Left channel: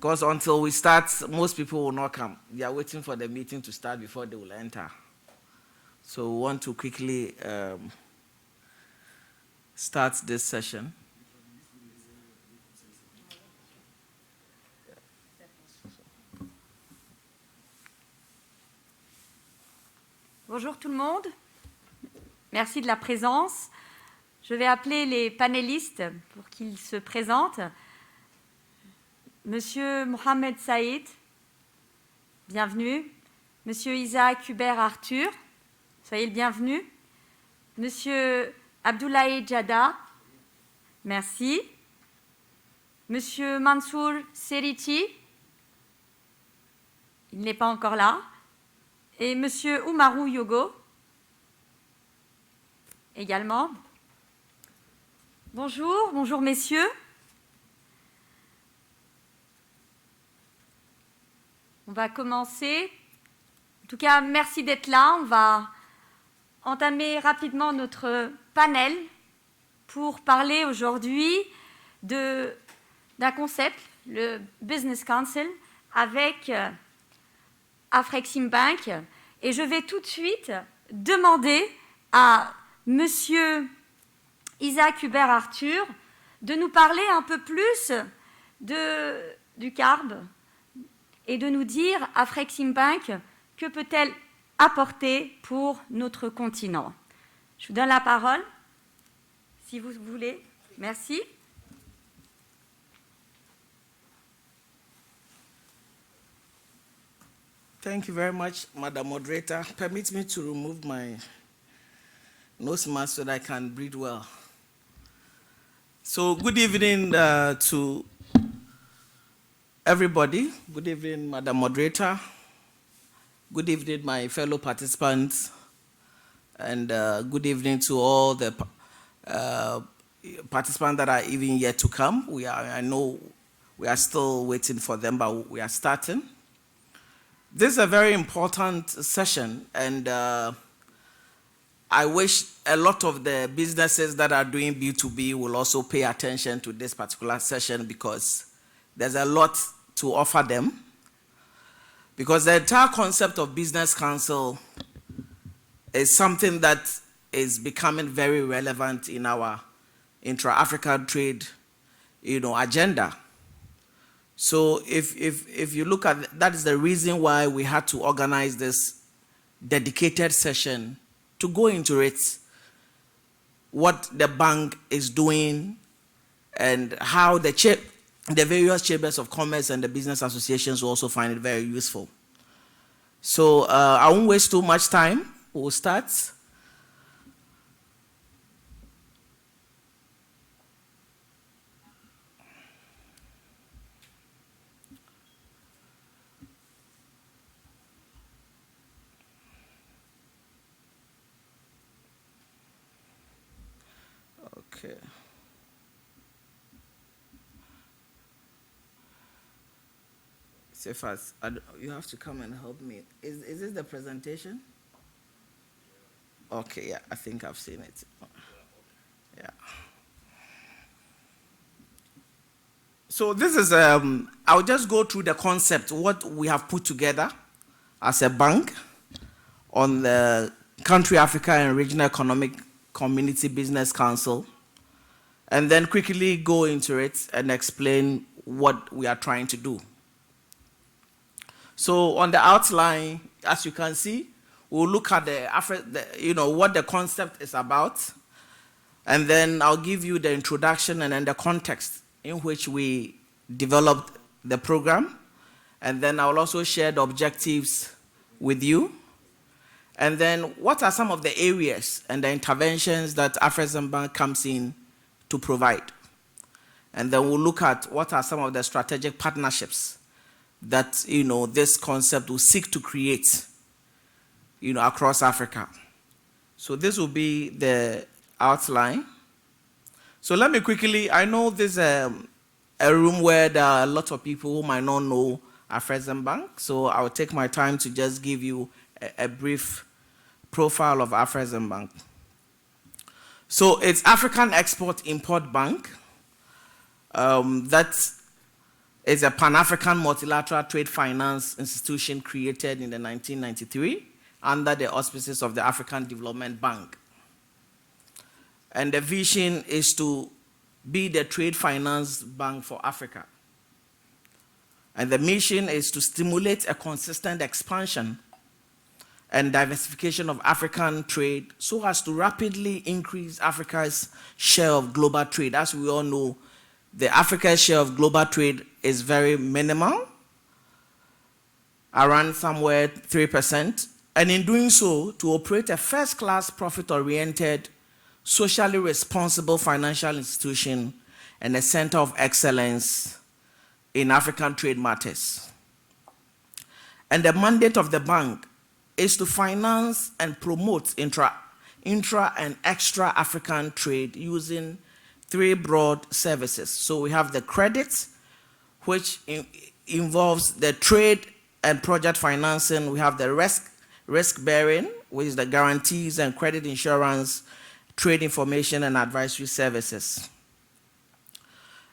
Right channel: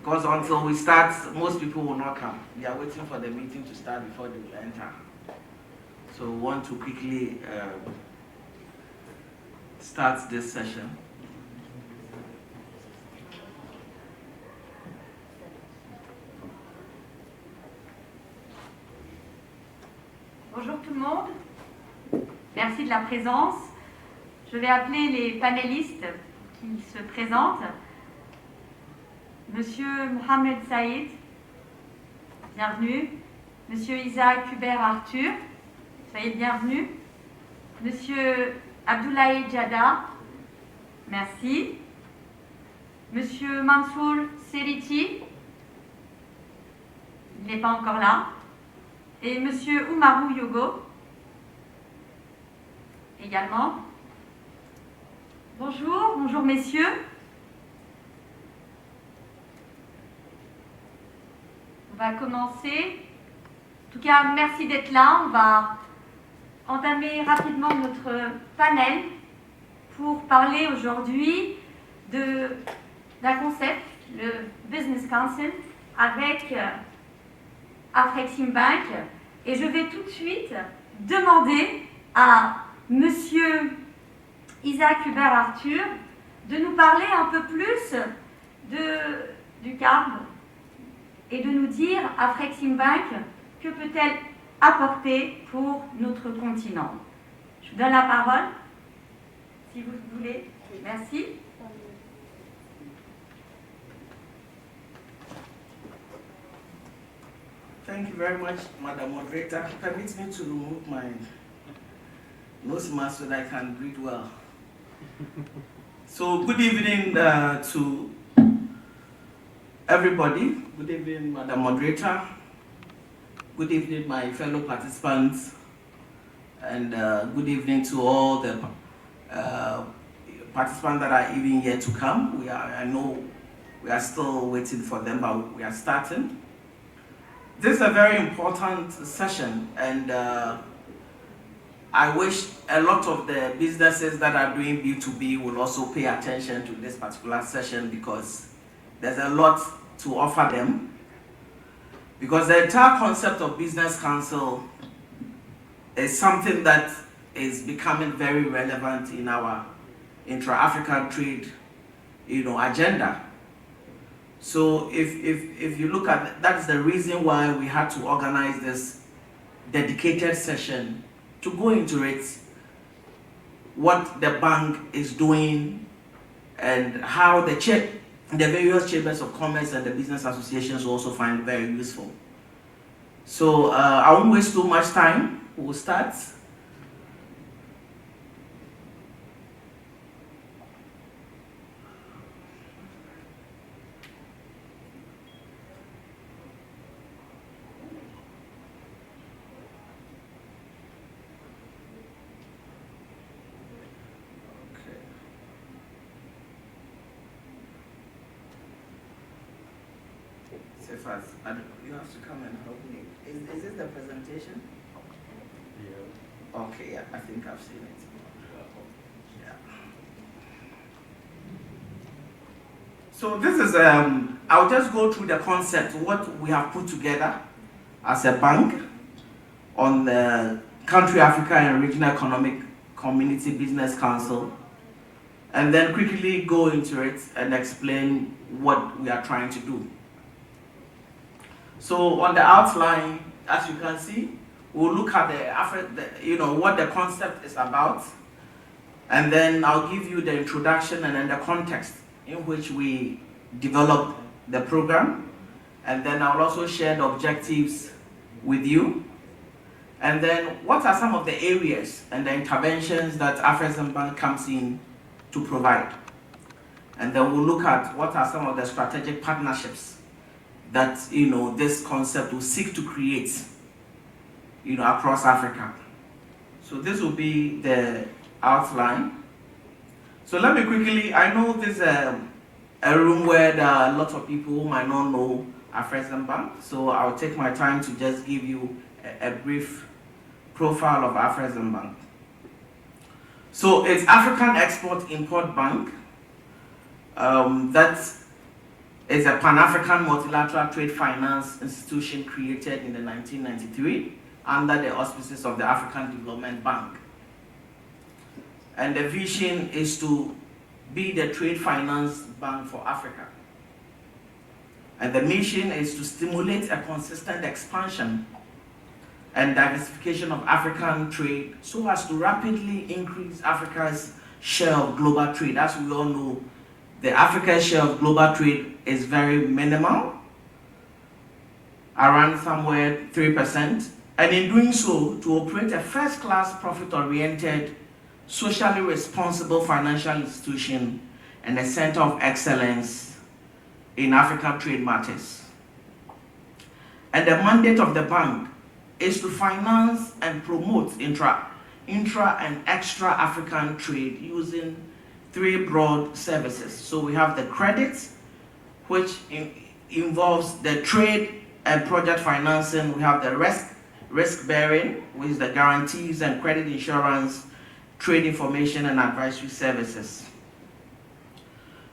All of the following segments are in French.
Because until we start, most people will not come. They are waiting for the meeting to start before they will enter. So we want to quickly start this session. Bonjour tout le monde. Merci de la présence. Je vais appeler les panélistes pour qu'ils se présentent. Monsieur Mohamed Saïd, bienvenue. Monsieur Isaac Hubert Arthur, soyez le bienvenu. Monsieur Abdoulaye Djada, merci. Monsieur Mansour Seriti, il n'est pas encore là. Et Monsieur Oumarou Yogo, également. Bonjour messieurs. On va commencer. En tout cas, merci d'être là. On va entamer rapidement notre panel pour parler aujourd'hui d'un concept, le Business Council, avec Afreximbank. Et je vais tout de suite demander à Monsieur Isaac Hubert Arthur de nous parler un peu plus du CARB et de nous dire Afreximbank, que peut-elle apporter pour notre continent. Je vous donne la parole, si vous voulez. Merci. Thank you very much, Madam Moderator. Permit me to remove my nose mask so that I can breathe well. So, good evening to everybody. Good evening, Madam Moderator. Good evening, my fellow participants. And good evening to all the participants that are even yet to come. I know we are still waiting for them, but we are starting. This is a very important session, and I wish a lot of the businesses that are doing B2B will also pay attention to this particular session, because there's a lot to offer them. Because the entire concept of Business Council is something that is becoming very relevant in our intra-African trade, agenda. So if you look at that, is the reason why we had to organize this dedicated session to go into it, what the bank is doing, and how the various chambers of commerce and the business associations will also find it very useful. So I won't waste too much time. We'll start. You have to come and help me. Is this the presentation? Yeah. Okay, yeah, I think I've seen it. Yeah. So this is, I'll just go through the concept, what we have put together as a bank on the Country Africa and Regional Economic Community Business Council, and then quickly go into it and explain what we are trying to do. So on the outline, as you can see, we'll look at what the concept is about, and then I'll give you the introduction and then the context in which we developed the program, and then I'll also share the objectives with you, and then what are some of the areas and the interventions that Afreximbank comes in to provide, and then we'll look at what are some of the strategic partnerships that this concept will seek to create across Africa. So this will be the outline. So let me quickly, I know this is a room where there are a lot of people who might not know Afreximbank, so I'll take my time to just give you a brief profile of Afreximbank. So it's African Export-Import Bank that is a Pan-African multilateral trade finance institution created in 1993 under the auspices of the African Development Bank. And the vision is to be the trade finance bank for Africa. And the mission is to stimulate a consistent expansion and diversification of African trade so as to rapidly increase Africa's share of global trade. As we all know, the Africa's share of global trade is very minimal, around somewhere 3%. And in doing so, to operate a first-class, profit-oriented, socially responsible financial institution and a center of excellence in African trade matters. And the mandate of the bank is to finance and promote intra and extra African trade using three broad services. So we have the credit, which involves the trade and project financing. We have the risk bearing, which is the guarantees and credit insurance, trade information and advisory services.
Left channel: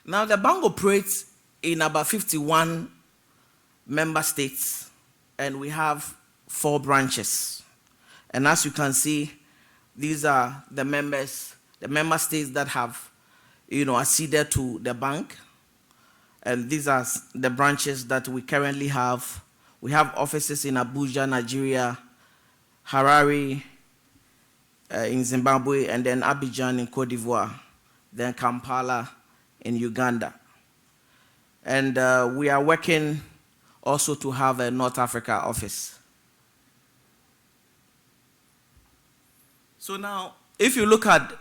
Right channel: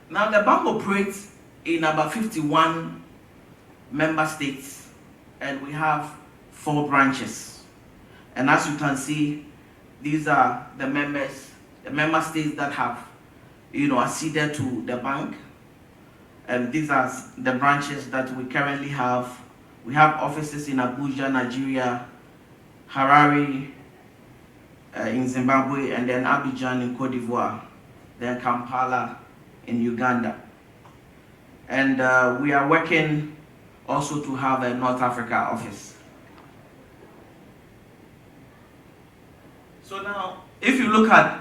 Now the bank operates in about 51 member states, and we have 4 branches. And as you can see, these are the member states that have, acceded to the bank. And these are the branches that we currently have. We have offices in Abuja, Nigeria, Harare, in Zimbabwe, and then Abidjan in Cote d'Ivoire, then Kampala in Uganda. And we are working also to have a North Africa office. So now, if you look at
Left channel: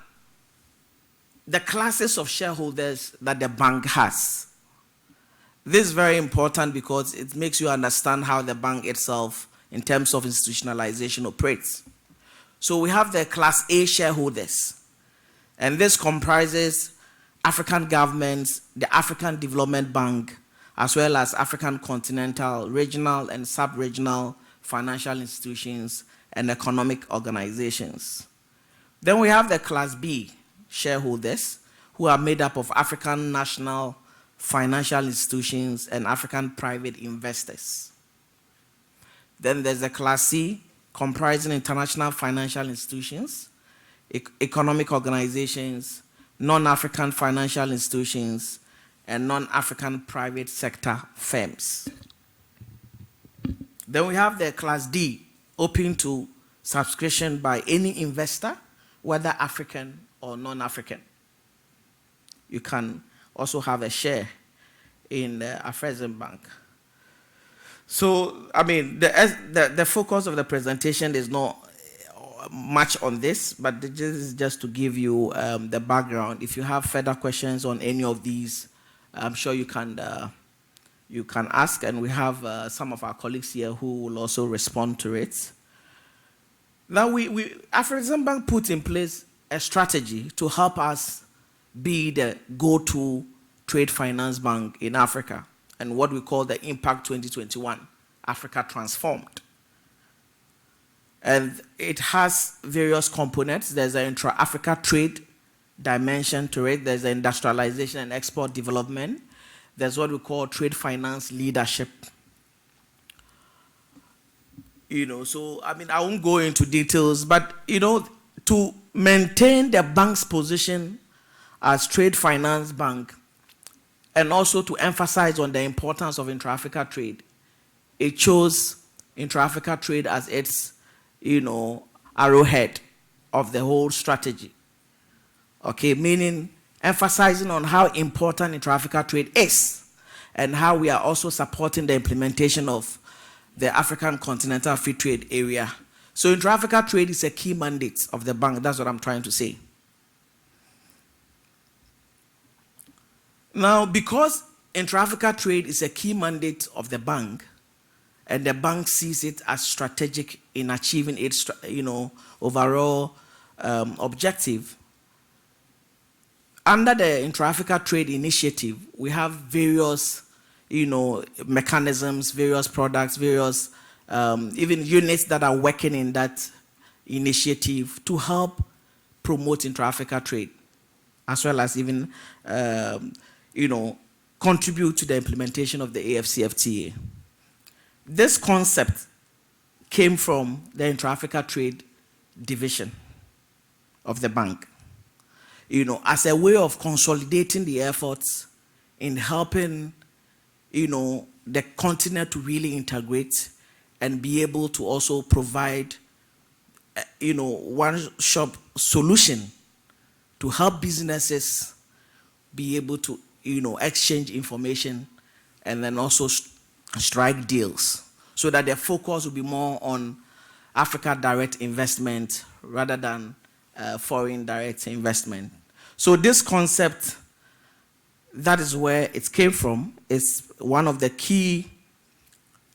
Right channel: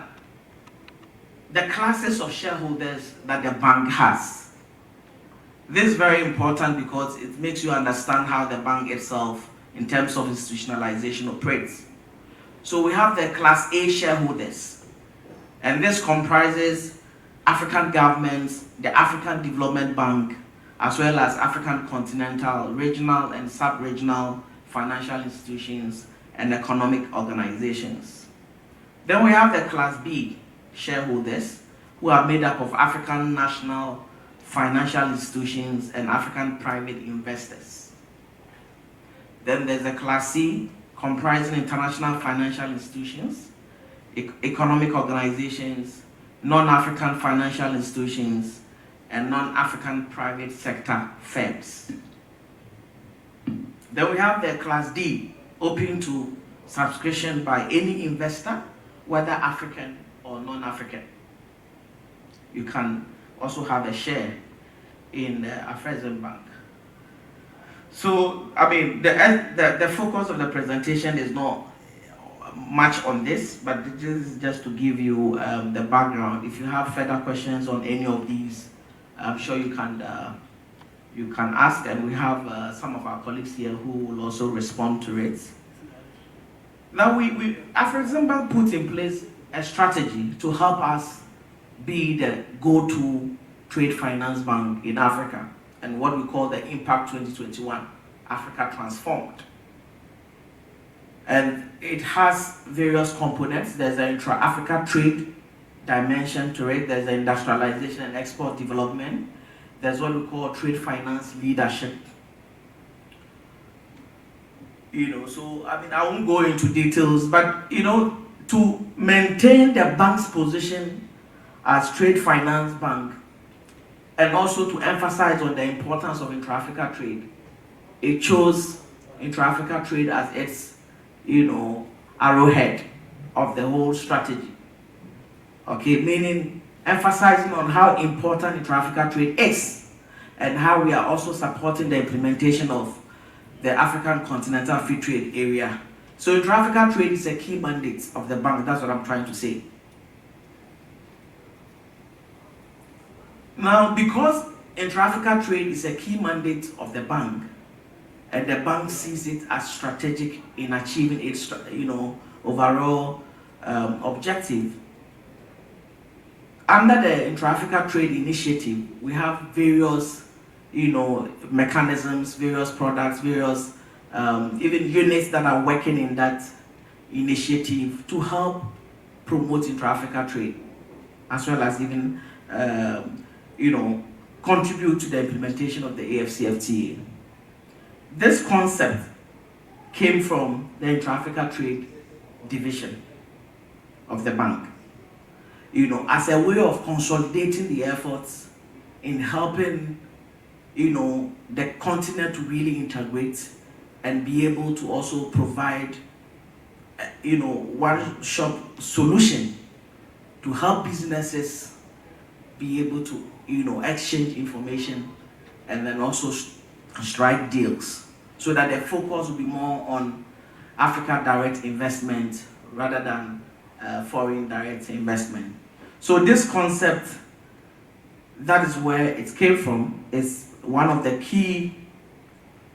the classes of shareholders that the bank has, this is very important because it makes you understand how the bank itself, in terms of institutionalization, operates. So we have the Class A shareholders, and this comprises African governments, the African Development Bank, as well as African continental, regional, and sub-regional financial institutions and economic organizations. Then we have the Class B shareholders, who are made up of African national financial institutions and African private investors. Then there's a Class C, comprising international financial institutions, economic organizations, non-African financial institutions, and non-African private sector firms. Then we have the Class D, open to subscription by any investor, whether African or non-African. You can also have a share in the Afrexim Bank. So, the focus of the presentation is not much on this, but this is just to give you the background. If you have further questions on any of these, I'm sure you can ask, and we have some of our colleagues here who will also respond to it. Now, Afrexim Bank put in place a strategy to help us be the go-to trade finance bank in Africa, and what we call the Impact 2021, Africa Transformed. And it has various components. There's an intra-Africa trade dimension to it. There's the industrialization and export development. There's what we call trade finance leadership. So I won't go into details, but to maintain the bank's position as trade finance bank, and also to emphasize on the importance of intra-Africa trade, it chose intra-Africa trade as its, arrowhead of the whole strategy. Okay, meaning emphasizing on how important intra-Africa trade is, and how we are also supporting the implementation of the African Continental Free Trade Area. So intra-Africa trade is a key mandate of the bank. That's what I'm trying to say. Now, because intra-Africa trade is a key mandate of the bank, and the bank sees it as strategic in achieving its, overall objective, under the intra-Africa trade initiative, we have various, mechanisms, various products, various even units that are working in that initiative to help promote intra-Africa trade, as well as even, contribute to the implementation of the AFCFTA. This concept came from the Intra-Africa Trade Division of the bank, as a way of consolidating the efforts in helping, the continent to really integrate and be able to also provide, one-shop solution to help businesses be able to, exchange information and then also strike deals, so that their focus will be more on Africa direct investment rather than foreign direct investment. So this concept, that is where it came from, is one of the key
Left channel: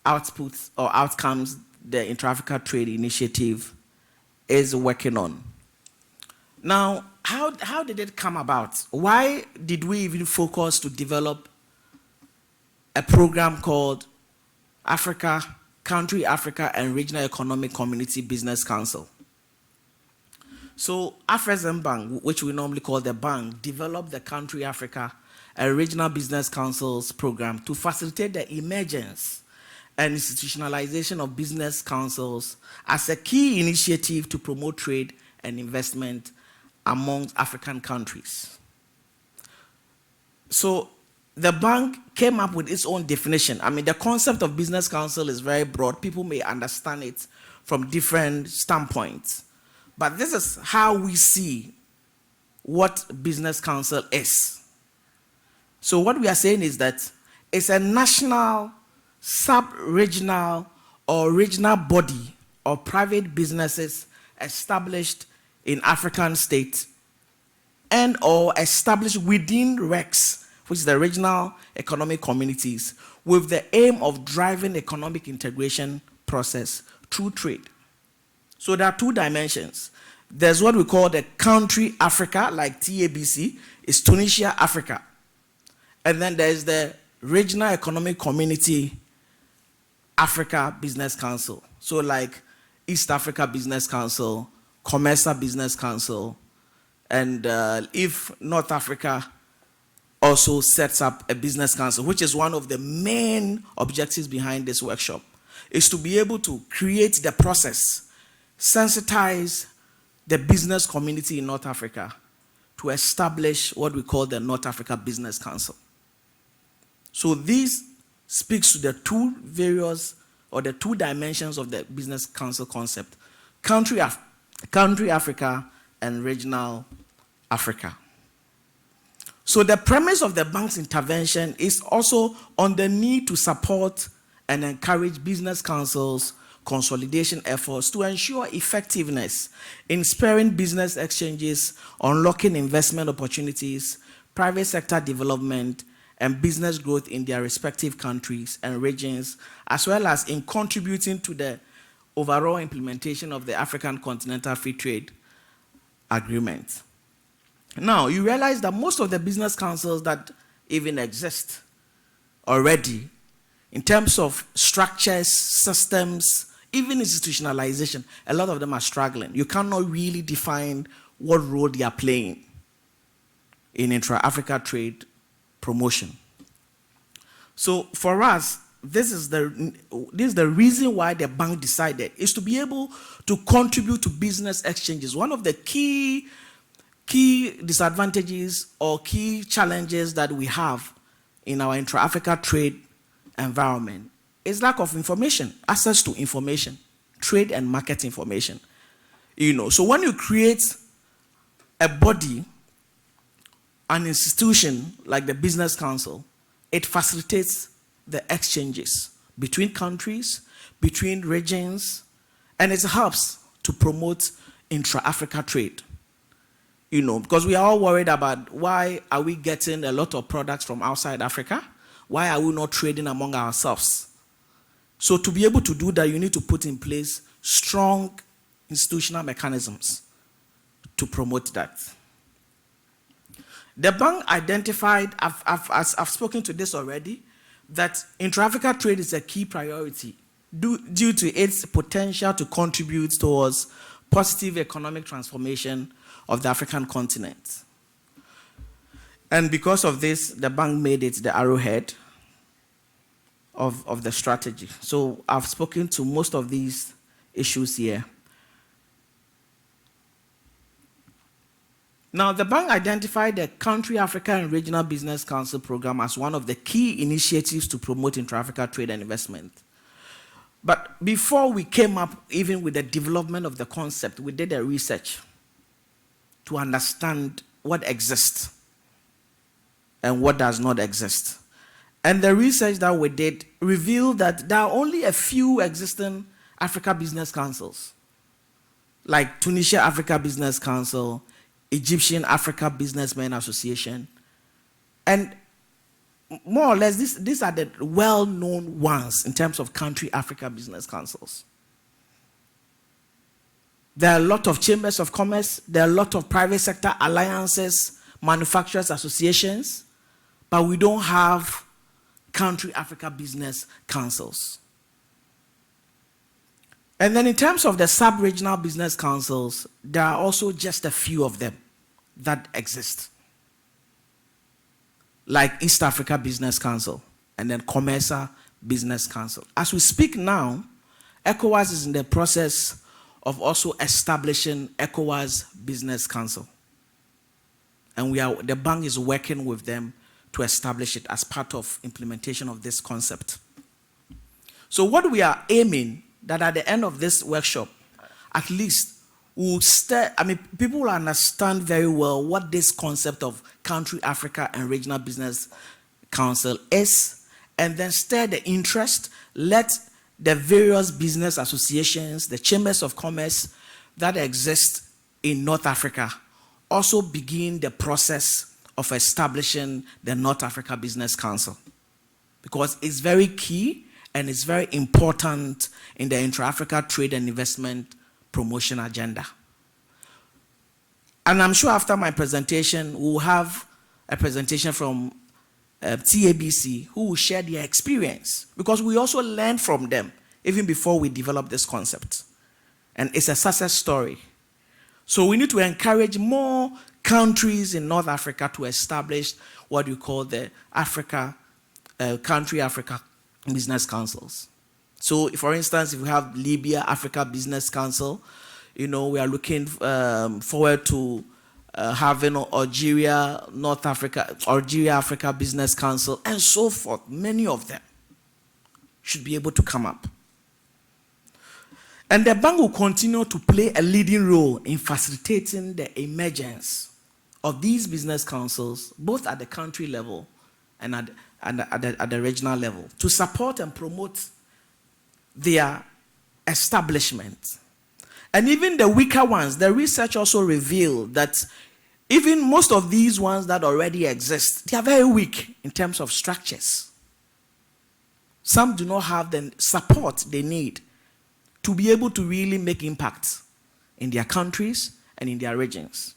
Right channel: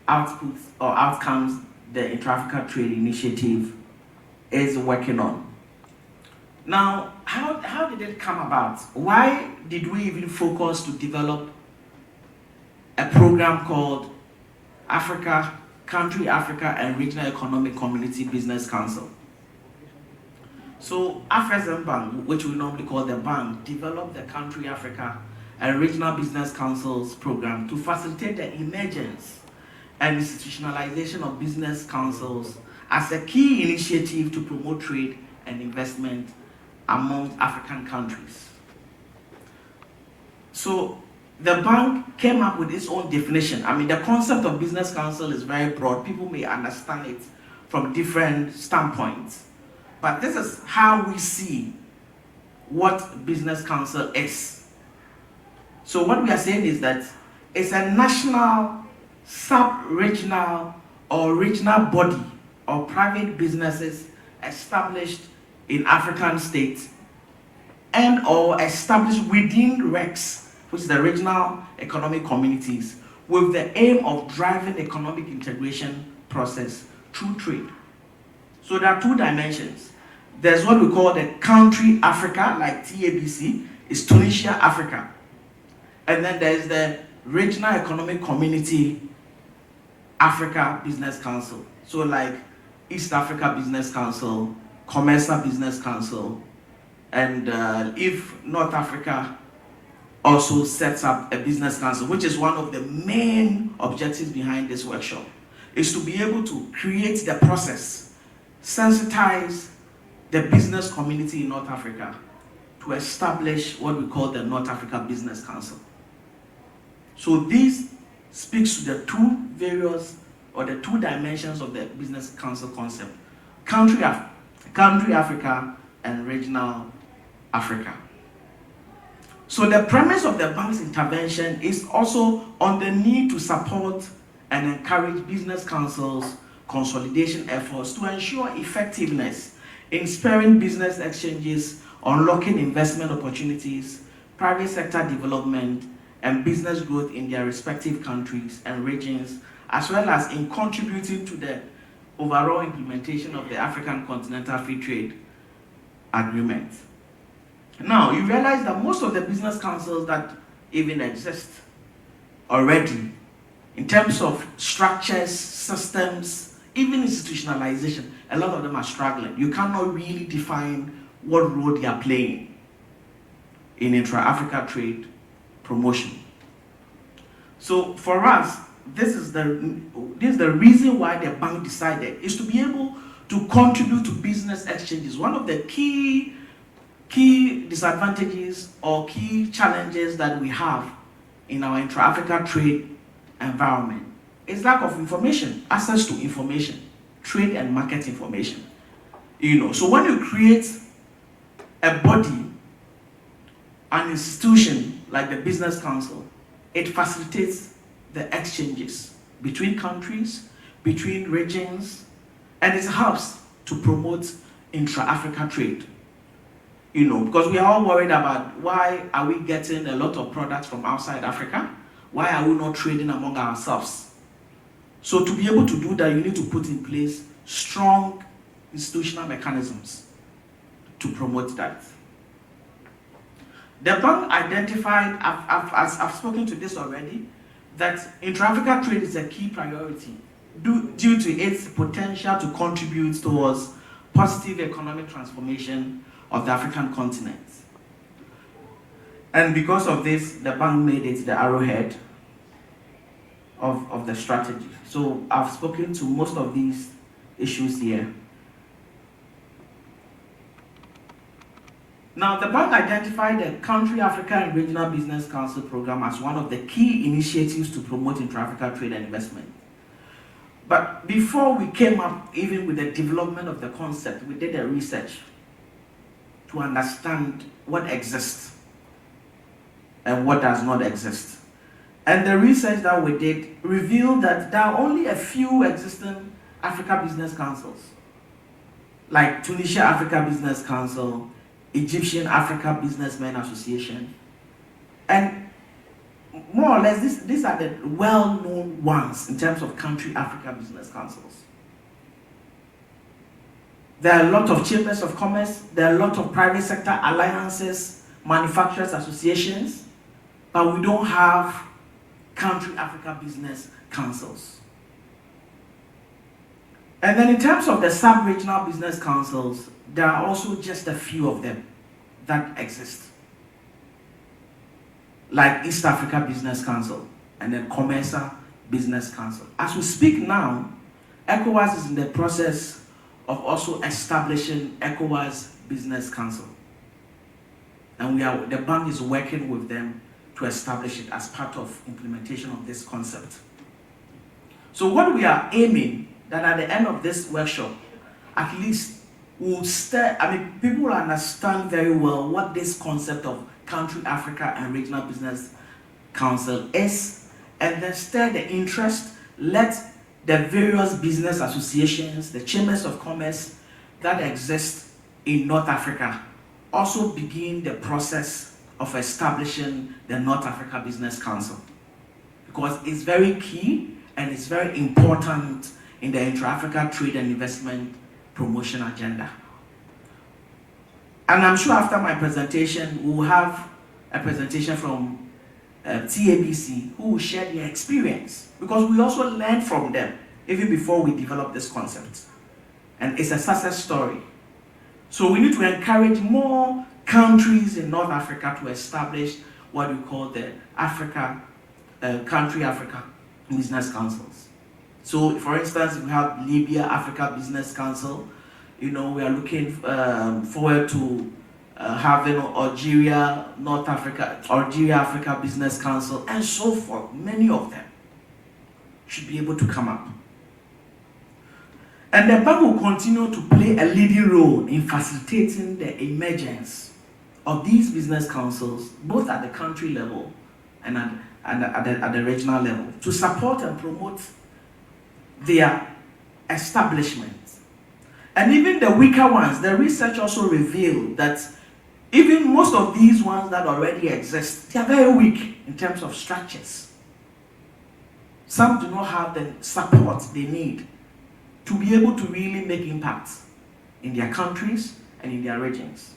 outputs or outcomes the Intra-Africa Trade Initiative is working on. Now, how did it come about? Why did we even focus to develop a program called Country Africa and Regional Economic Community Business Council? So Afrexim Bank, which we normally call the bank, developed the Country Africa and Regional Business Councils program to facilitate the emergence and institutionalization of business councils as a key initiative to promote trade and investment among African countries. So the bank came up with its own definition. The concept of business council is very broad. People may understand it from different standpoints. But this is how we see what business council is. So what we are saying is that it's a national, sub-regional, or regional body of private businesses established in African states and or established within RECs, which is the regional economic communities, with the aim of driving economic integration process through trade. So there are two dimensions. There's what we call the Country Africa, like TABC, is Tunisia, Africa. And then there's the Regional Economic Community Africa Business Council. So like East Africa Business Council, Comesa Business Council, and if North Africa also sets up a business council, which is one of the main objectives behind this workshop, is to be able to create the process, sensitize the business community in North Africa to establish what we call the North Africa Business Council. So this speaks to the the two dimensions of the business council concept: country Africa and regional Africa. So the premise of the bank's intervention is also on the need to support and encourage business councils' consolidation efforts to ensure effectiveness in spurring business exchanges, unlocking investment opportunities, private sector development, and business growth in their respective countries and regions, as well as in contributing to the overall implementation of the African Continental Free Trade Agreement. Now, you realize that most of the business councils that even exist already, in terms of structures, systems, even institutionalization, a lot of them are struggling. You cannot really define what role they are playing in intra-Africa trade promotion. So for us, this is the reason why the bank decided is to be able to contribute to business exchanges. One of the key disadvantages or key challenges that we have in our intra-Africa trade environment is lack of information, access to information, trade and market information. So when you create a body, an institution like the Business Council, it facilitates the exchanges between countries, between regions, and it helps to promote intra-Africa trade. Because we are all worried about why are we getting a lot of products from outside Africa? Why are we not trading among ourselves? So to be able to do that, you need to put in place strong institutional mechanisms to promote that. The bank identified, I've spoken to this already, that intra-Africa trade is a key priority due to its potential to contribute towards positive economic transformation of the African continent. And because of this, the bank made it the arrowhead of the strategy. So I've spoken to most of these issues here. Now, the bank identified the Country Africa and Regional Business Council program as one of the key initiatives to promote intra-Africa trade and investment. But before we came up even with the development of the concept, we did a research to understand what exists and what does not exist. And the research that we did revealed that there are only a few existing Africa Business Councils, like Tunisia Africa Business Council, Egyptian Africa Businessmen Association, and more or less these are the well-known ones in terms of country Africa Business Councils. There are a lot of chambers of commerce, there are a lot of private sector alliances, manufacturers associations, but we don't have country Africa Business Councils. And then in terms of the sub-regional business councils, there are also just a few of them that exist, like East Africa Business Council and then COMESA Business Council. As we speak now, ECOWAS is in the process of also establishing ECOWAS Business Council. And the bank is working with them to establish it as part of implementation of this concept. So what we are aiming that at the end of this workshop, at least people will understand very well what this concept of Country Africa and Regional Business Council is, and then stir the interest, let the various business associations, the chambers of commerce that exist in North Africa also begin the process of establishing the North Africa Business Council, because it's very key and it's very important in the intra-Africa trade and investment promotion agenda. And I'm sure after my presentation, we'll have a presentation from TABC who will share their experience, because we also learned from them even before we developed this concept. And it's a success story. So we need to encourage more countries in North Africa to establish what we call the Country Africa Business Councils. So, for instance, we have Libya Africa Business Council. We are looking forward to having Algeria Africa Business Council, and so forth. Many of them should be able to come up. And the bank will continue to play a leading role in facilitating the emergence of these business councils, both at the country level and at the regional level, to support and promote their establishment. And even the weaker ones, the research also revealed that even most of these ones that already exist, they are very weak in terms of structures. Some do not have the support they need to be able to really make impact in their countries and in their regions.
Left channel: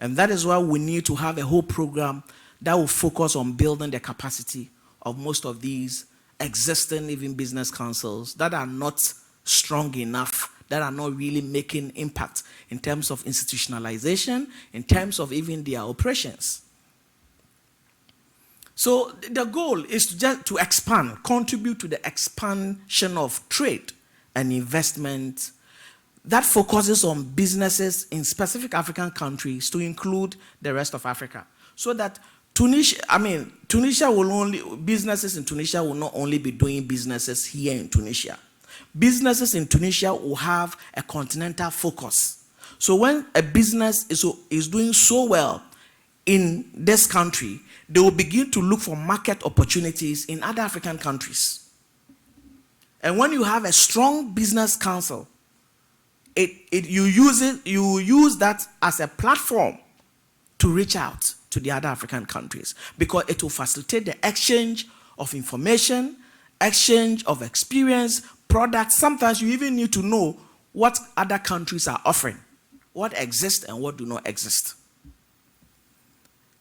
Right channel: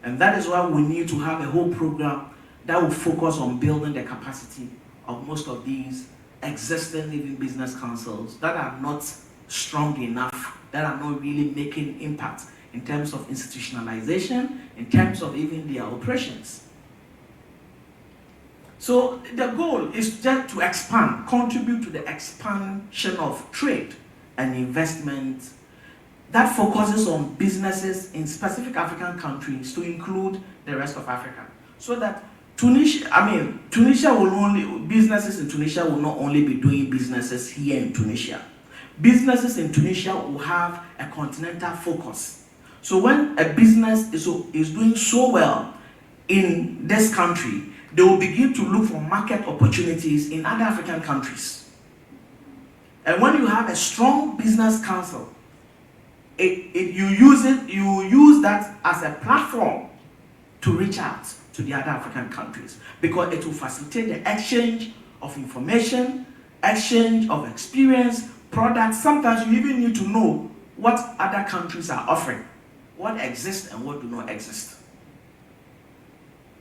And that is why we need to have a whole program that will focus on building the capacity of most of these existing even business councils that are not strong enough, that are not really making impact in terms of institutionalization, in terms of even their operations. So the goal is just to expand, contribute to the expansion of trade and investment that focuses on businesses in specific African countries to include the rest of Africa. So that businesses in Tunisia will not only be doing businesses here in Tunisia. Businesses in Tunisia will have a continental focus. So when a business is doing so well in this country, they will begin to look for market opportunities in other African countries. And when you have a strong business council, you use that as a platform to reach out to the other African countries, because it will facilitate the exchange of information, exchange of experience, products. Sometimes you even need to know what other countries are offering, what exists and what do not exist.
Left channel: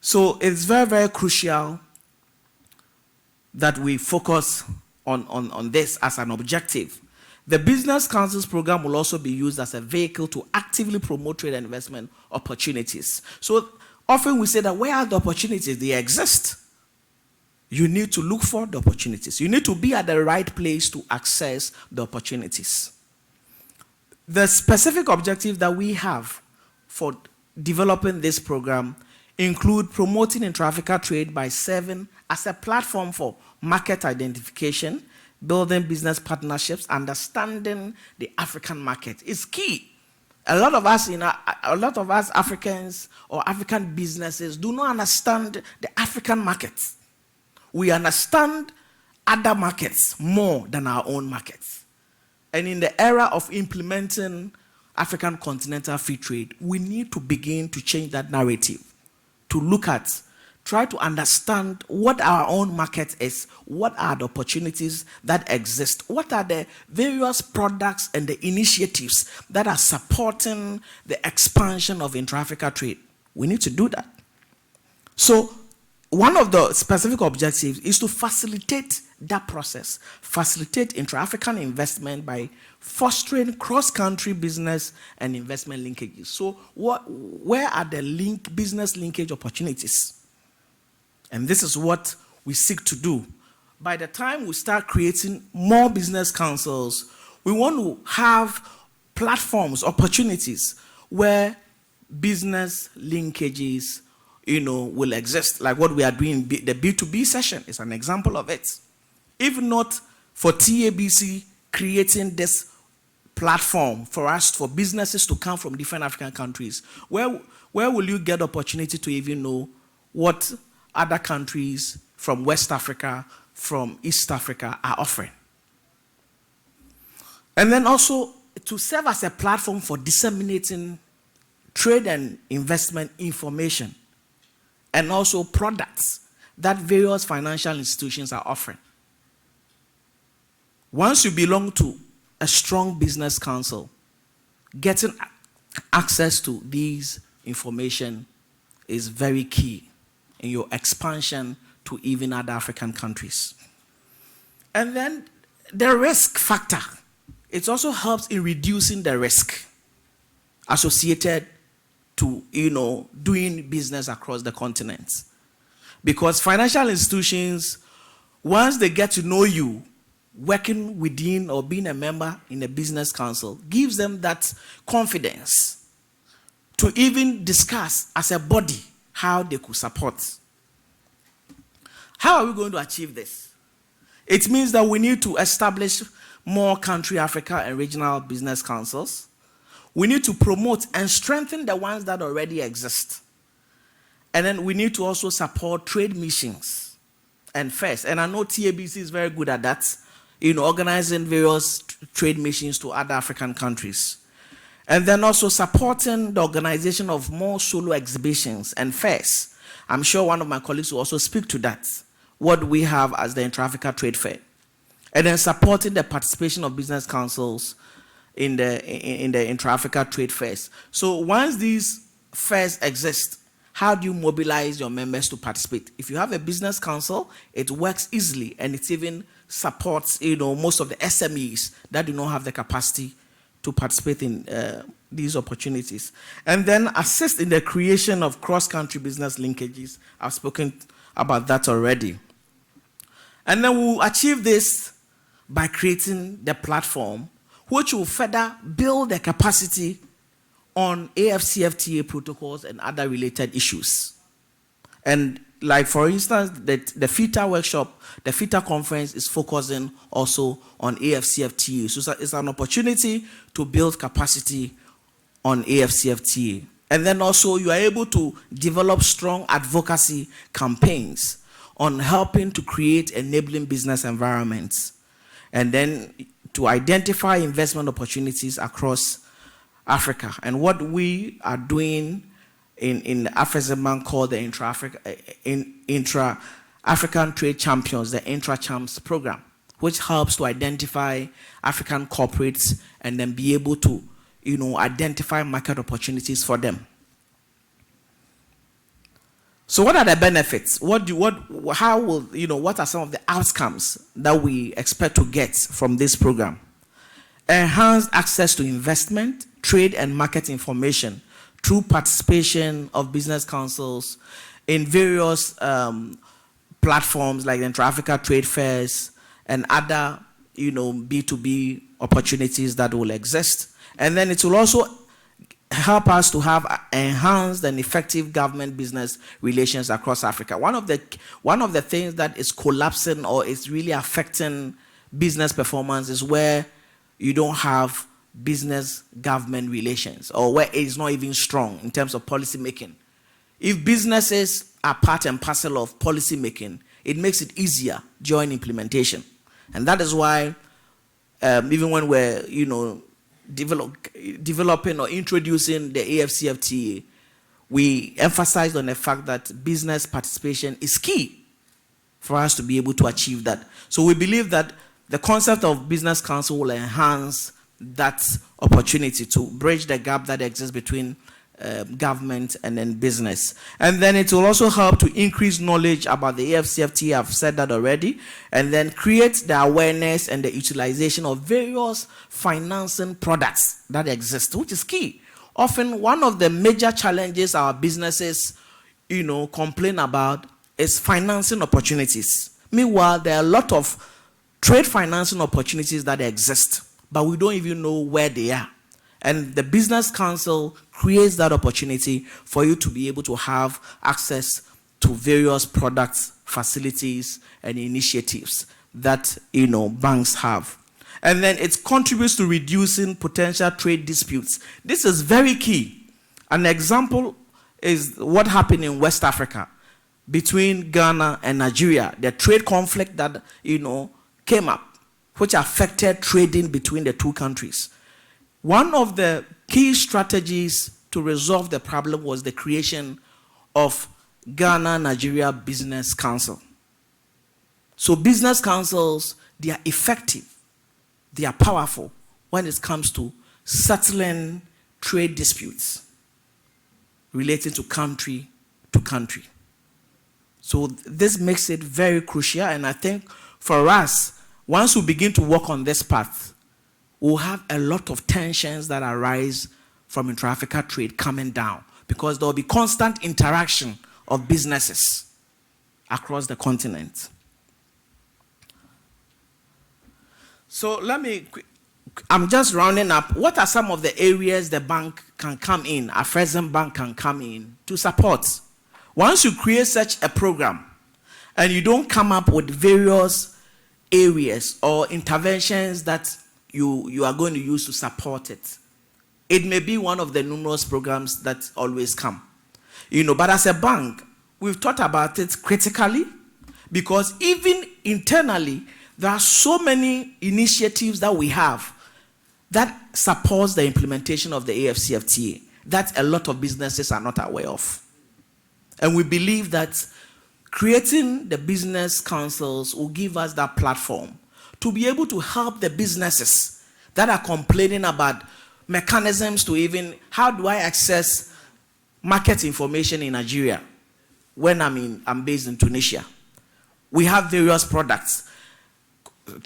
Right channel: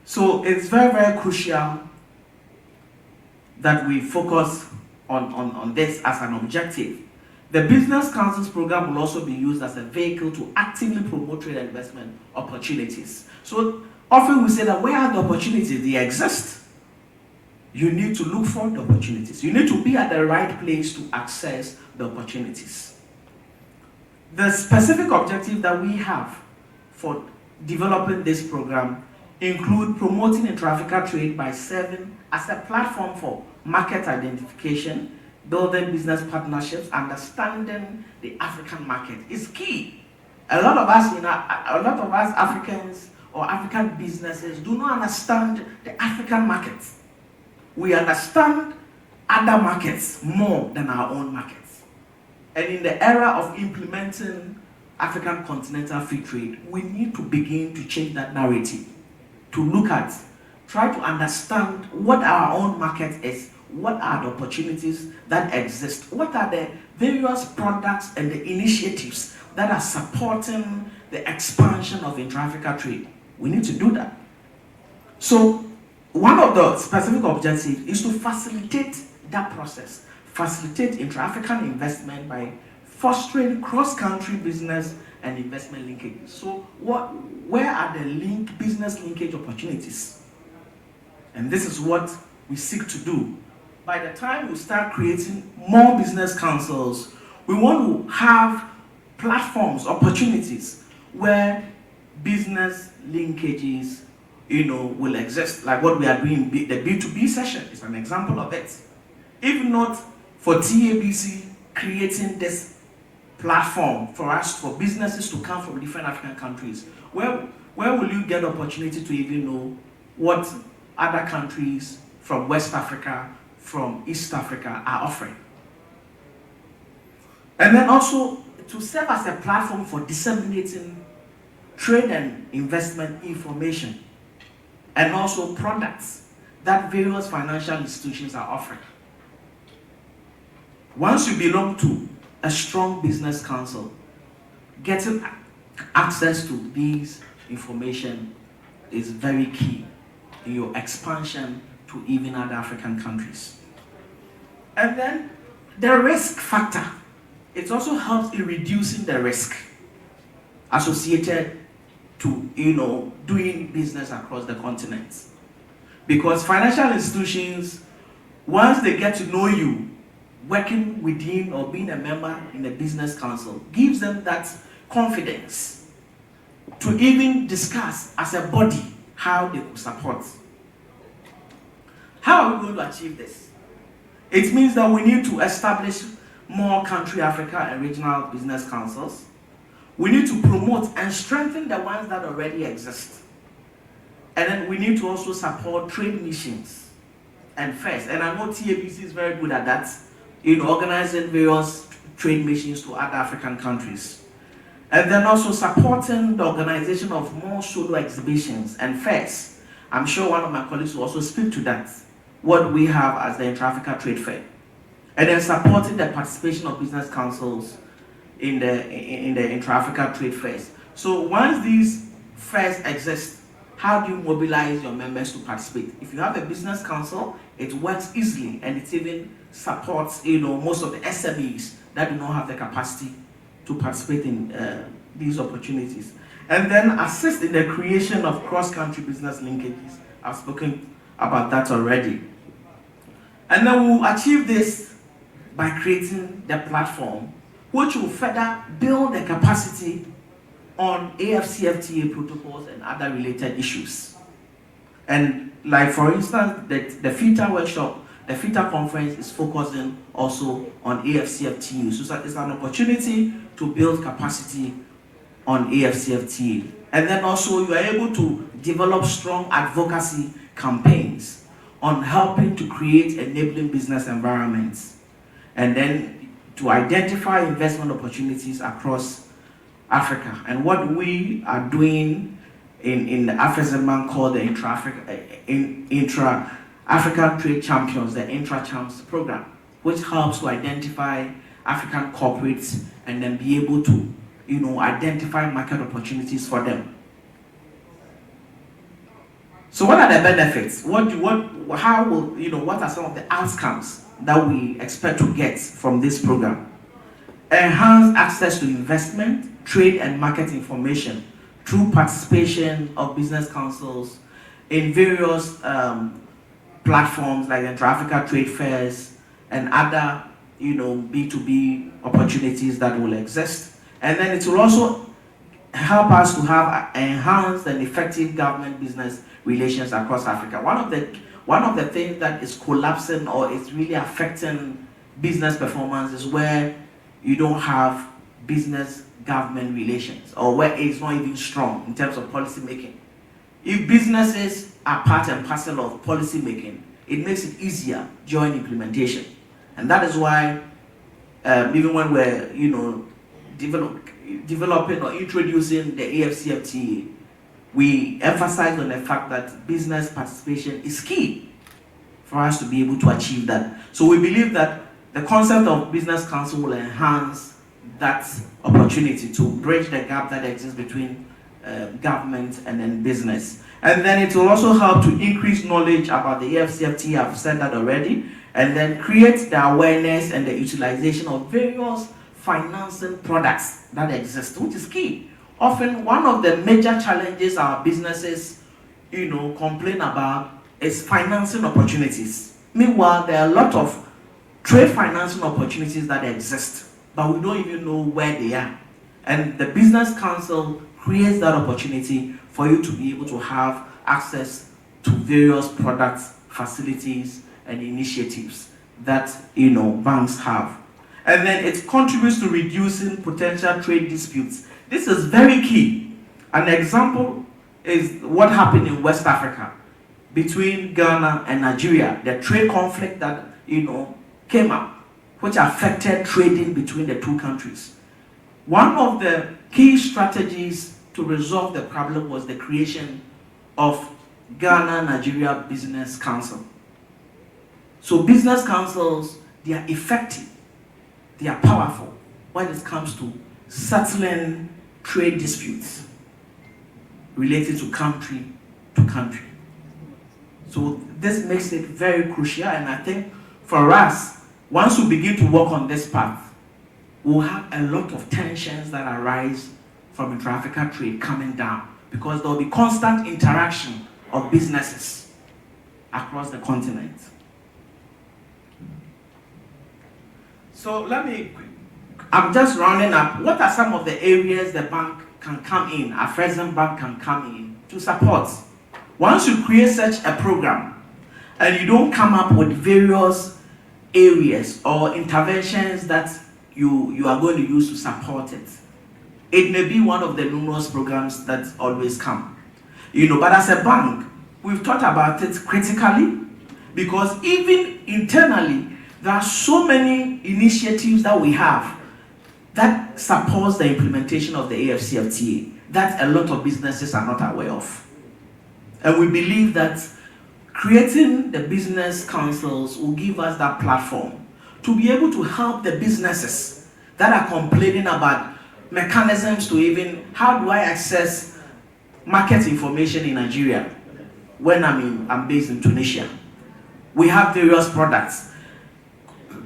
So it's very, very crucial that we focus on this as an objective, The Business Councils program will also be used as a vehicle to actively promote trade and investment opportunities. So often we say that where are the opportunities? They exist. You need to look for the opportunities. You need to be at the right place to access the opportunities. The specific objective that we have for developing this program include promoting intra-Africa trade by serving as a platform for market identification, building business partnerships, understanding the African market is key. A lot of us Africans or African businesses do not understand the African market. We understand other markets more than our own markets. And in the era of implementing African continental free trade, we need to begin to change that narrative, to look at, try to understand what our own market is, what are the opportunities that exist, what are the various products and the initiatives that are supporting the expansion of intra-Africa trade. We need to do that. So one of the specific objectives is to facilitate that process, facilitate intra-African investment by fostering cross-country business and investment linkages. So where are the business linkage opportunities? And this is what we seek to do. By the time we start creating more business councils, we want to have platforms, opportunities where business linkages will exist, like what we are doing. The B2B session is an example of it. If not for TABC creating this platform for businesses to come from different African countries, where will you get opportunity to even know what other countries from West Africa, from East Africa are offering? And then also to serve as a platform for disseminating trade and investment information, and also products that various financial institutions are offering. Once you belong to a strong business council, getting access to these information is very key in your expansion to even other African countries. And then the risk factor, it also helps in reducing the risk associated to doing business across the continent. Because financial institutions, once they get to know you, working within or being a member in a business council gives them that confidence to even discuss as a body how they could support. How are we going to achieve this? It means that we need to establish more country Africa and regional business councils. We need to promote and strengthen the ones that already exist. And then we need to also support trade missions and fairs. And I know TABC is very good at that, in organizing various trade missions to other African countries. And then also supporting the organization of more solo exhibitions and fairs. I'm sure one of my colleagues will also speak to that, what we have as the Intra-Africa Trade Fair. And then supporting the participation of business councils in the Intra-Africa Trade Fairs. So once these fairs exist, how do you mobilize your members to participate? If you have a business council, it works easily, and it even supports most of the SMEs that do not have the capacity to participate in these opportunities. And then assist in the creation of cross-country business linkages. I've spoken about that already. And then we'll achieve this by creating the platform, which will further build the capacity on AFCFTA protocols and other related issues. And like for instance, the FITA workshop, the FITA conference is focusing also on AFCFTA. So it's an opportunity to build capacity on AFCFTA. And then also you are able to develop strong advocacy campaigns on helping to create enabling business environments. And then to identify investment opportunities across Africa. And what we are doing in the AFESMAN called the Intra-African Trade Champions, the Intra-Champs program, which helps to identify African corporates and then be able to identify market opportunities for them. So what are the benefits? What are some of the outcomes that we expect to get from this program? enhance access to investment, trade and market information through participation of business councils in various platforms like intra-Africa trade fairs and other, B2B opportunities that will exist. And then it will also help us to have enhanced and effective government-business relations across Africa. One of the things that is collapsing or is really affecting business performance is where you don't have business-government relations, or where it is not even strong in terms of policy making. If businesses are part and parcel of policy making, it makes it easier during implementation. And that is why even when we're developing or introducing the AFCFTA, we emphasize on the fact that business participation is key for us to be able to achieve that. So we believe that the concept of business council will enhance that opportunity to bridge the gap that exists between government and then business. And then it will also help to increase knowledge about the AFCFTA, I've said that already, and then create the awareness and the utilization of various financing products that exist, which is key. Often one of the major challenges our businesses, complain about is financing opportunities. Meanwhile, there are a lot of trade financing opportunities that exist, but we don't even know where they are. And the Business Council creates that opportunity for you to be able to have access to various products, facilities, and initiatives that banks have. And then it contributes to reducing potential trade disputes. This is very key. An example is what happened in West Africa between Ghana and Nigeria, the trade conflict that came up, which affected trading between the two countries. One of the key strategies to resolve the problem was the creation of Ghana-Nigeria Business Council. So business councils, they are effective, they are powerful when it comes to settling trade disputes related to country to country. So this makes it very crucial, and I think for us, once we begin to work on this path, we'll have a lot of tensions that arise from intra-African trade coming down, because there will be constant interaction of businesses across the continent. So I'm just rounding up. What are some of the areas the bank can come in, a Afrexim Bank can come in to support? Once you create such a program and you don't come up with various areas or interventions that you are going to use to support it, it may be one of the numerous programs that always come. But as a bank, we've thought about it critically, because even internally, there are so many initiatives that we have that supports the implementation of the AFCFTA that a lot of businesses are not aware of. And we believe that creating the business councils will give us that platform to be able to help the businesses that are complaining about mechanisms to even, how do I access market information in Nigeria when I'm based in Tunisia? We have various products,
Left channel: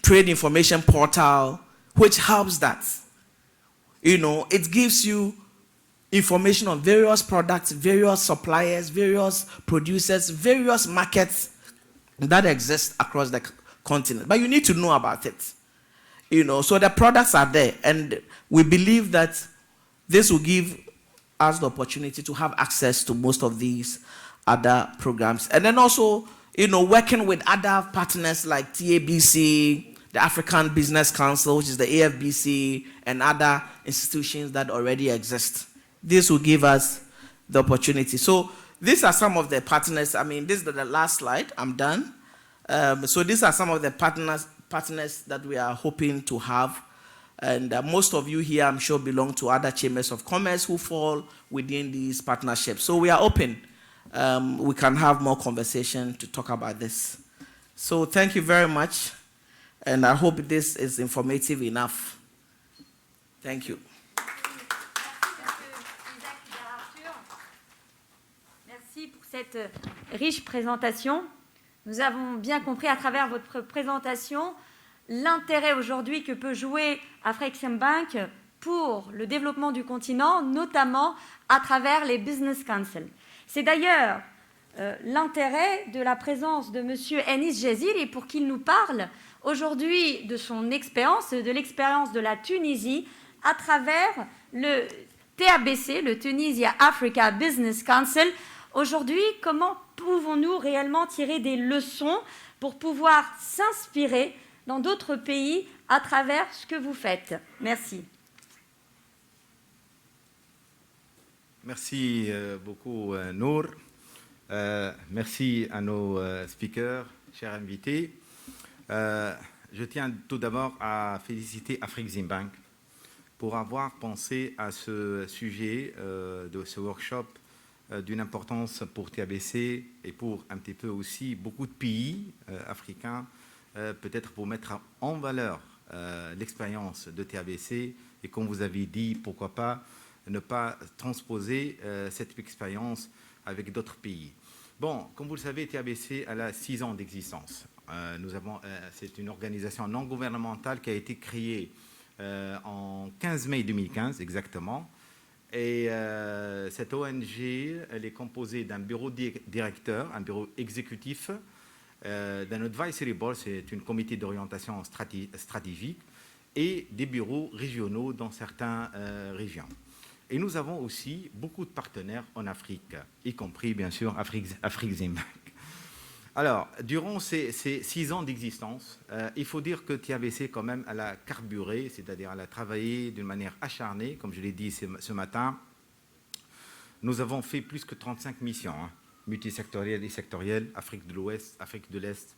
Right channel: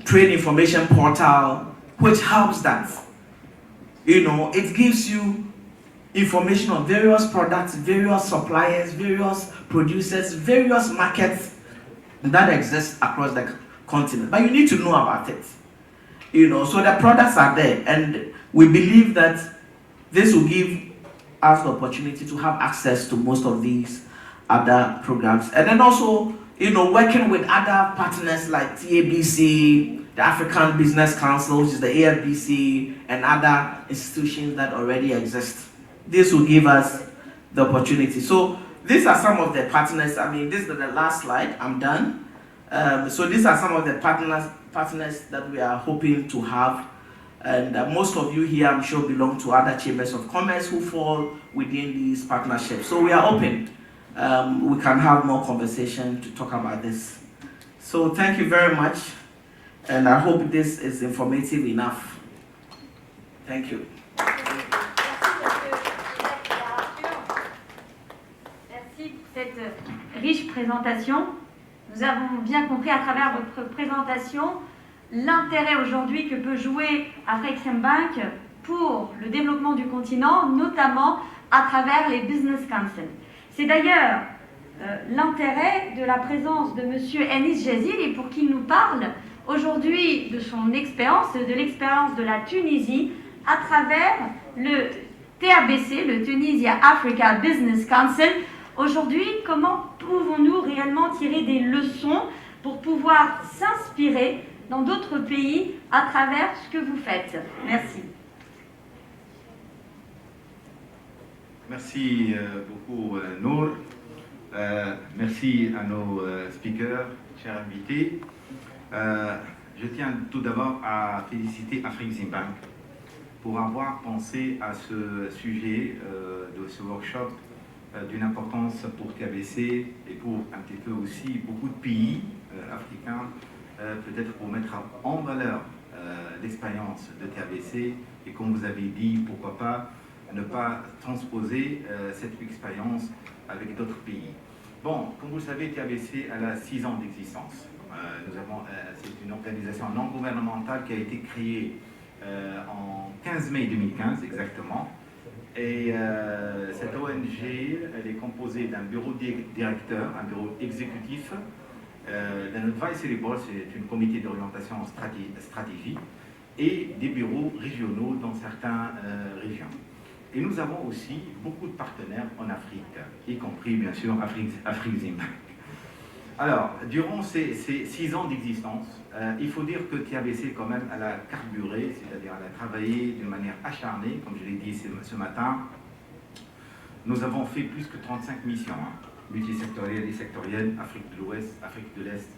trade information portal, which helps that. It gives you information on various products, various suppliers, various producers, various markets that exist across the continent. But you need to know about it. So the products are there, and we believe that this will give us the opportunity to have access to most of these other programs. And then also, working with other partners like TABC, the African Business Council, which is the AFBC, and other institutions that already exist. This will give us the opportunity. So these are some of the partners. This is the last slide. I'm done. So these are some of the partners that we are hoping to have. And most of you here, I'm sure, belong to other chambers of commerce who fall within these partnerships. So we are open. We can have more conversation to talk about this. So thank you very much. And I hope this is informative enough. Thank you. Merci pour cette riche présentation. Nous avons bien compris à travers votre présentation l'intérêt aujourd'hui que peut jouer Afreximbank pour le développement du continent, notamment à travers les Business Council. C'est d'ailleurs l'intérêt de la présence de M. Enis Jazili pour qu'il nous parle aujourd'hui de son expérience, de l'expérience de la Tunisie à travers le TABC, le Tunisia Africa Business Council. Aujourd'hui, comment pouvons-nous réellement tirer des leçons pour pouvoir s'inspirer dans d'autres pays à travers ce que vous faites? Merci. Merci beaucoup, Nour. Merci à nos speakers, chers invités. Je tiens tout d'abord à féliciter Afreximbank pour avoir pensé à ce sujet de ce workshop d'une importance pour TABC et pour un petit peu aussi beaucoup de pays africains, peut-être pour mettre en valeur l'expérience de TABC et comme vous avez dit, pourquoi pas ne pas transposer cette expérience avec d'autres pays. Bon, comme vous le savez, TABC a 6 ans d'existence. C'est une organisation non gouvernementale qui a été créée en 15 mai 2015 exactement. Et cette ONG, elle est composée d'un bureau directeur, un bureau exécutif, d'un advisory board, c'est un comité d'orientation stratégique, et des bureaux régionaux dans certaines régions. Et nous avons aussi beaucoup de partenaires en Afrique, y compris bien sûr Afreximbank. Alors, durant ces 6 ans d'existence, il faut dire que TABC quand même, elle a carburé, c'est-à-dire elle a travaillé de manière acharnée, comme je l'ai dit ce matin. Nous avons fait plus que 35 missions, multisectorielles et sectorielles, Afrique de l'Ouest, Afrique de l'Est,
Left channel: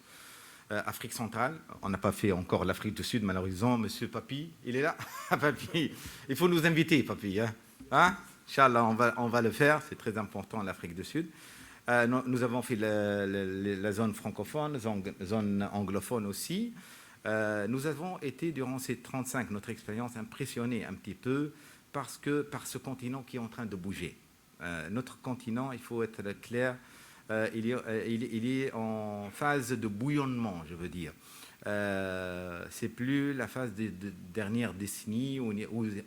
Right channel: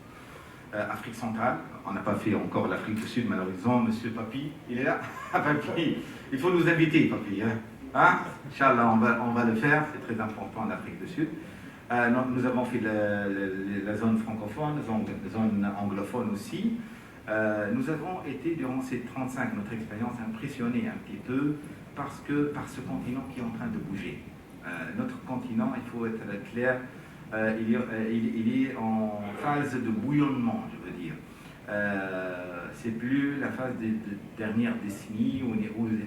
Afrique centrale. On n'a pas fait encore l'Afrique du Sud, malheureusement. Monsieur Papi, il est là. Papi, il faut nous inviter, Papi. Inch'Allah, on va le faire, c'est très important l'Afrique du Sud. Nous avons fait la zone francophone, la zone anglophone aussi. Nous avons été, durant ces 35, notre expérience, impressionnés un petit peu par ce continent qui est en train de bouger. Notre continent, il faut être clair, il est en phase de bouillonnement, je veux dire. C'est plus la phase des dernières décennies où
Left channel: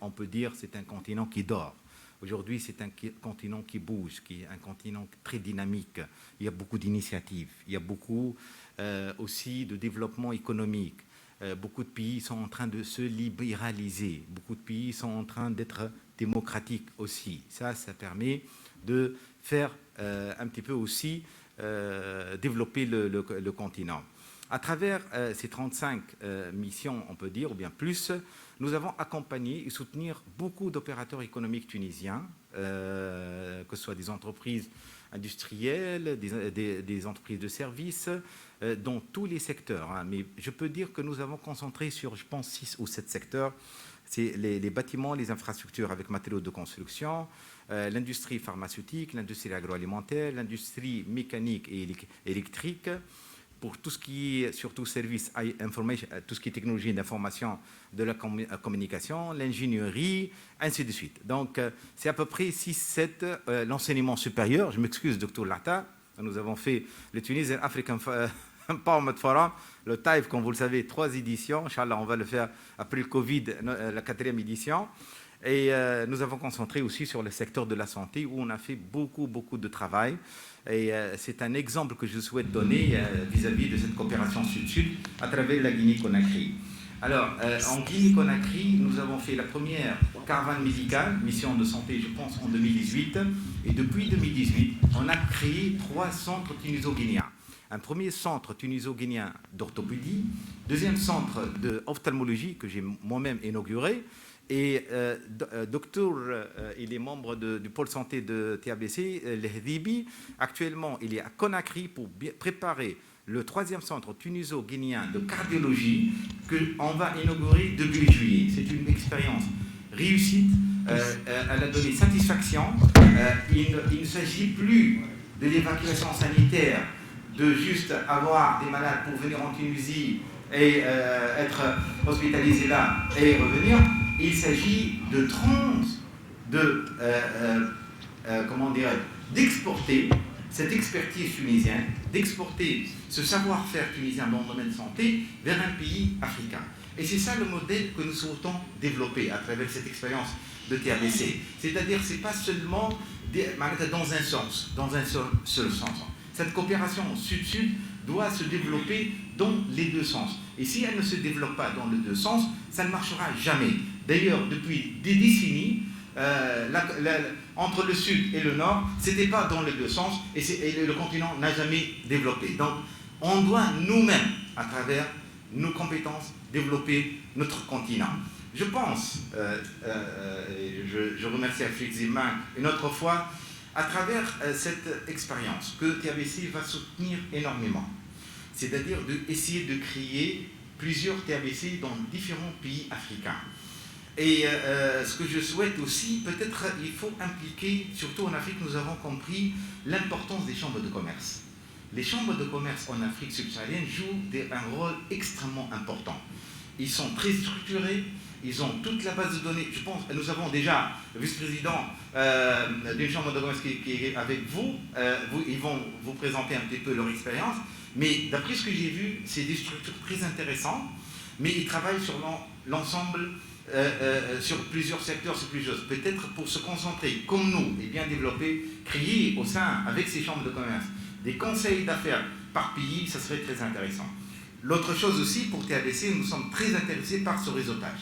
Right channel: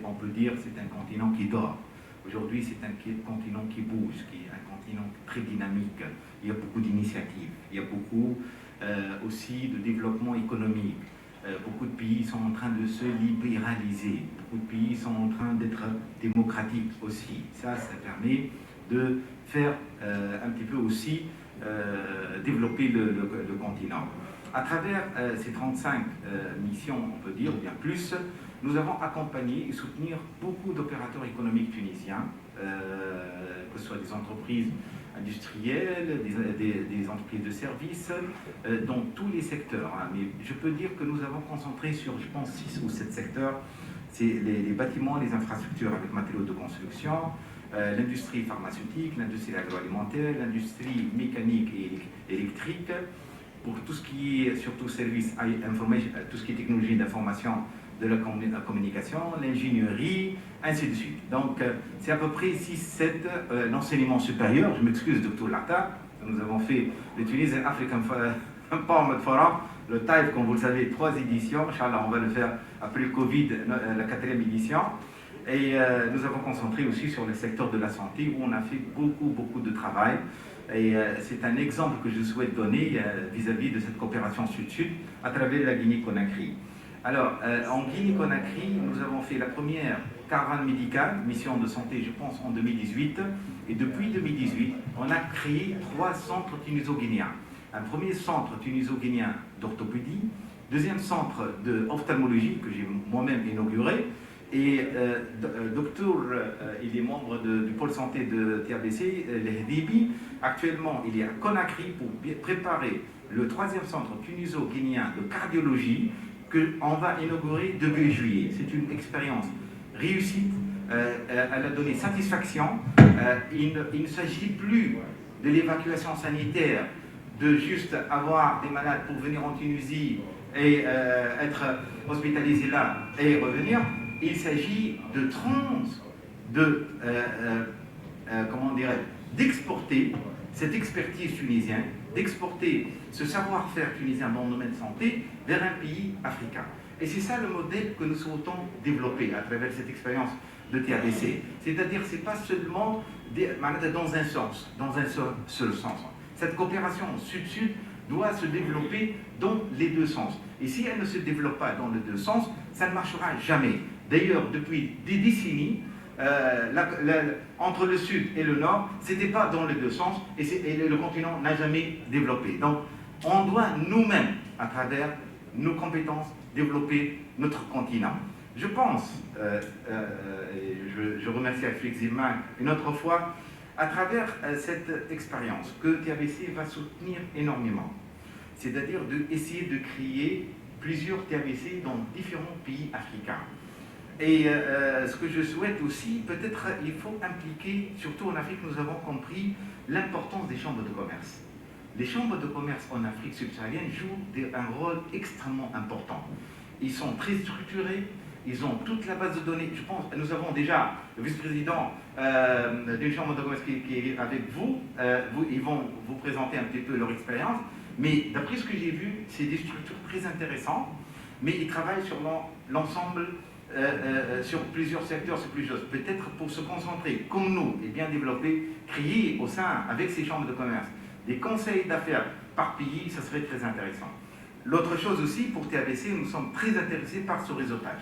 on peut dire que c'est un continent qui dort. Aujourd'hui, c'est un continent qui bouge, qui est un continent très dynamique. Il y a beaucoup d'initiatives, il y a beaucoup aussi de développement économique. Beaucoup de pays sont en train de se libéraliser, beaucoup de pays sont en train d'être démocratiques aussi. Ça permet de faire un petit peu aussi développer le continent. À travers ces 35 missions, on peut dire, ou bien plus, nous avons accompagné et soutenu beaucoup d'opérateurs économiques tunisiens, que ce soit des entreprises industrielles, des entreprises de services, dans tous les secteurs. Mais je peux dire que nous avons concentré sur, je pense, 6 ou 7 secteurs. C'est les bâtiments, les infrastructures avec matériaux de construction, l'industrie pharmaceutique, l'industrie agroalimentaire, l'industrie mécanique et électrique, pour tout ce qui est surtout service information, tout ce qui est technologie d'information, de la communication, l'ingénierie, ainsi de suite. Donc, c'est à peu près 6-7 l'enseignement supérieur. Je m'excuse, Dr. Lata. Nous avons fait le Tunisian African Empowerment Forum, le TAIF, comme vous le savez, 3 éditions. Inch'Allah, on va le faire après le Covid, la 4e édition. Et nous avons concentré aussi sur le secteur de la santé, où on a fait beaucoup de travail. Et c'est un exemple que je souhaite donner vis-à-vis de cette coopération sud-sud à travers la Guinée-Conakry. Alors, en Guinée-Conakry, nous avons fait la première caravane médicale, mission de santé, je pense, en 2018. Et depuis 2018, on a créé 3 centres tuniso-guinéens. Un premier centre tuniso-guinéen d'orthopédie, deuxième centre d'ophtalmologie que j'ai moi-même inauguré. Et docteur, il est membre du pôle santé de TABC, l'Hdibi. Actuellement, il est à Conakry pour préparer le 3e centre tuniso-guinéen de cardiologie qu'on va inaugurer début juillet. C'est une expérience réussite, elle a donné satisfaction. Il ne s'agit plus de l'évacuation sanitaire, de juste avoir des malades pour venir en Tunisie et être hospitalisés là et revenir. Il s'agit d'exporter cette expertise tunisienne d'exporter ce savoir-faire tunisien dans le domaine de santé vers un pays africain. Et c'est ça le modèle que nous souhaitons développer à travers cette expérience de TABC. C'est-à-dire que ce n'est pas seulement dans un sens, dans un seul sens. Cette coopération sud-sud doit se développer dans les deux sens. Et si elle ne se développe pas dans les deux sens, ça ne marchera jamais. D'ailleurs, depuis des décennies, entre le sud et le nord, ce n'était pas dans les deux sens et le continent n'a jamais développé. Donc, on doit nous-mêmes, à travers nos compétences, développer notre continent. Je pense, je remercie Afrique Zimman une autre fois, à travers cette expérience que TABC va soutenir énormément. C'est-à-dire d'essayer de créer plusieurs TABC dans différents pays africains. Et ce que je souhaite aussi, peut-être il faut impliquer, surtout en Afrique, nous avons compris l'importance des chambres de commerce. Les chambres de commerce en Afrique subsaharienne jouent un rôle extrêmement important. Ils sont très structurés, ils ont toute la base de données. Je pense que nous avons déjà le vice-président d'une chambre de commerce qui est avec vous. Ils vont vous présenter un petit peu leur expérience. Mais d'après ce que j'ai vu, c'est des structures très intéressantes, mais ils travaillent sur l'ensemble, sur plusieurs secteurs, sur plusieurs choses. Peut-être pour se concentrer, comme nous, et bien développer, créer au sein, avec ces chambres de commerce, des conseils d'affaires par pays, ça serait très intéressant. L'autre chose aussi, pour TABC, nous sommes très intéressés par ce réseautage.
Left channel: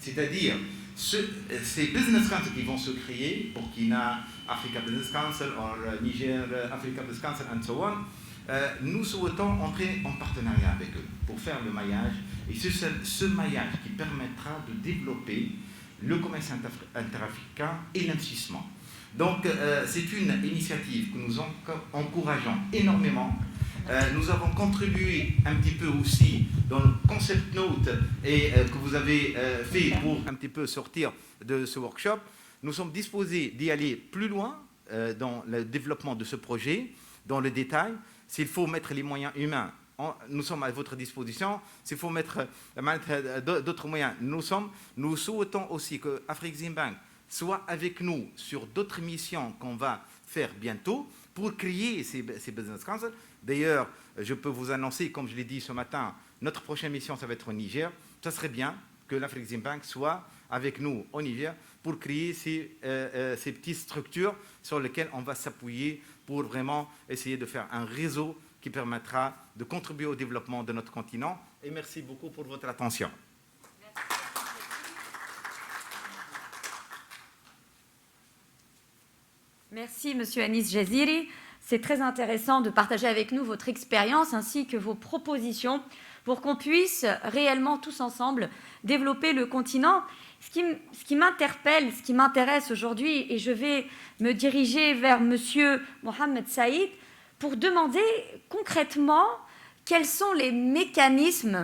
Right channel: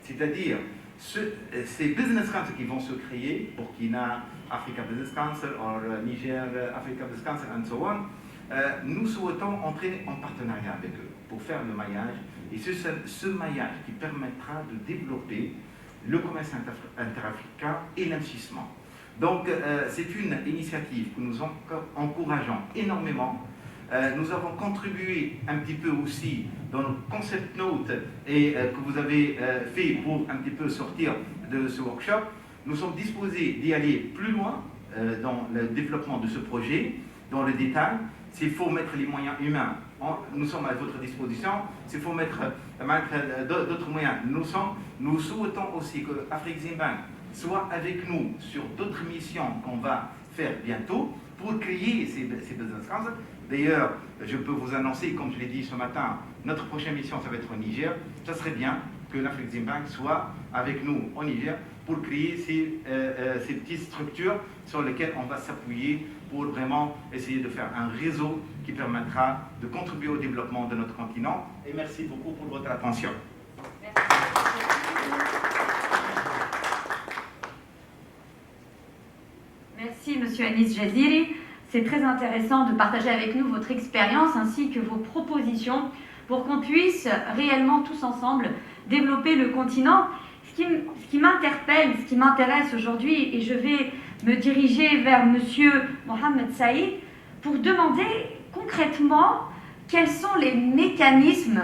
C'est-à-dire, ces business councils qui vont se créer, Burkina, Africa Business Council, ou Niger, Africa Business Council, and so on, nous souhaitons entrer en partenariat avec eux pour faire le maillage. Et c'est ce maillage qui permettra de développer le commerce interafricain et l'investissement. Donc, c'est une initiative que nous encourageons énormément. Nous avons contribué un petit peu aussi dans le concept note et que vous avez fait pour un petit peu sortir de ce workshop. Nous sommes disposés d'y aller plus loin dans le développement de ce projet, dans le détail. S'il faut mettre les moyens humains, nous sommes à votre disposition. S'il faut mettre d'autres moyens, nous souhaitons aussi que Afrique Zimban soit avec nous sur d'autres missions qu'on va faire bientôt pour créer ces business councils. D'ailleurs, je peux vous annoncer, comme je l'ai dit ce matin, notre prochaine mission, ça va être au Niger. Ça serait bien que l'Afrique Zimban soit avec nous au Niger pour créer ces petites structures sur lesquelles on va s'appuyer pour vraiment essayer de faire un réseau qui permettra de contribuer au développement de notre continent. Et merci beaucoup pour votre attention. Merci, Monsieur Anis Jaziri. C'est très intéressant de partager avec nous votre expérience ainsi que vos propositions pour qu'on puisse réellement tous ensemble développer le continent. Ce qui m'interpelle, ce qui m'intéresse aujourd'hui, et je vais me diriger vers Monsieur Mohamed Saïd pour demander concrètement quels sont les mécanismes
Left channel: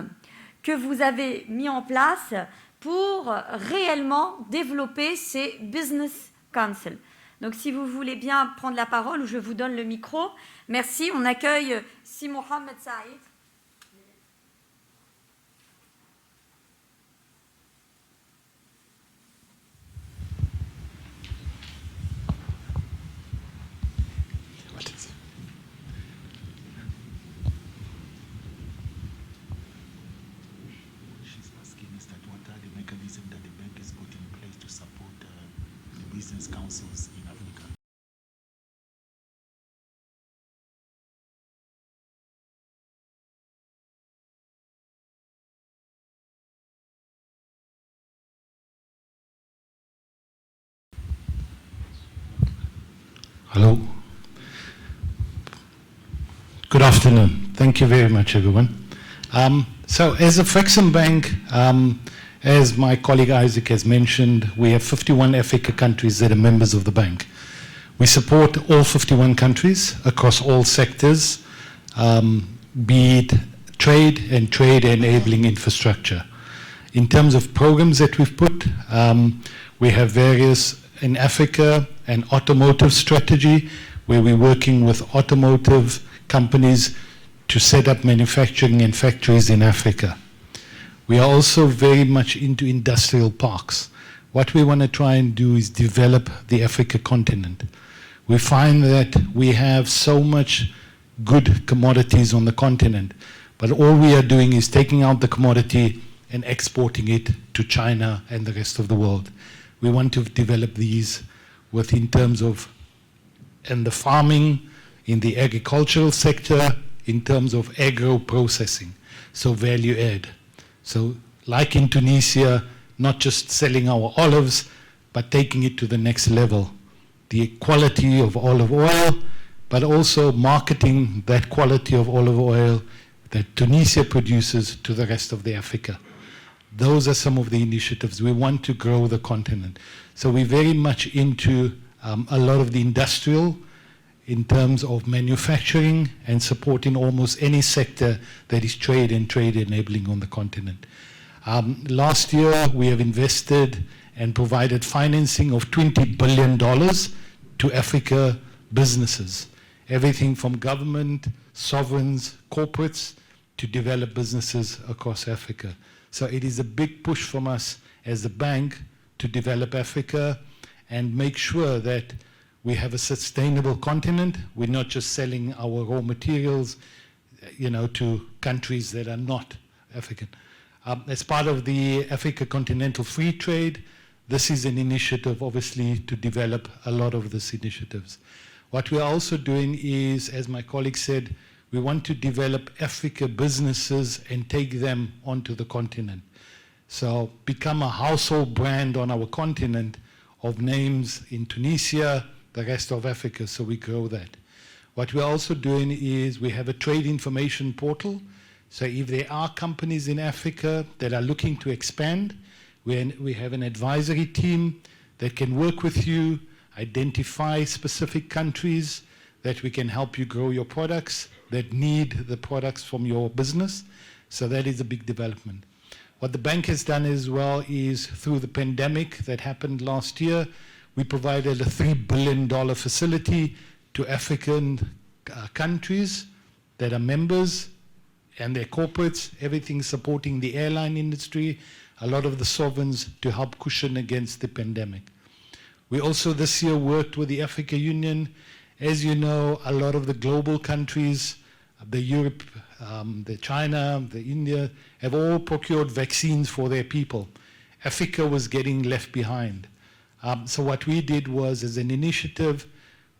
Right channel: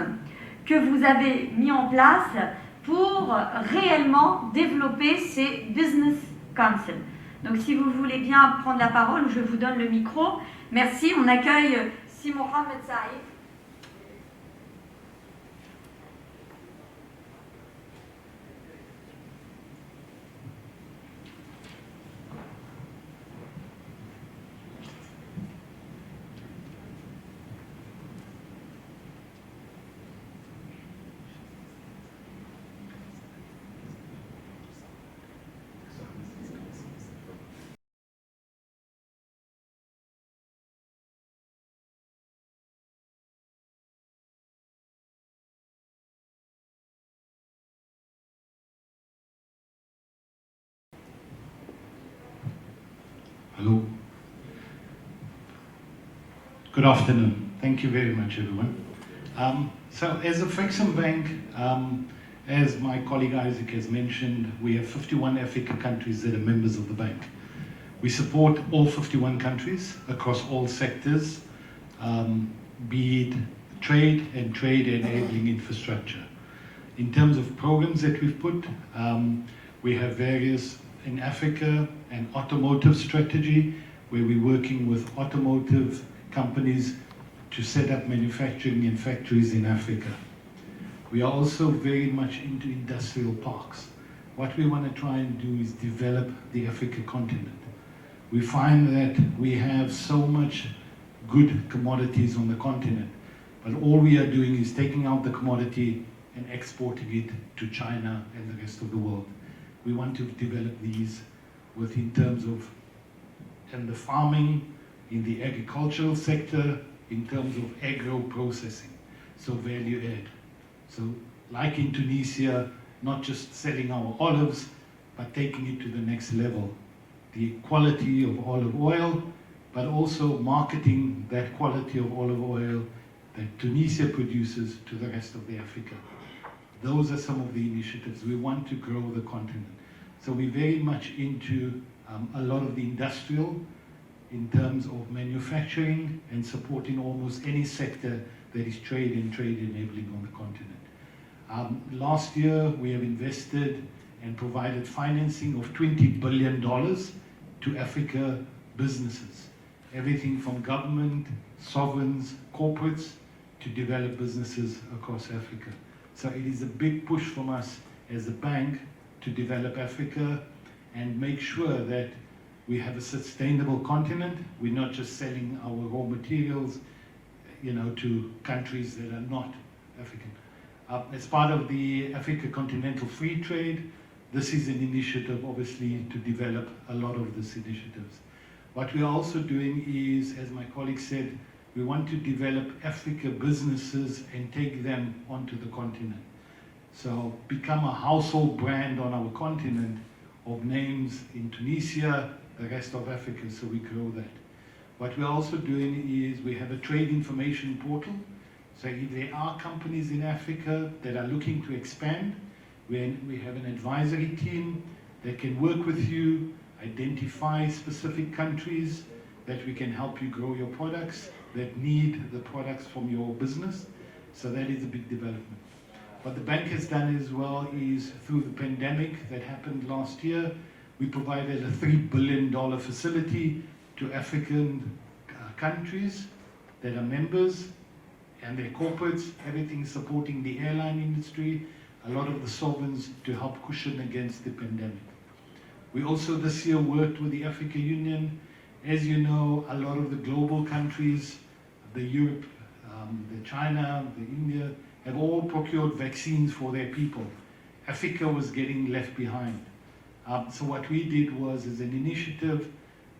que vous avez mis en place pour réellement développer ces business councils. Donc si vous voulez bien prendre la parole, je vous donne le micro. Merci, on accueille Si Mohamed Saïd. Hello. Good afternoon. Thank you very much, everyone. So as a Fexim Bank, as my colleague Isaac has mentioned, we have 51 Africa countries that are members of the bank. We support all 51 countries across all sectors, be it trade and trade enabling infrastructure. In terms of programs that we've put, we have various in Africa, an automotive strategy where we're working with automotive companies to set up manufacturing and factories in Africa. We are also very much into industrial parks. What we want to try and do is develop the Africa continent. We find that we have so much good commodities on the continent. But all we are doing is taking out the commodity and exporting it to China and the rest of the world. We want to develop these in terms of in the farming, in the agricultural sector, in terms of agro-processing, so value add. So like in Tunisia, not just selling our olives, but taking it to the next level. The quality of olive oil, but also marketing that quality of olive oil that Tunisia produces to the rest of the Africa. Those are some of the initiatives. We want to grow the continent. So we're very much into a lot of the industrial in terms of manufacturing and supporting almost any sector that is trade and trade enabling on the continent. Last year, we have invested and provided financing of $20 billion to Africa businesses. Everything from government, sovereigns, corporates, to develop businesses across Africa. So it is a big push from us as a bank to develop Africa and make sure that we have a sustainable continent. We're not just selling our raw materials, to countries that are not African. As part of the Africa Continental Free Trade, this is an initiative, obviously, to develop a lot of these initiatives. What we are also doing is, as my colleague said, we want to develop Africa businesses and take them onto the continent. So become a household brand on our continent of names in Tunisia, the rest of Africa, so we grow that. What we're also doing is we have a trade information portal. So if there are companies in Africa that are looking to expand, we have an advisory team that can work with you, identify specific countries that we can help you grow your products, that need the products from your business. So that is a big development. What the bank has done as well is through the pandemic that happened last year, we provided a $3 billion facility to African countries that are members and their corporates, everything supporting the airline industry, a lot of the sovereigns to help cushion against the pandemic. We also this year worked with the African Union. As you know, a lot of the global countries, the Europe, the China, the India, have all procured vaccines for their people. Africa was getting left behind. So what we did was, as an initiative,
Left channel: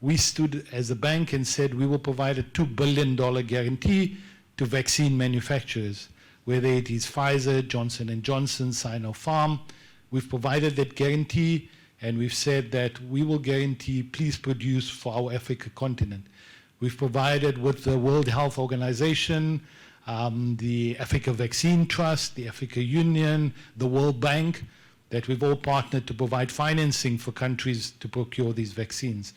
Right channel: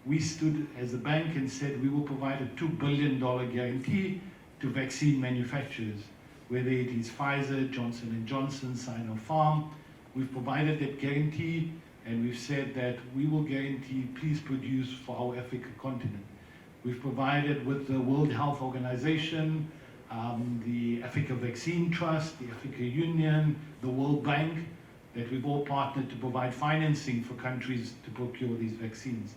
we stood as a bank and said we will provide a $2 billion guarantee to vaccine manufacturers, whether it is Pfizer, Johnson & Johnson, Sinopharm. We've provided that guarantee, and we've said that we will guarantee, please produce for our Africa continent. We've provided with the World Health Organization, the Africa Vaccine Trust, the Africa Union, the World Bank, that we've all partnered to provide financing for countries to procure these vaccines.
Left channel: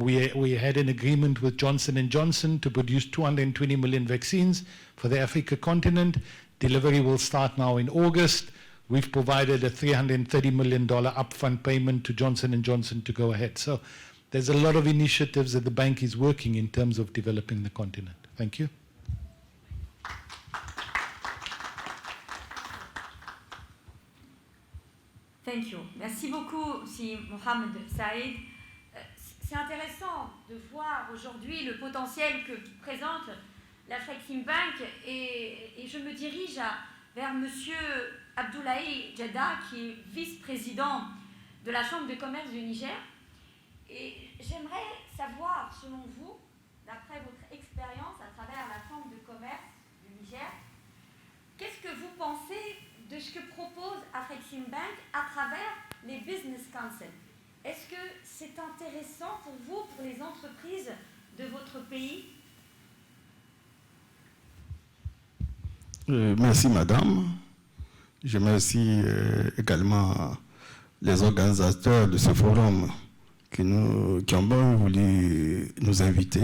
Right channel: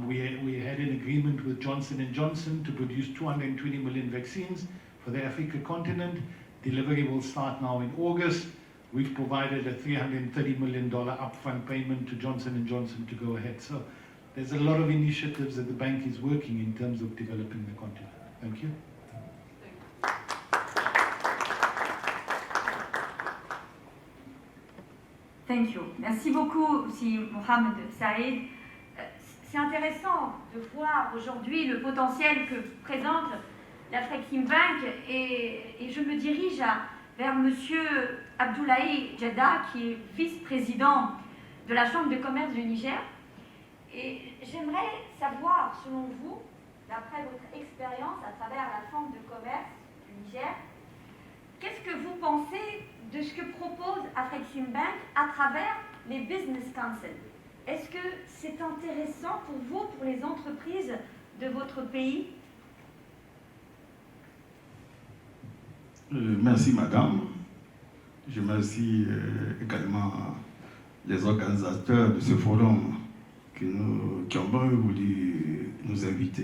We had an agreement with Johnson & Johnson to produce 220 million vaccines for the Africa continent. Delivery will start now in August. We've provided a $330 million upfront payment to Johnson & Johnson to go ahead. So there's a lot of initiatives that the bank is working in terms of developing the continent. Thank you. Thank you. Merci beaucoup aussi, Mohamed Saïd. C'est intéressant de voir aujourd'hui le potentiel que présente la Flexim Bank et je me dirige vers Monsieur Abdoulaye Jeddah, qui est vice-président de la Chambre de commerce du Niger. Et j'aimerais savoir, selon vous, d'après votre expérience à travers la Chambre de commerce du Niger, qu'est-ce que vous pensez de ce que propose Flexim Bank à travers les Business Council? Est-ce que c'est intéressant pour vous, pour les entreprises de votre pays? Merci madame. Je remercie également les organisateurs de ce forum qui ont bien voulu nous inviter.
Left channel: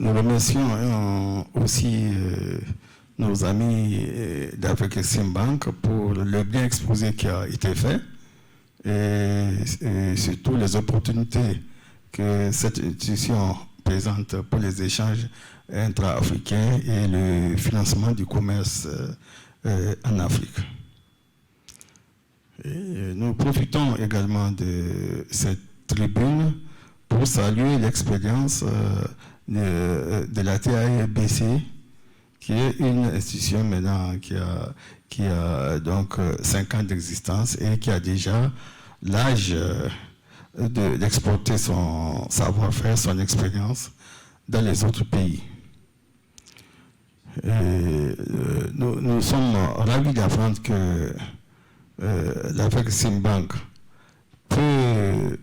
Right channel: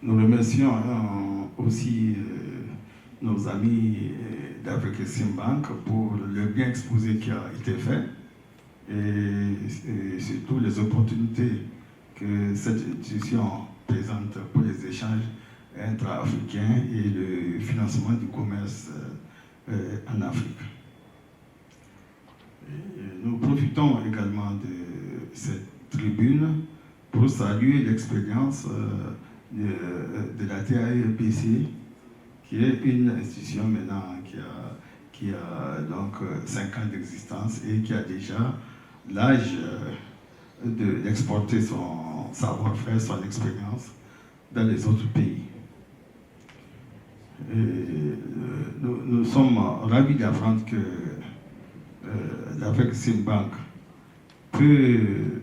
Nous remercions aussi nos amis d'Afrexim Bank pour le bien exposé qui a été fait et surtout les opportunités que cette institution présente pour les échanges intra-africains et le financement du commerce en Afrique. Et nous profitons également de cette tribune pour saluer l'expérience de la TABC, qui est une institution maintenant qui a donc 5 ans d'existence et qui a déjà l'âge d'exporter son savoir-faire, son expérience dans les autres pays. Nous sommes ravis d'apprendre que l'Afreximbank peut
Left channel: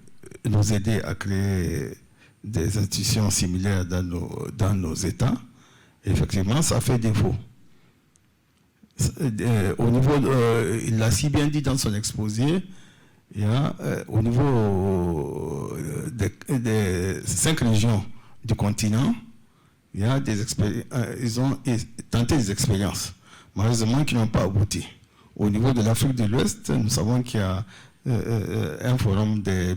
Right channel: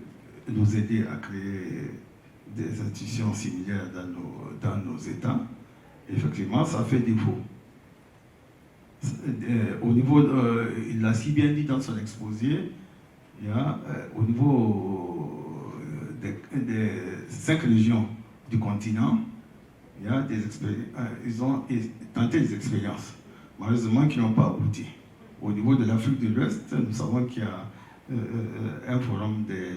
nous aider à créer des institutions similaires dans nos États. Effectivement, ça fait défaut. Au niveau, il l'a si bien dit dans son exposé, il y a, au niveau des 5 régions du continent, il y a ils ont tenté des expériences, malheureusement qui n'ont pas abouti. Au niveau de l'Afrique de l'Ouest, nous savons qu'il y a un forum des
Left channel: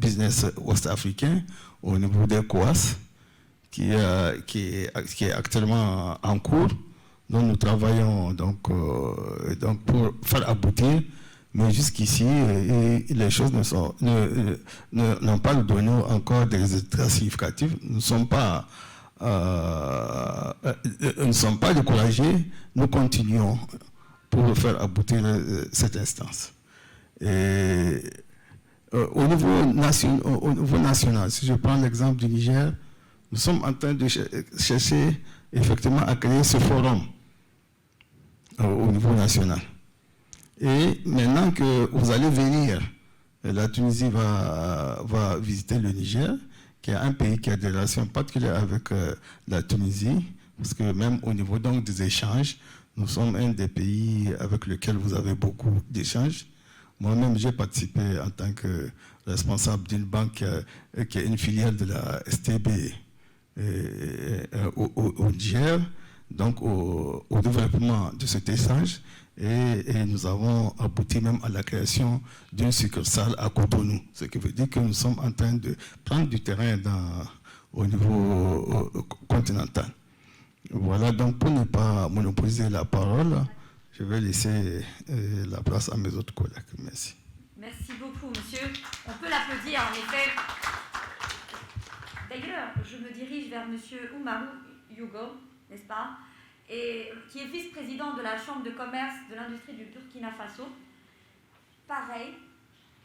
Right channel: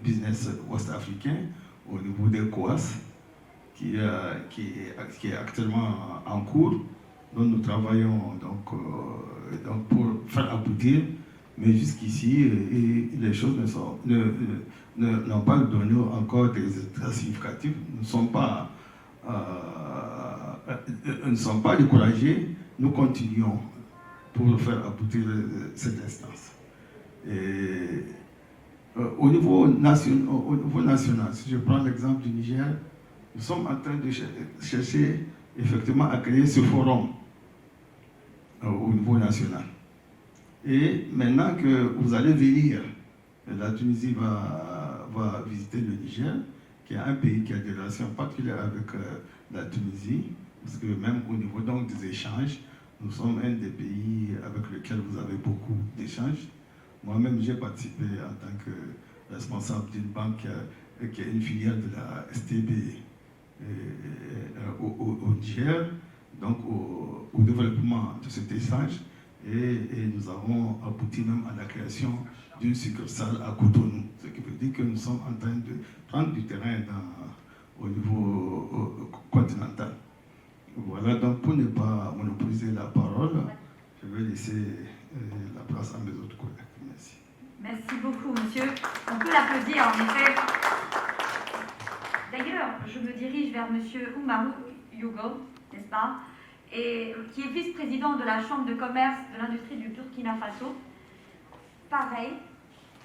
business ouest-africains au niveau des COAS qui est actuellement en cours. Donc nous travaillons donc pour faire aboutir, mais jusqu'ici les choses n'ont pas donné encore des résultats significatifs. Nous ne sommes pas découragés, nous continuons pour faire aboutir cette instance. Et au niveau national, si je prends l'exemple du Niger, nous sommes en train de chercher effectivement à créer ce forum au niveau national. Et maintenant que vous allez venir, la Tunisie va visiter le Niger, qui est un pays qui a des relations particulières avec la Tunisie, parce que même au niveau donc des échanges, nous sommes un des pays avec lequel vous avez beaucoup d'échanges. Moi-même, j'ai participé en tant que responsable d'une banque qui est une filiale de la STB au Niger, donc au développement de cet échange. Et nous avons abouti même à la création d'une succursale à Cotonou, ce qui veut dire que nous sommes en train de prendre du terrain au niveau continental. Voilà, donc pour ne pas monopoliser la parole, je vais laisser la place à mes autres collègues. Merci. Merci beaucoup, monsieur. On peut l'applaudir, en effet. D'ailleurs, je me dirige vers monsieur Oumarou Yougo, n'est-ce pas, et qui est vice-président de la Chambre de commerce de l'industrie du Burkina Faso. Pareil,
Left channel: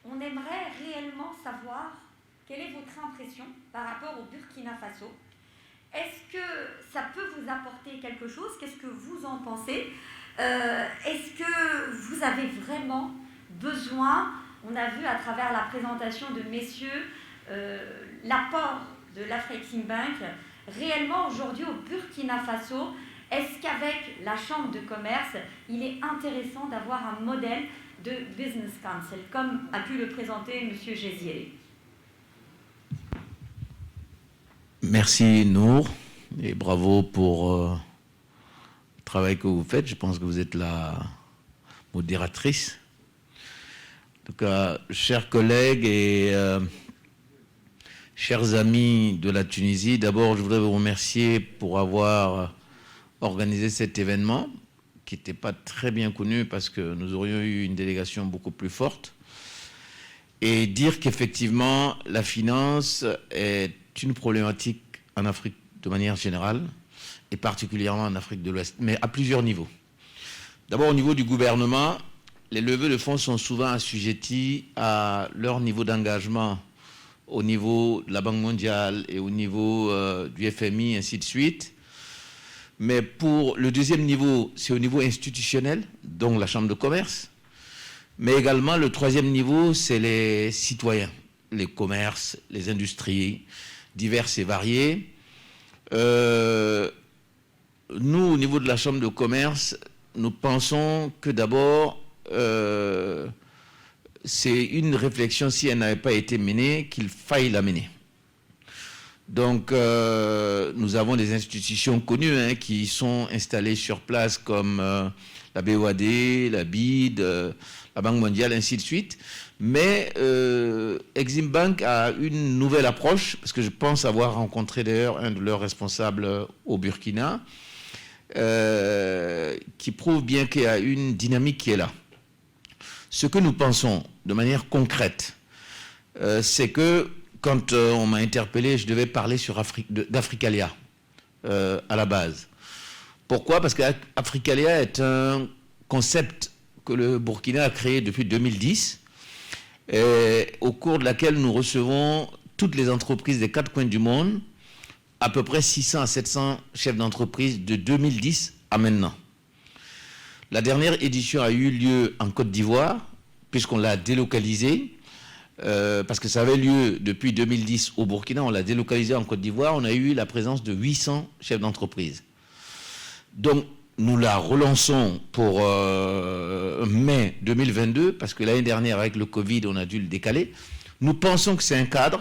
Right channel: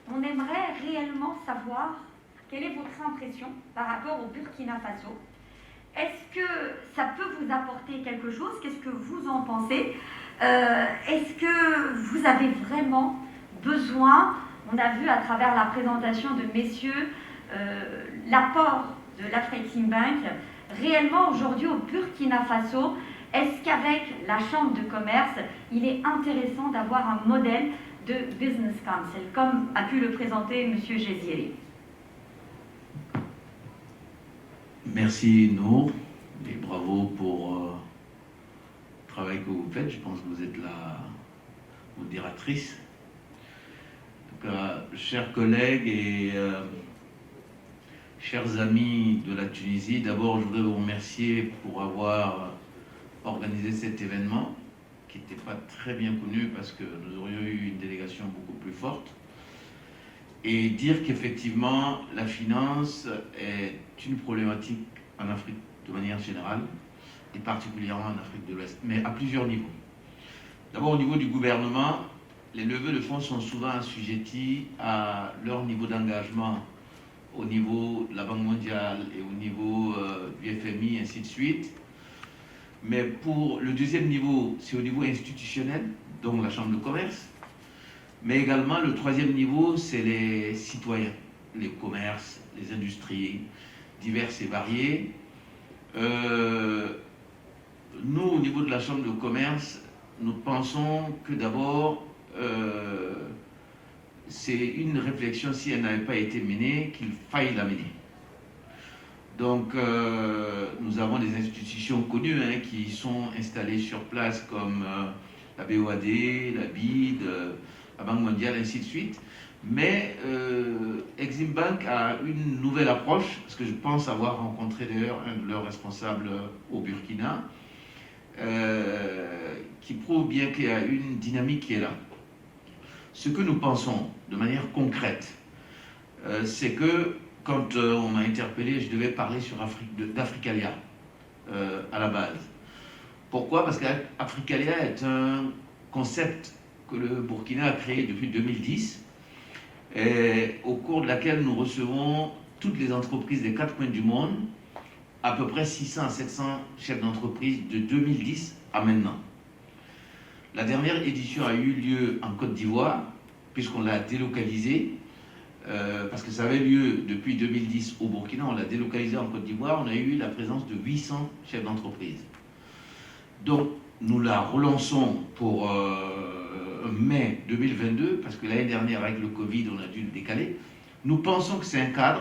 on aimerait réellement savoir quelle est votre impression par rapport au Burkina Faso. Est-ce que ça peut vous apporter quelque chose? Qu'est-ce que vous en pensez? Est-ce que vous avez vraiment besoin, on a vu à travers la présentation de messieurs, l'apport de l'Afreximbank, réellement aujourd'hui au Burkina Faso, est-ce qu'avec la Chambre de commerce, il est intéressant d'avoir un modèle de business council, comme a pu le présenter M. Gézier? Merci Nour, et bravo pour le travail que vous faites. Je pense que vous êtes la modératrice. En tout cas, chers collègues et chers amis de la Tunisie, d'abord je voudrais vous remercier pour avoir organisé cet événement qui n'était pas très bien connu parce que nous aurions eu une délégation beaucoup plus forte, et dire qu'effectivement la finance est une problématique en Afrique de manière générale et particulièrement en Afrique de l'Ouest, mais à plusieurs niveaux. D'abord au niveau du gouvernement, les levées de fonds sont souvent assujettis à leur niveau d'engagement au niveau de la Banque mondiale et au niveau du FMI, ainsi de suite. Mais pour le deuxième niveau, c'est au niveau institutionnel, donc la Chambre de commerce. Mais également, le troisième niveau, c'est les citoyens, les commerces, les industries, diverses et variées. Nous, au niveau de la Chambre de commerce, nous pensons que d'abord, c'est une réflexion, si elle n'avait pas été menée, qu'il faille la mener. Donc, nous avons des institutions connues qui sont installées sur place comme la BOAD, la BID, la Banque mondiale, ainsi de suite. Mais Exim Bank a une nouvelle approche, parce que je pense avoir rencontré d'ailleurs un de leurs responsables au Burkina, qui prouve bien qu'il y a une dynamique qui est là. Ce que nous pensons de manière concrète, c'est que quand on m'a interpellé, je devais parler sur d'Africalia à la base. Pourquoi? Parce qu'Africalia est un concept que le Burkina a créé depuis 2010, et au cours de laquelle nous recevons toutes les entreprises des 4 coins du monde, à peu près 600 à 700 chefs d'entreprise de 2010 à maintenant. La dernière édition a eu lieu en Côte d'Ivoire, puisqu'on l'a délocalisée, parce que ça avait lieu depuis 2010 au Burkina, on l'a délocalisé en Côte d'Ivoire, on a eu la présence de 800 chefs d'entreprise. Donc, nous la relançons pour mai 2022, parce que l'année dernière, avec le Covid, on a dû le décaler. Nous pensons que c'est un cadre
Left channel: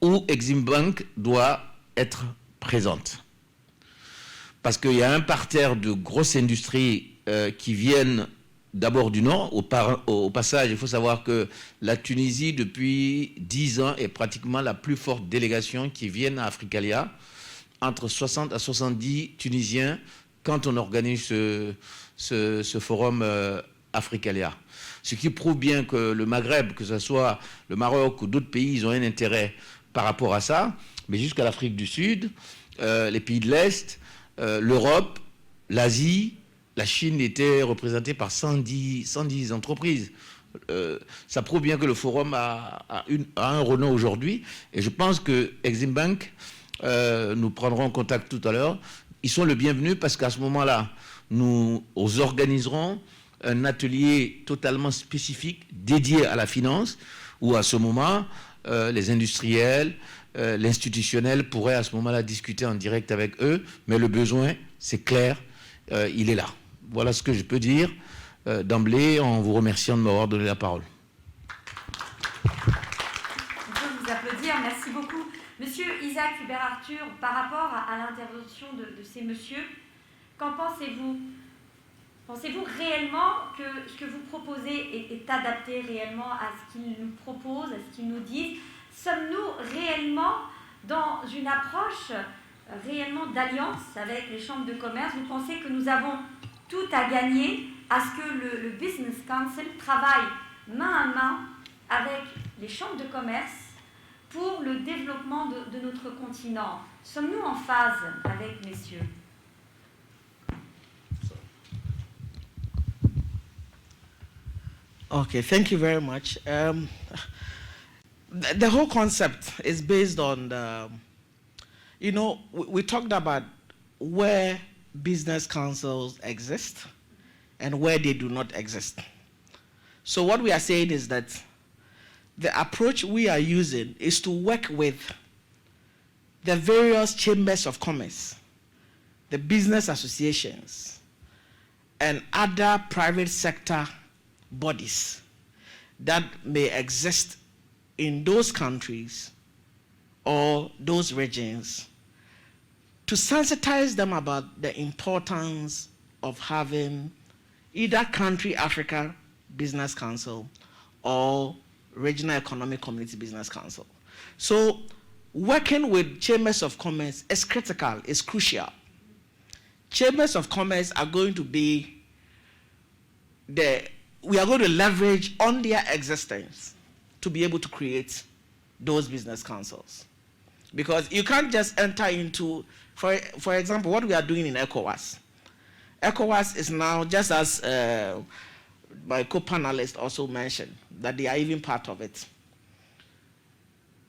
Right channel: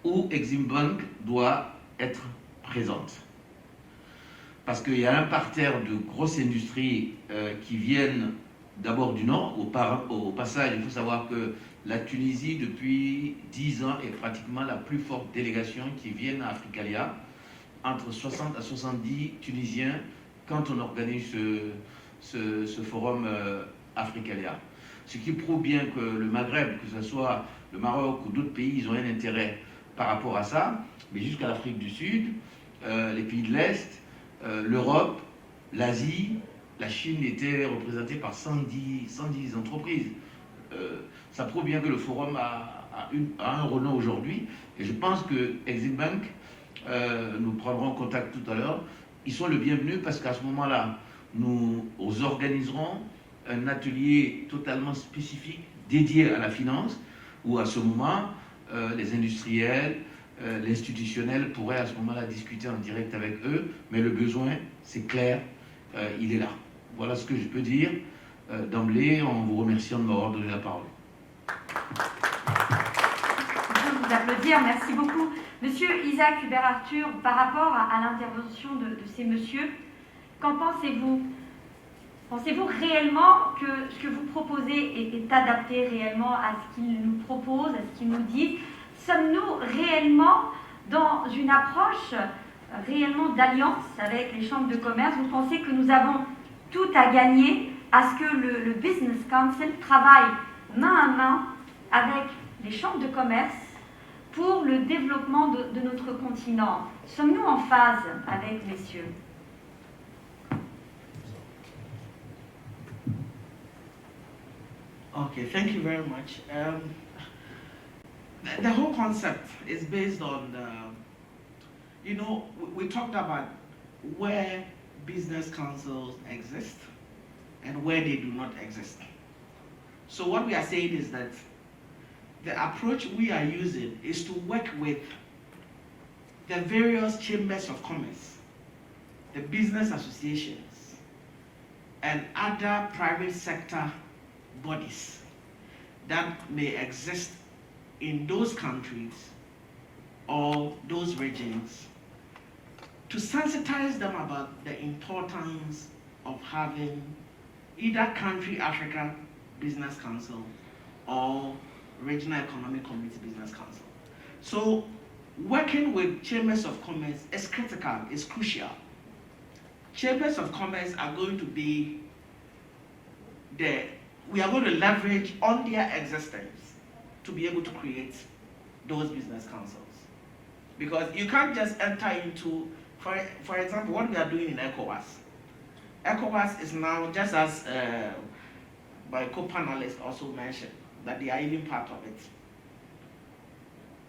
où Exim Bank doit être présente. Parce qu'il y a un parterre de grosses industries qui viennent d'abord du Nord. Au passage, il faut savoir que la Tunisie, depuis 10 ans, est pratiquement la plus forte délégation qui vient à Africalia. Entre 60 à 70 Tunisiens quand on organise ce forum Africalia. Ce qui prouve bien que le Maghreb, que ce soit le Maroc ou d'autres pays, ils ont un intérêt par rapport à ça. Mais jusqu'à l'Afrique du Sud, les pays de l'Est, l'Europe, l'Asie, la Chine était représentée par 110 entreprises. Ça prouve bien que le forum a un renom aujourd'hui. Et je pense que Exim Bank, nous prendrons contact tout à l'heure, ils sont le bienvenu parce qu'à ce moment-là, nous organiserons un atelier totalement spécifique dédié à la finance, où à ce moment, les industriels, l'institutionnel pourraient à ce moment-là discuter en direct avec eux, mais le besoin, c'est clair, il est là. Voilà ce que je peux dire d'emblée en vous remerciant de m'avoir donné la parole. Je peux vous applaudir, merci beaucoup. Monsieur Isaac Hubert-Arthur, par rapport à l'intervention de ces messieurs, qu'en pensez-vous? Pensez-vous réellement que ce que vous proposez est adapté réellement à ce qu'ils nous proposent, à ce qu'ils nous disent? Sommes-nous réellement dans une approche réellement d'alliance avec les chambres de commerce? Vous pensez que nous avons tout à gagner à ce que le Business Council travaille main à main avec les chambres de commerce pour le développement de notre continent? Sommes-nous en phase avec messieurs? Okay, thank you very much. The whole concept is based on, we talked about where business councils exist and where they do not exist. So what we are saying is that the approach we are using is to work with the various chambers of commerce, the business associations, and other private sector bodies that may exist in those countries or those regions, to sensitize them about the importance of having either country Africa Business Council or Regional Economic Community Business Council. So working with chambers of commerce is critical, is crucial. Chambers of commerce are going to be we are going to leverage on their existence to be able to create those business councils. Because you can't just enter into, for example, what we are doing in ECOWAS. ECOWAS is now, just as my co-panelist also mentioned, that they are even part of it.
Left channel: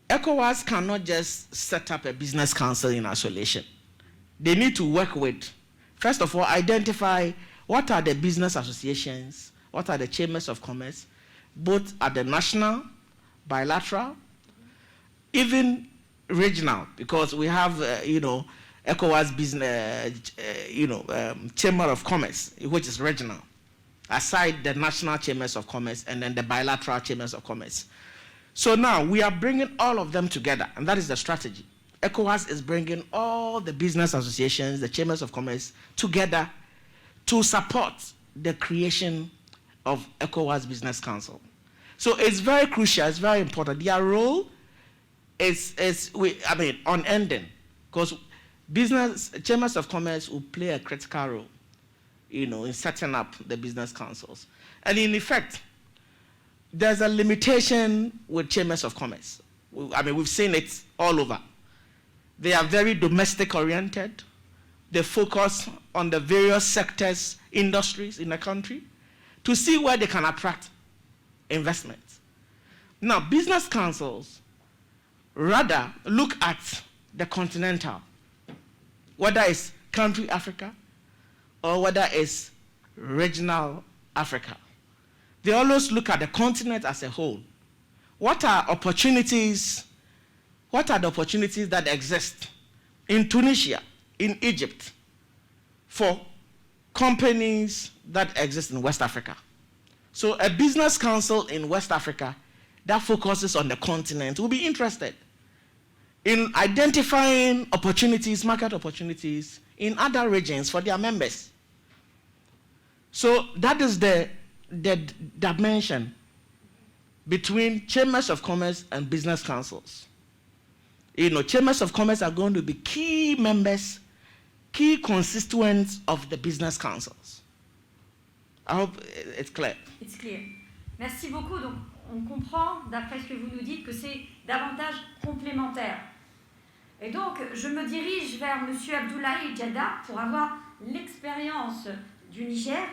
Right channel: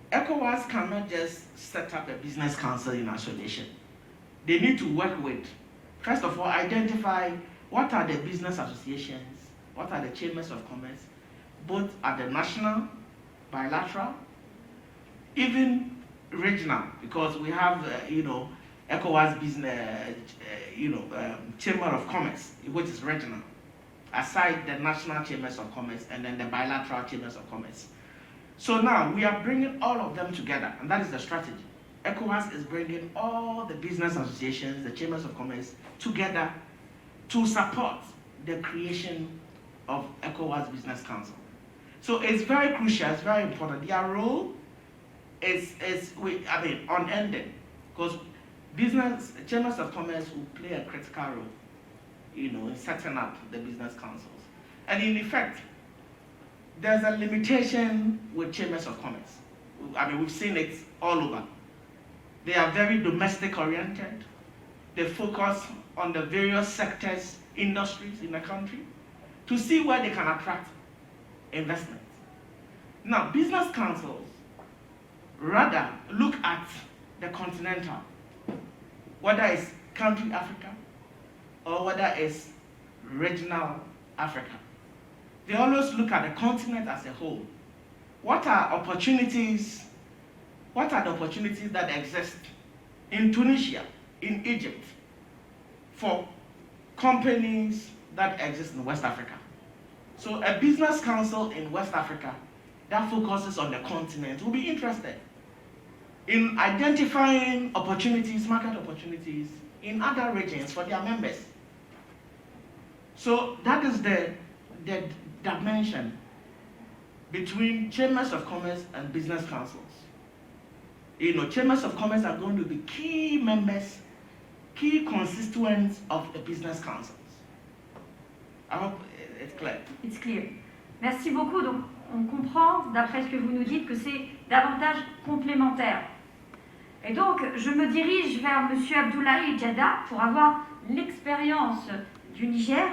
ECOWAS cannot just set up a business council in isolation. They need to work with, first of all, identify what are the business associations, what are the chambers of commerce, both at the national, bilateral, even regional, because we have, ECOWAS business, chamber of commerce, which is regional, aside the national chambers of commerce and then the bilateral chambers of commerce. So now we are bringing all of them together, and that is the strategy. ECOWAS is bringing all the business associations, the chambers of commerce together to support the creation of ECOWAS Business Council. So it's very crucial, it's very important. Their role is unending, because chambers of commerce will play a critical role, in setting up the business councils. And in effect, there's a limitation with chambers of commerce. I mean, we've seen it all over. They are very domestic oriented. They focus on the various sectors, industries in the country to see where they can attract investments. Now, business councils rather look at the continental, whether it's country Africa or whether it's regional Africa. They always look at the continent as a whole. What are the opportunities that exist in Tunisia, in Egypt, for companies that exist in West Africa? So a business council in West Africa that focuses on the continent will be interested in identifying opportunities, market opportunities in other regions for their members. So that is the dimension between chambers of commerce and business councils. Chambers of commerce are going to be key members, key constituents of the business councils. I hope it's clear. It's clear. Merci beaucoup. Donc, on comprend, d'après ce que vous nous dites, que c'est davantage complémentaire. Et donc, je me dirige vers M. Abdoulaye Diada pour avoir l'expérience du Niger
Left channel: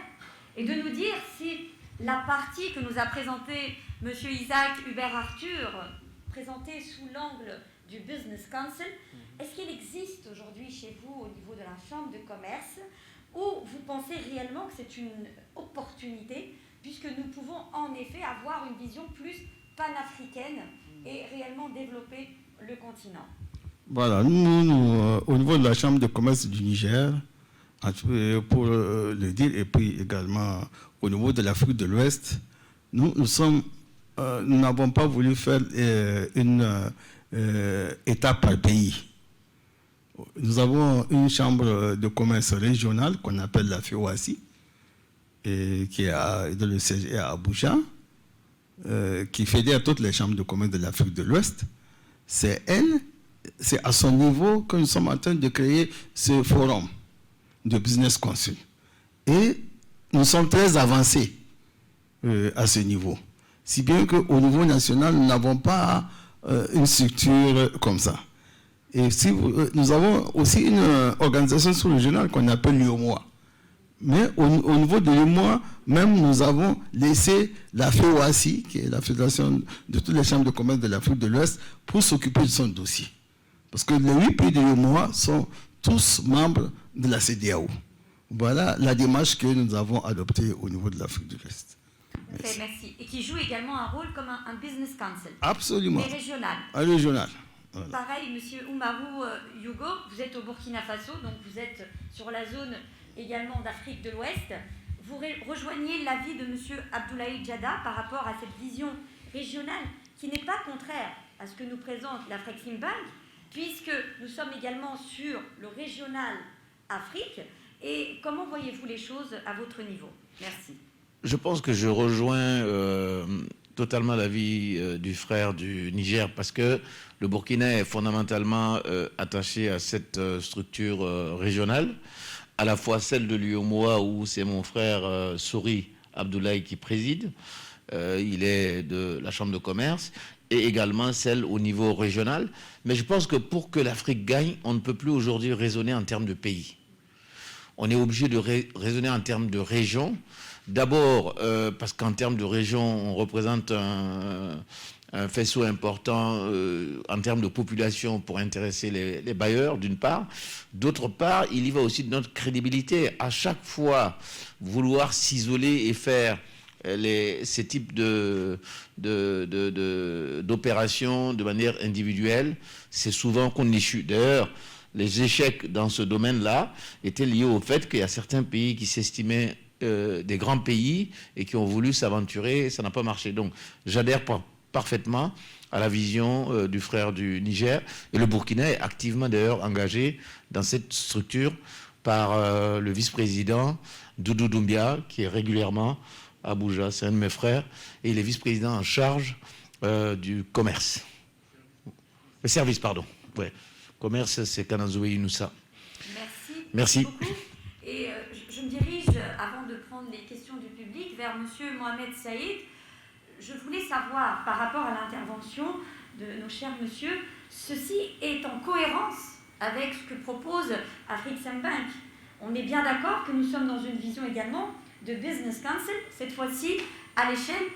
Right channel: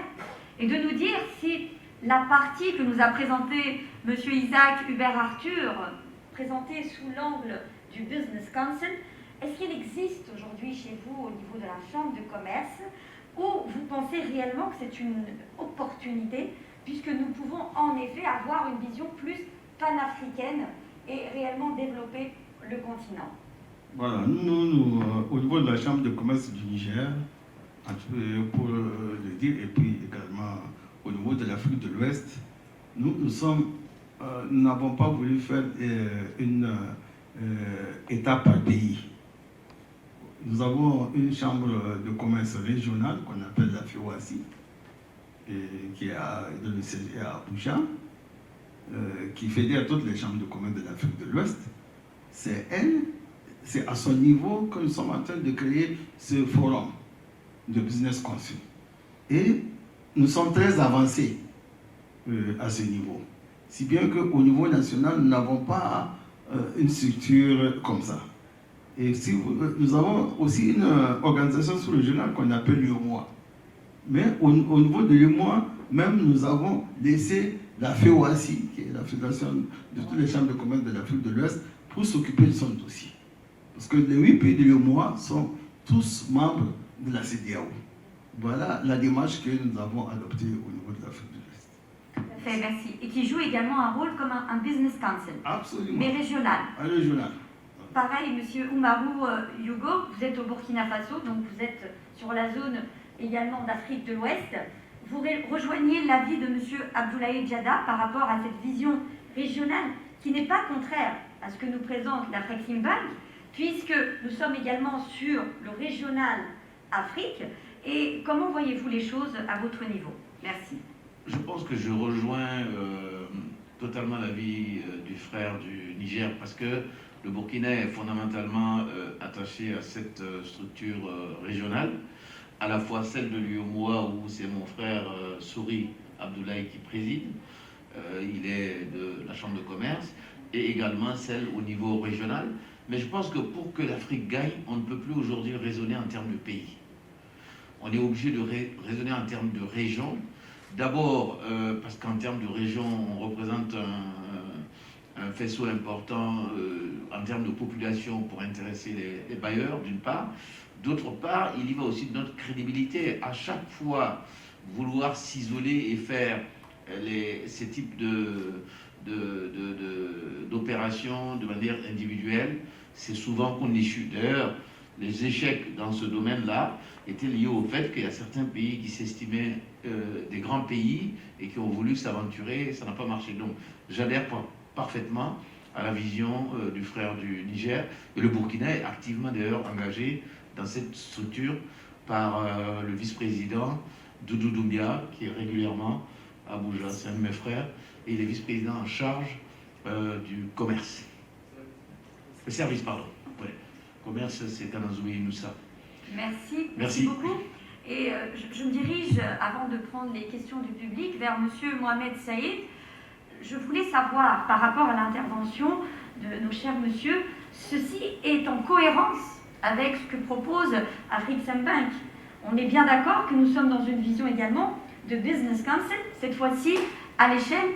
et de nous dire si la partie que nous a présentée M. Isaac Hubert-Arthur, présentée sous l'angle du Business Council, est-ce qu'il existe aujourd'hui chez vous au niveau de la Chambre de commerce ou vous pensez réellement que c'est une opportunité puisque nous pouvons en effet avoir une vision plus panafricaine et réellement développer le continent? Voilà, nous au niveau de la Chambre de commerce du Niger, pour le dire, et puis également au niveau de l'Afrique de l'Ouest, nous n'avons pas voulu faire une étape par pays. Nous avons une chambre de commerce régionale qu'on appelle la FEOACI, qui est dans le siège à Abuja, qui fédère toutes les chambres de commerce de l'Afrique de l'Ouest. C'est à son niveau que nous sommes en train de créer ce forum de business council. Et nous sommes très avancés à ce niveau. Si bien qu'au niveau national, nous n'avons pas une structure comme ça. Et nous avons aussi une organisation sous-régionale qu'on appelle l'UOMOA. Mais au niveau de l'UOMOA, même nous avons laissé la FEOACI, qui est la fédération de toutes les chambres de commerce de l'Afrique de l'Ouest, pour s'occuper de son dossier. Parce que les 8 pays de l'UOMOA sont tous membres de la CEDEAO. Voilà la démarche que nous avons adoptée au niveau de l'Afrique de l'Ouest. Merci. Et qui joue également un rôle comme un business council. Absolument. Et régional. Un régional. Voilà. Pareil, monsieur Oumarou Yougo, vous êtes au Burkina Faso, donc vous êtes sur la zone également d'Afrique de l'Ouest. Vous rejoignez l'avis de monsieur Abdoulaye Diada par rapport à cette vision régionale qui n'est pas contraire à ce que nous présente la Flexing Bank, puisque nous sommes également sur le régional Afrique. Et comment voyez-vous les choses à votre niveau? Merci. Je pense que je rejoins totalement l'avis du frère du Niger parce que le Burkina est fondamentalement attaché à cette structure régionale, à la fois celle de l'UOMOA où c'est mon frère Souri Abdoulaye qui préside, il est de la Chambre de commerce, et également celle au niveau régional. Mais je pense que pour que l'Afrique gagne, on ne peut plus aujourd'hui raisonner en termes de pays. On est obligé de raisonner en termes de région. D'abord, parce qu'en termes de région, on représente un faisceau important en termes de population pour intéresser les bailleurs, d'une part. D'autre part, il y va aussi de notre crédibilité. À chaque fois, vouloir s'isoler et faire ces types d'opérations de manière individuelle, c'est souvent qu'on échoue. D'ailleurs, les échecs dans ce domaine-là étaient liés au fait qu'il y a certains pays qui s'estimaient des grands pays et qui ont voulu s'aventurer et ça n'a pas marché. Donc, j'adhère parfaitement à la vision du frère du Niger. Et le Burkina est activement d'ailleurs engagé dans cette structure par le vice-président Doudou Doumbia, qui est régulièrement à Abuja. C'est un de mes frères. Et il est vice-président en charge du commerce. Le service, pardon. Ouais. Commerce, c'est Kanazoué Inoussa. Merci beaucoup. Et je me dirige, avant de prendre les questions du public, vers M. Mohamed Saïd. Je voulais savoir, par rapport à l'intervention de nos chers messieurs, ceci est en cohérence avec ce que propose Afreximbank. On est bien d'accord que nous sommes dans une vision également de business council, cette fois-ci à l'échelle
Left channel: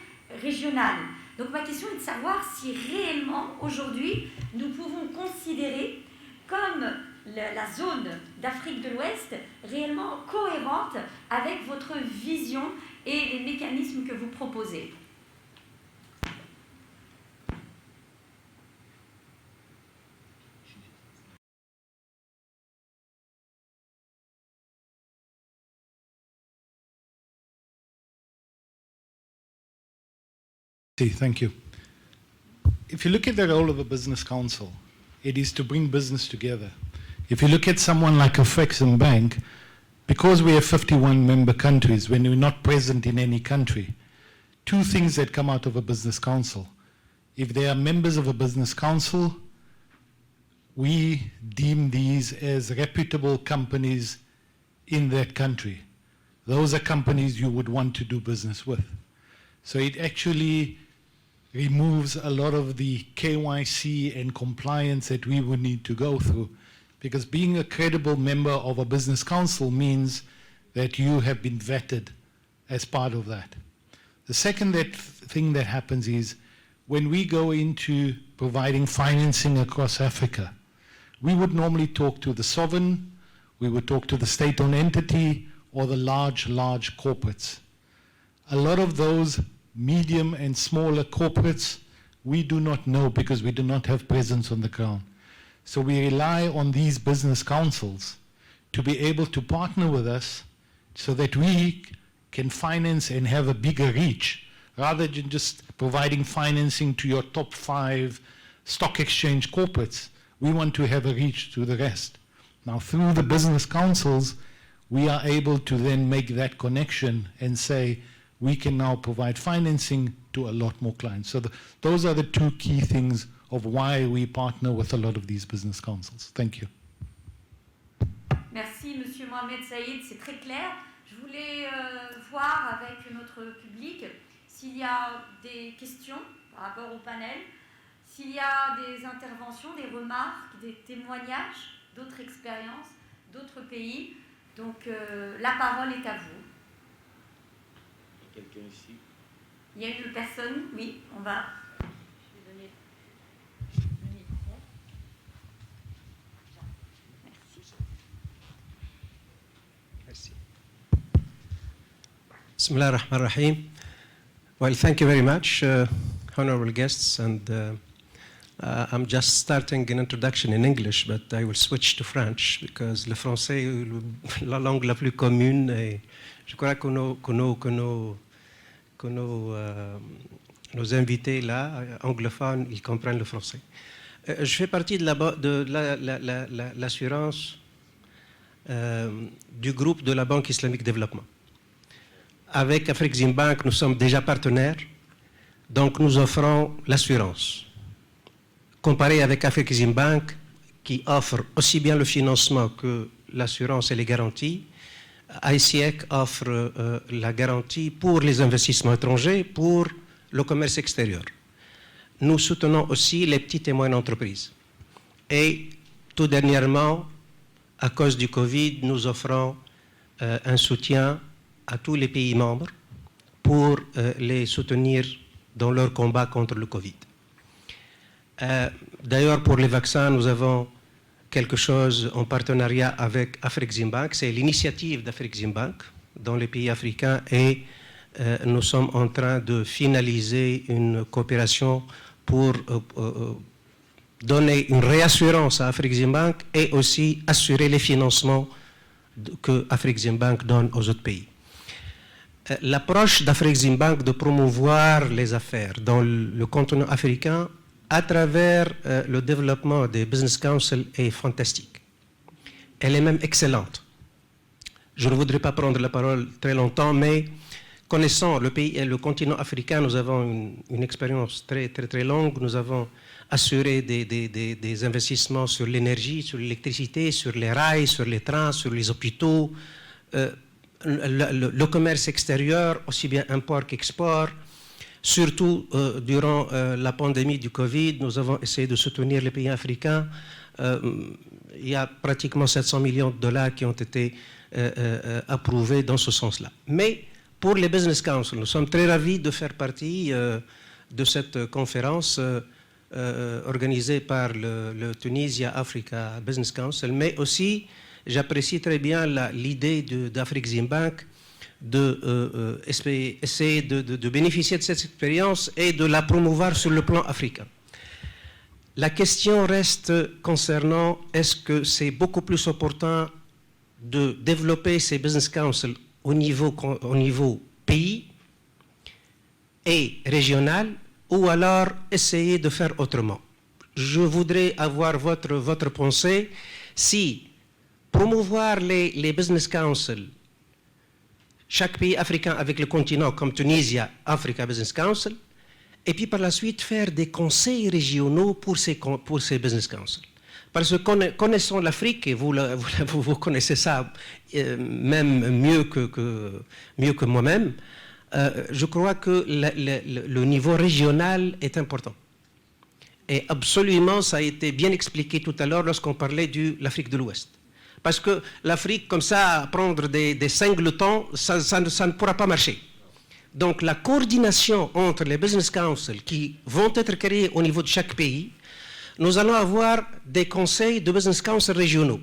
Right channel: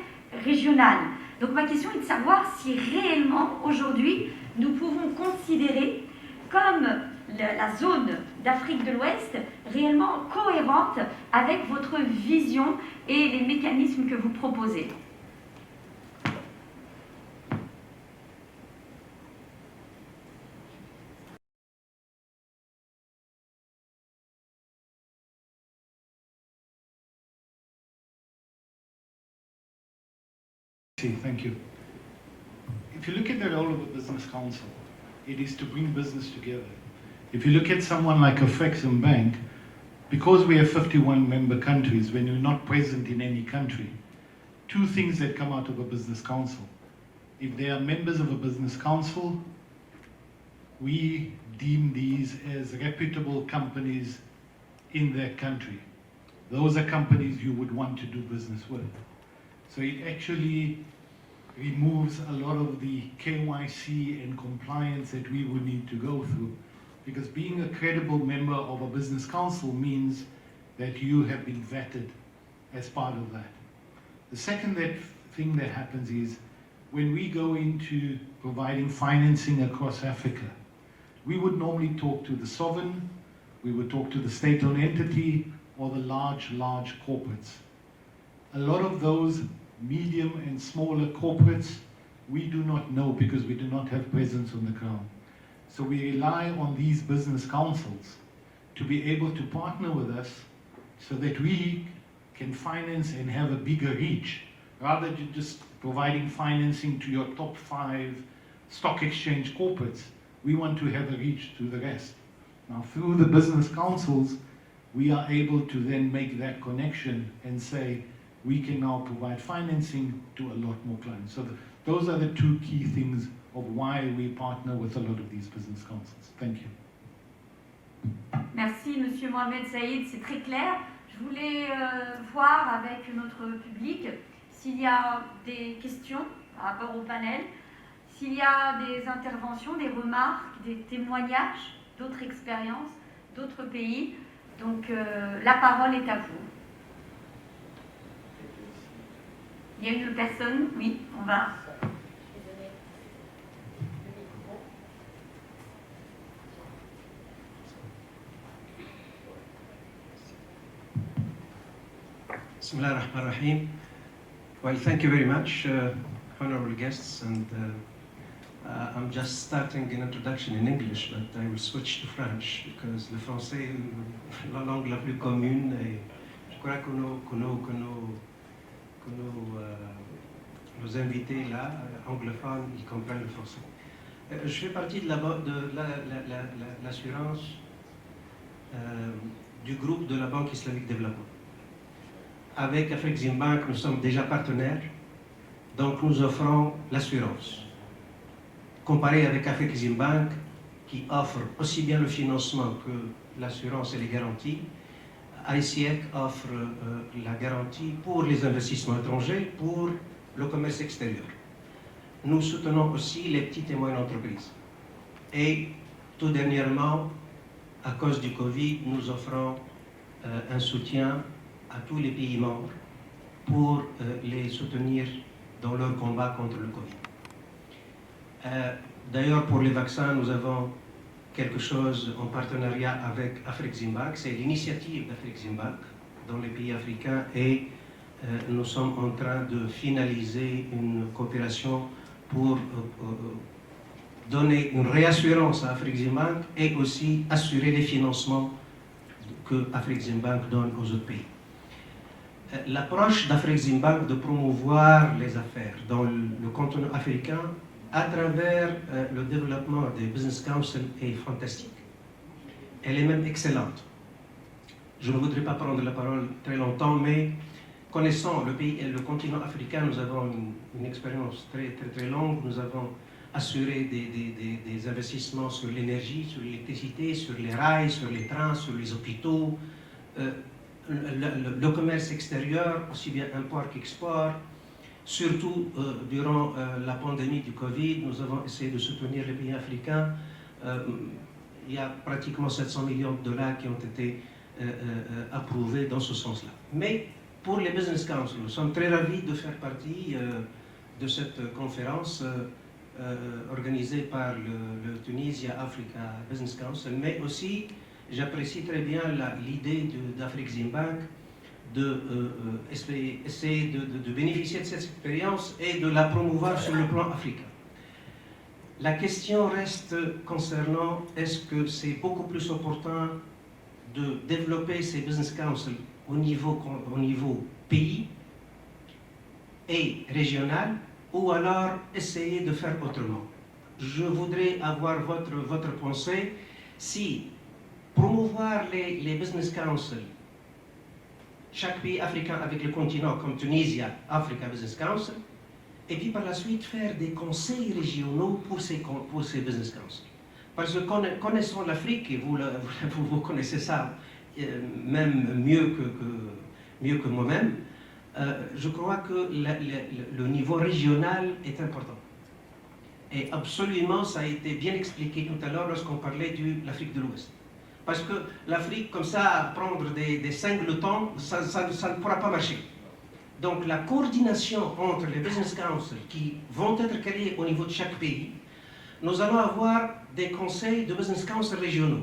régionale. Donc ma question est de savoir si réellement aujourd'hui nous pouvons considérer comme la zone d'Afrique de l'Ouest réellement cohérente avec votre vision et les mécanismes que vous proposez. Thank you. If you look at the role of a business council, it is to bring business together. If you look at someone like a Afreximbank, because we have 51 member countries, when we're not present in any country, two things that come out of a business council. If they are members of a business council, we deem these as reputable companies in their country. Those are companies you would want to do business with. So it actually removes a lot of the KYC and compliance that we would need to go through, because being a credible member of a business council means that you have been vetted as part of that. The second thing that happens is when we go into providing financing across Africa, we would normally talk to the sovereign, we would talk to the state-owned entity, or the large corporates. A lot of those medium and smaller corporates, we do not know because we do not have presence on the ground. So we rely on these business councils to be able to partner with us so that we can finance and have a bigger reach, rather than just providing financing to your top 5 stock exchange corporates. We want to have a reach to the rest. Now, through the business councils, we are able to then make that connection and say, we can now provide financing to a lot more clients. So those are the two key things of why we partner with a lot of these business councils. Thank you. Merci, Monsieur Mohamed Saïd, c'est très clair. Je voulais voir avec notre public s'il y a des questions par rapport au panel, s'il y a des interventions, des remarques, des témoignages d'autres expériences, d'autres pays. Donc la parole est à vous. Il y a une personne, oui, on va. Bismillah ar-Rahman ar-Rahim. Well, thank you very much, honorable guests, and I'm just starting an introduction in English, but I will switch to French because le français est la langue la plus commune et je crois que nos invités là, anglophones, ils comprennent le français. Je fais partie de l'assurance du groupe de la Banque islamique de développement. Avec Afreximbank, nous sommes déjà partenaires, donc nous offrons l'assurance. Comparé avec Afreximbank, qui offre aussi bien le financement que l'assurance et les garanties, ICEC offre la garantie pour les investissements étrangers, pour le commerce extérieur. Nous soutenons aussi les petites et moyennes entreprises. Et tout dernièrement, à cause du Covid, nous offrons un soutien à tous les pays membres pour les soutenir dans leur combat contre le Covid. D'ailleurs, pour les vaccins, nous avons quelque chose en partenariat avec Afreximbank. C'est l'initiative d'Afreximbank dans les pays africains et nous sommes en train de finaliser une coopération pour donner une réassurance à Afreximbank et aussi assurer les financements que Afreximbank donne aux autres pays. L'approche d'Afreximbank de promouvoir les affaires dans le continent africain à travers le développement des business councils est fantastique. Elle est même excellente. Je ne voudrais pas prendre la parole très longtemps, mais connaissant le pays et le continent africain, nous avons une expérience très longue. Nous avons assuré des investissements sur l'énergie, sur l'électricité, sur les rails, sur les trains, sur les hôpitaux, le commerce extérieur, aussi bien import qu'export. Surtout durant la pandémie du Covid, nous avons essayé de soutenir les pays africains. Il y a pratiquement 700 millions de dollars qui ont été approuvés dans ce sens-là. Mais pour les Business Council, nous sommes très ravis de faire partie de cette conférence organisée par le Tunisia Africa Business Council, mais aussi j'apprécie très bien l'idée d'Afrexim Bank essayer de bénéficier de cette expérience et de la promouvoir sur le plan africain. La question reste concernant est-ce que c'est beaucoup plus opportun de développer ces business councils au niveau pays et régional ou alors essayer de faire autrement. Je voudrais avoir votre pensée si promouvoir les business councils chaque pays africain avec le continent comme Tunisia, Africa Business Council, et puis par la suite faire des conseils régionaux pour ces business councils. Parce que connaissant l'Afrique, et vous connaissez ça même mieux que moi-même, je crois que le niveau régional est important. Et absolument, ça a été bien expliqué tout à l'heure lorsqu'on parlait de l'Afrique de l'Ouest. Parce que l'Afrique, comme ça, prendre des singletons, ça ne pourra pas marcher. Donc la coordination entre les business councils qui vont être créés au niveau de chaque pays, nous allons avoir des conseils de business council régionaux.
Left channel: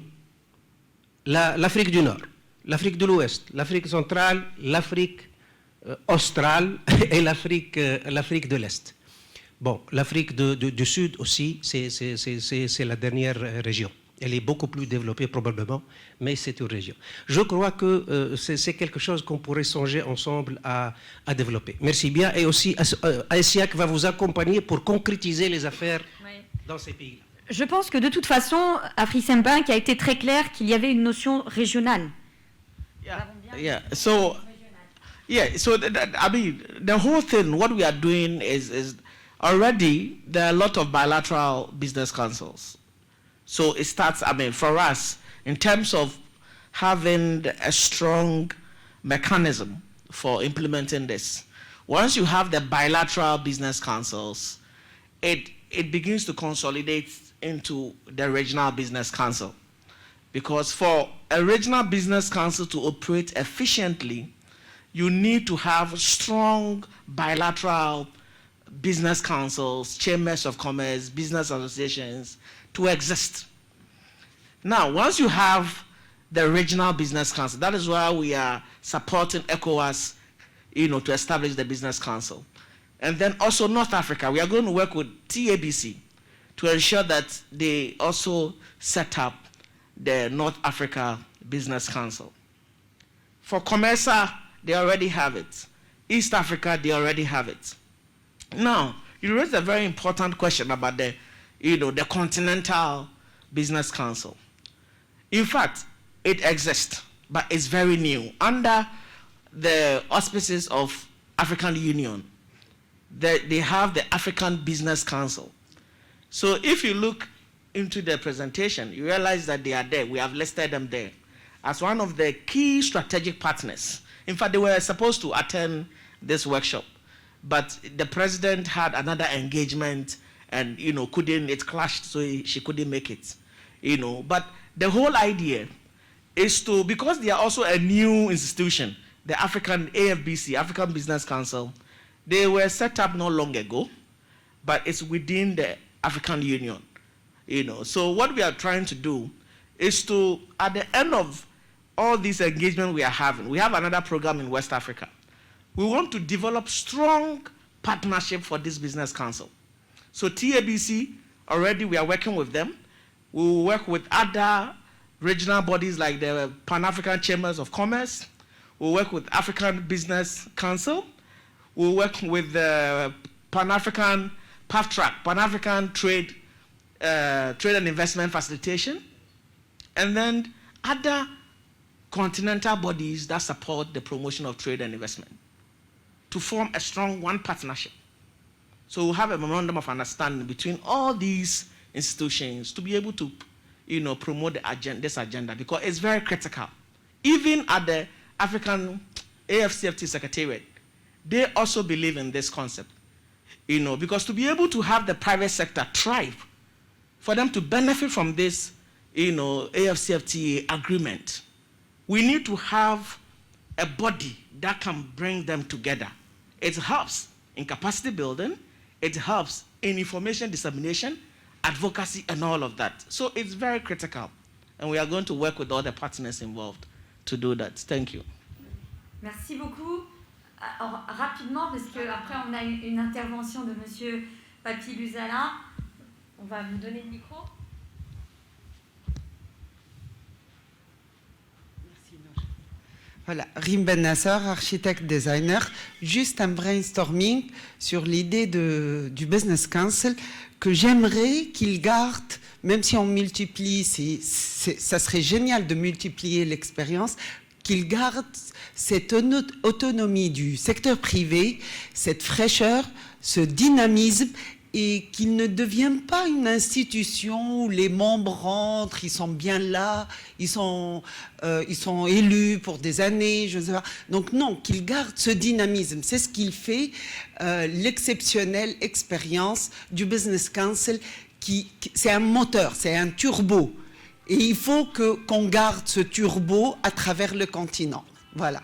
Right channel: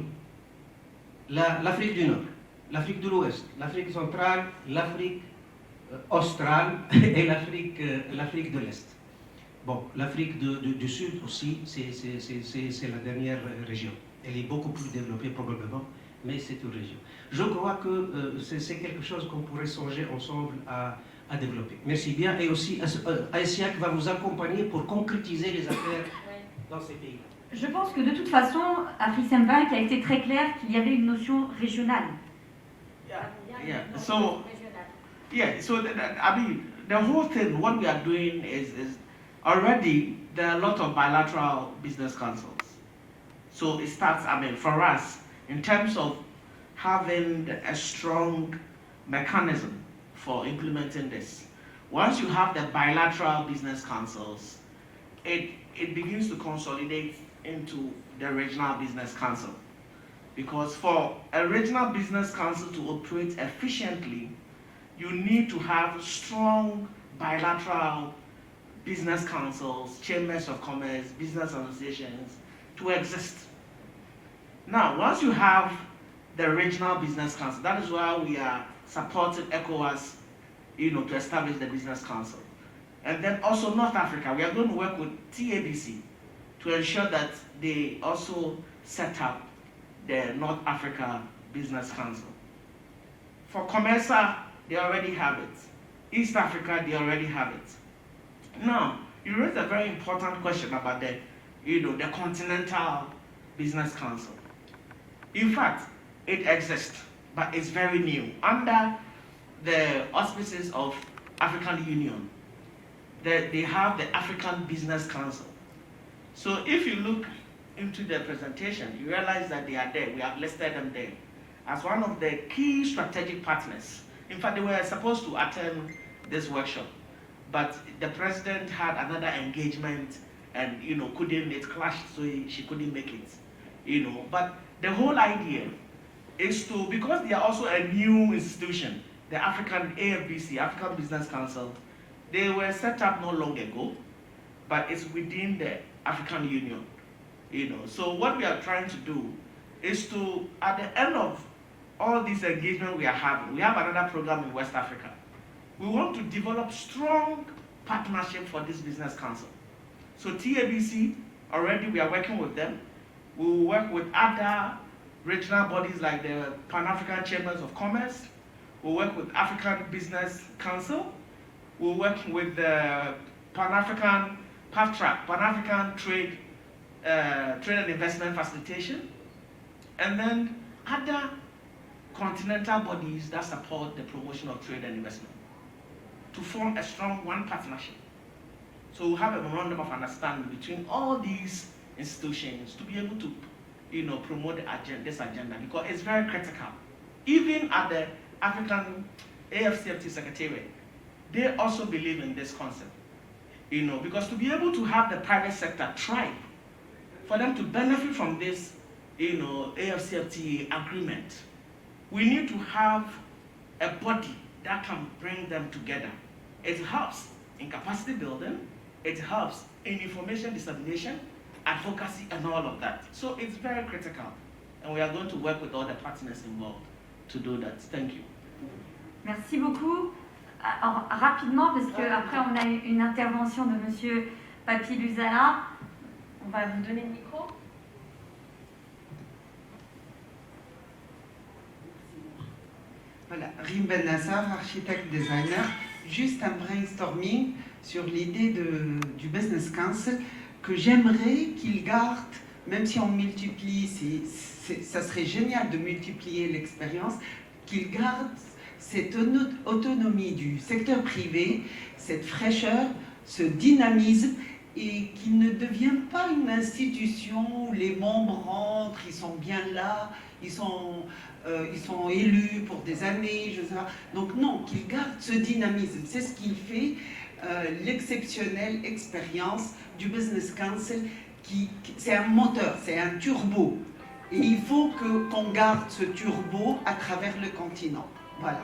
L'Afrique du Nord, l'Afrique de l'Ouest, l'Afrique centrale, l'Afrique australe et l'Afrique de l'Est. Bon, l'Afrique du Sud aussi, c'est la dernière région. Elle est beaucoup plus développée probablement, mais c'est une région. Je crois que c'est quelque chose qu'on pourrait songer ensemble à développer. Merci bien. Et aussi, ASIAC va vous accompagner pour concrétiser les affaires dans ces pays. Je pense que de toute façon, Afrexim Bank a été très clair qu'il y avait une notion régionale. So I mean, the whole thing, what we are doing is already there are a lot of bilateral business councils. So it starts, I mean, for us, in terms of having a strong mechanism for implementing this. Once you have the bilateral business councils, it begins to consolidate into the regional business council. Because for a regional business council to operate efficiently, you need to have strong bilateral business councils, chambers of commerce, business associations, to exist. Now, once you have the regional business council, that is why we are supporting ECOWAS, to establish the business council. And then also North Africa, we are going to work with TABC to ensure that they also set up the North Africa Business Council. For COMESA, they already have it. East Africa, they already have it. Now, you raised a very important question about the Continental Business Council. In fact, it exists, but it's very new. Under the auspices of African Union, they have the African Business Council. So if you look into the presentation, you realize that they are there. We have listed them there as one of the key strategic partners. In fact, they were supposed to attend this workshop, but the president had another engagement and it clashed, so she couldn't make it. But the whole idea is to, because they are also a new institution, the African AFBC, African Business Council, they were set up not long ago, but it's within the African Union. So what we are trying to do is to, at the end of all these engagement we are having, we have another program in West Africa. We want to develop strong partnership for this business council. So TABC, already we are working with them. We will work with other regional bodies like the Pan-African Chambers of Commerce. We'll work with African Business Council. We'll work with the Pan-African PAFTRAC, Pan-African Trade and Investment Facilitation, and then other continental bodies that support the promotion of trade and investment to form a strong one partnership. So we'll have a memorandum of understanding between all these institutions to be able to, promote this agenda, because it's very critical. Even at the African AFCFT Secretariat, they also believe in this concept. Because to be able to have the private sector thrive, for them to benefit from this, AFCFTA agreement, we need to have a body that can bring them together. It helps in capacity building, it helps in information dissemination, advocacy, and all of that. So it's very critical, and we are going to work with all the partners involved to do that. Thank you. Merci beaucoup. Alors, rapidement, parce qu'après on a une intervention de Monsieur Papi Buzala. On va me donner le micro. Voilà, Rim Ben Nasser, architecte designer, juste un brainstorming sur l'idée du Business Council que j'aimerais qu'il garde, même si on multiplie, ça serait génial de multiplier l'expérience, qu'il garde cette autonomie du secteur privé, cette fraîcheur, ce dynamisme, et qu'il ne devienne pas une institution où les membres rentrent, ils sont bien là, ils sont élus pour des années, je sais pas. Donc non, qu'il garde ce dynamisme. C'est ce qui fait l'exceptionnelle expérience du Business Council. C'est un moteur, c'est un turbo. Et il faut qu'on garde ce turbo à travers le continent. Voilà.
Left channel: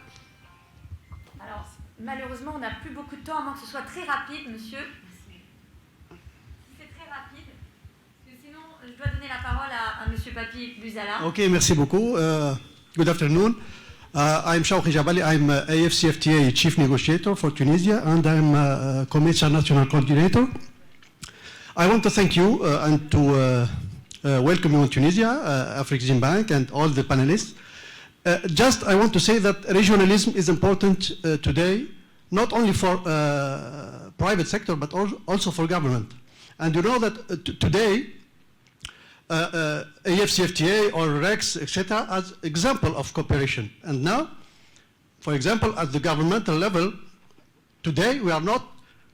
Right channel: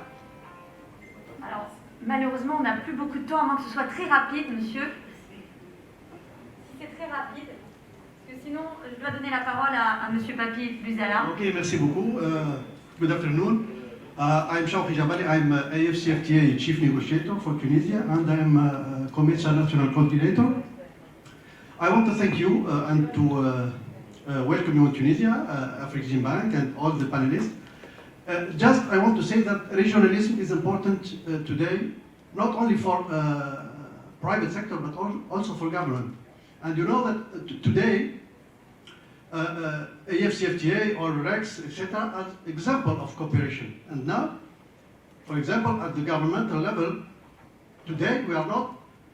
Alors, malheureusement, on n'a plus beaucoup de temps, à moins que ce soit très rapide, monsieur. C'est très rapide, parce que sinon, je dois donner la parole à monsieur Papi Buzala. Ok, merci beaucoup. Good afternoon. I'm Chawki Jebali. I'm AFCFTA Chief Negotiator for Tunisia, and I'm Commercial National Coordinator. I want to thank you and to welcome you in Tunisia, Afreximbank, and all the panelists. I want to say that regionalism is important today, not only for private sector, but also for government. And you know that today, AFCFTA or REX, etc., as example of cooperation. And now, for example, at the governmental level, today we are not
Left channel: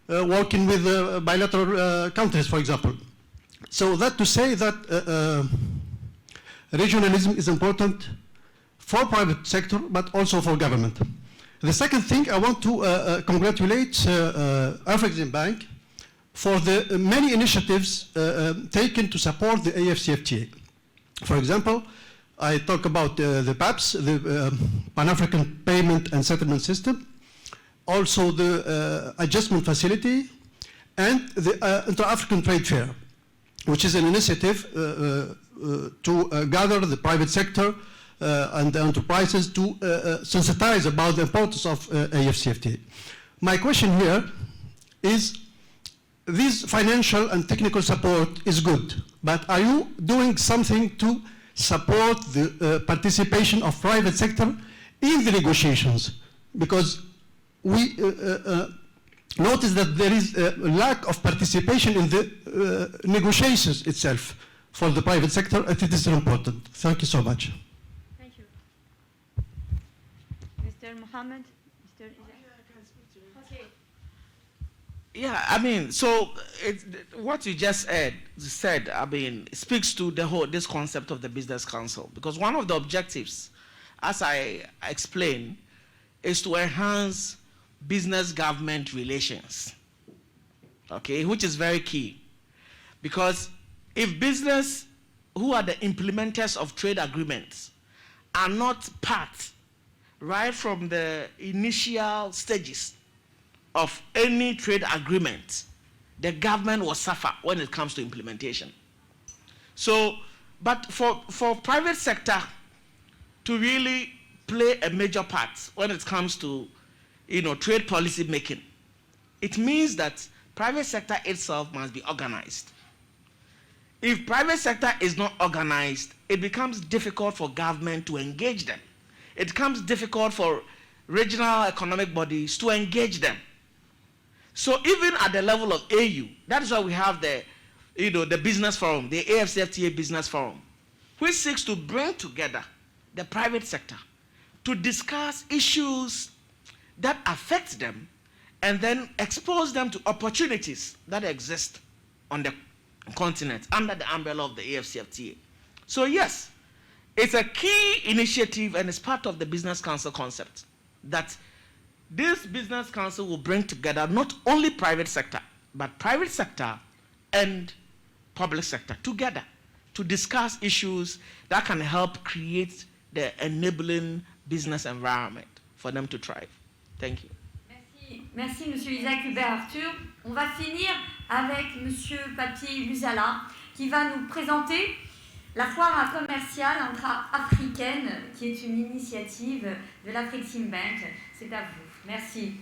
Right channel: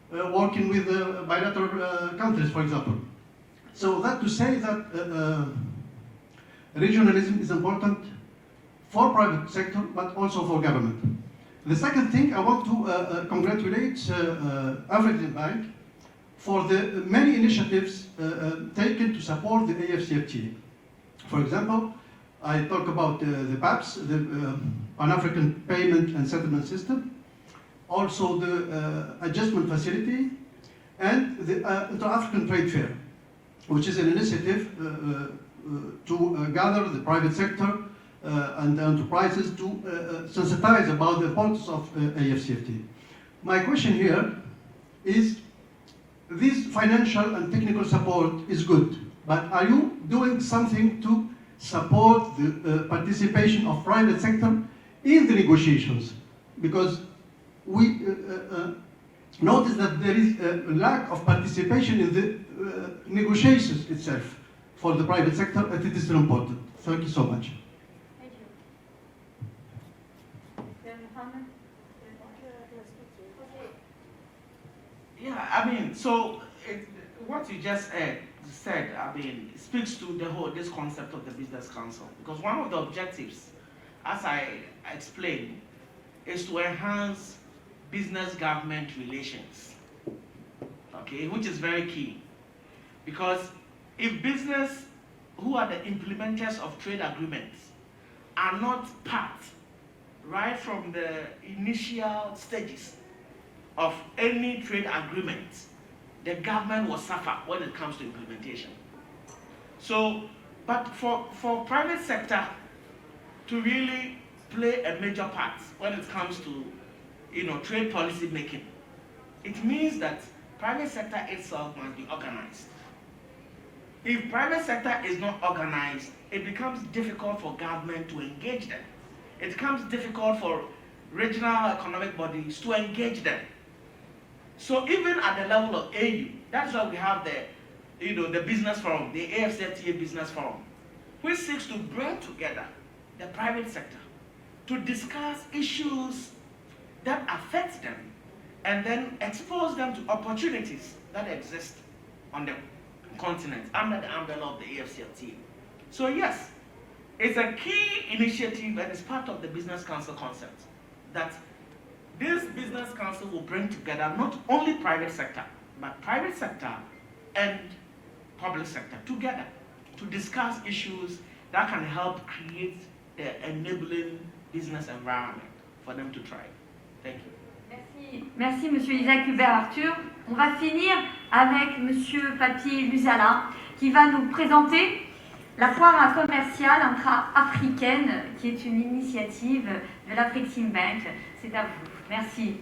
working with bilateral countries, for example. So that to say that regionalism is important for private sector, but also for government. The second thing, I want to congratulate Afreximbank for the many initiatives taken to support the AFCFTA. For example, I talk about the PAPS, the Pan-African Payment and Settlement System, also the Adjustment Facility, and the Inter-African Trade Fair, which is an initiative to gather the private sector and the enterprises to sensitize about the importance of AFCFTA. My question here is, this financial and technical support is good, but are you doing something to support the participation of private sector in the negotiations? Because we notice that there is a lack of participation in the negotiations itself for the private sector, and it is important. Thank you so much. Thank you. Mr. Mohammed? Okay. Yeah, I mean, so what you just said, I mean, speaks to this concept of the Business Council, because one of the objectives, as I explained, is to enhance business-government relations, okay, which is very key, because if business, who are the implementers of trade agreements, are not part, right from the initial stages of any trade agreement, the government will suffer when it comes to implementation. So, but for private sector to really play a major part when it comes to, trade policy making, it means that private sector itself must be organized. If private sector is not organized, it becomes difficult for government to engage them. It becomes difficult for regional economic bodies to engage them. So even at the level of AU, that's why we have the business forum, the AFCFTA business forum, which seeks to bring together the private sector to discuss issues that affect them and then expose them to opportunities that exist on the continent under the umbrella of the AFCFTA. So yes, it's a key initiative and it's part of the Business Council concept that this business council will bring together not only private sector, but private sector and public sector together to discuss issues that can help create the enabling business environment for them to thrive. Thank you. Merci, merci Monsieur Isaac Hubert-Arthur. On va finir avec Monsieur Papi Musala qui va nous présenter la foire commerciale intra-africaine qui est une initiative de l'Afreximbank. C'est à vous. Merci.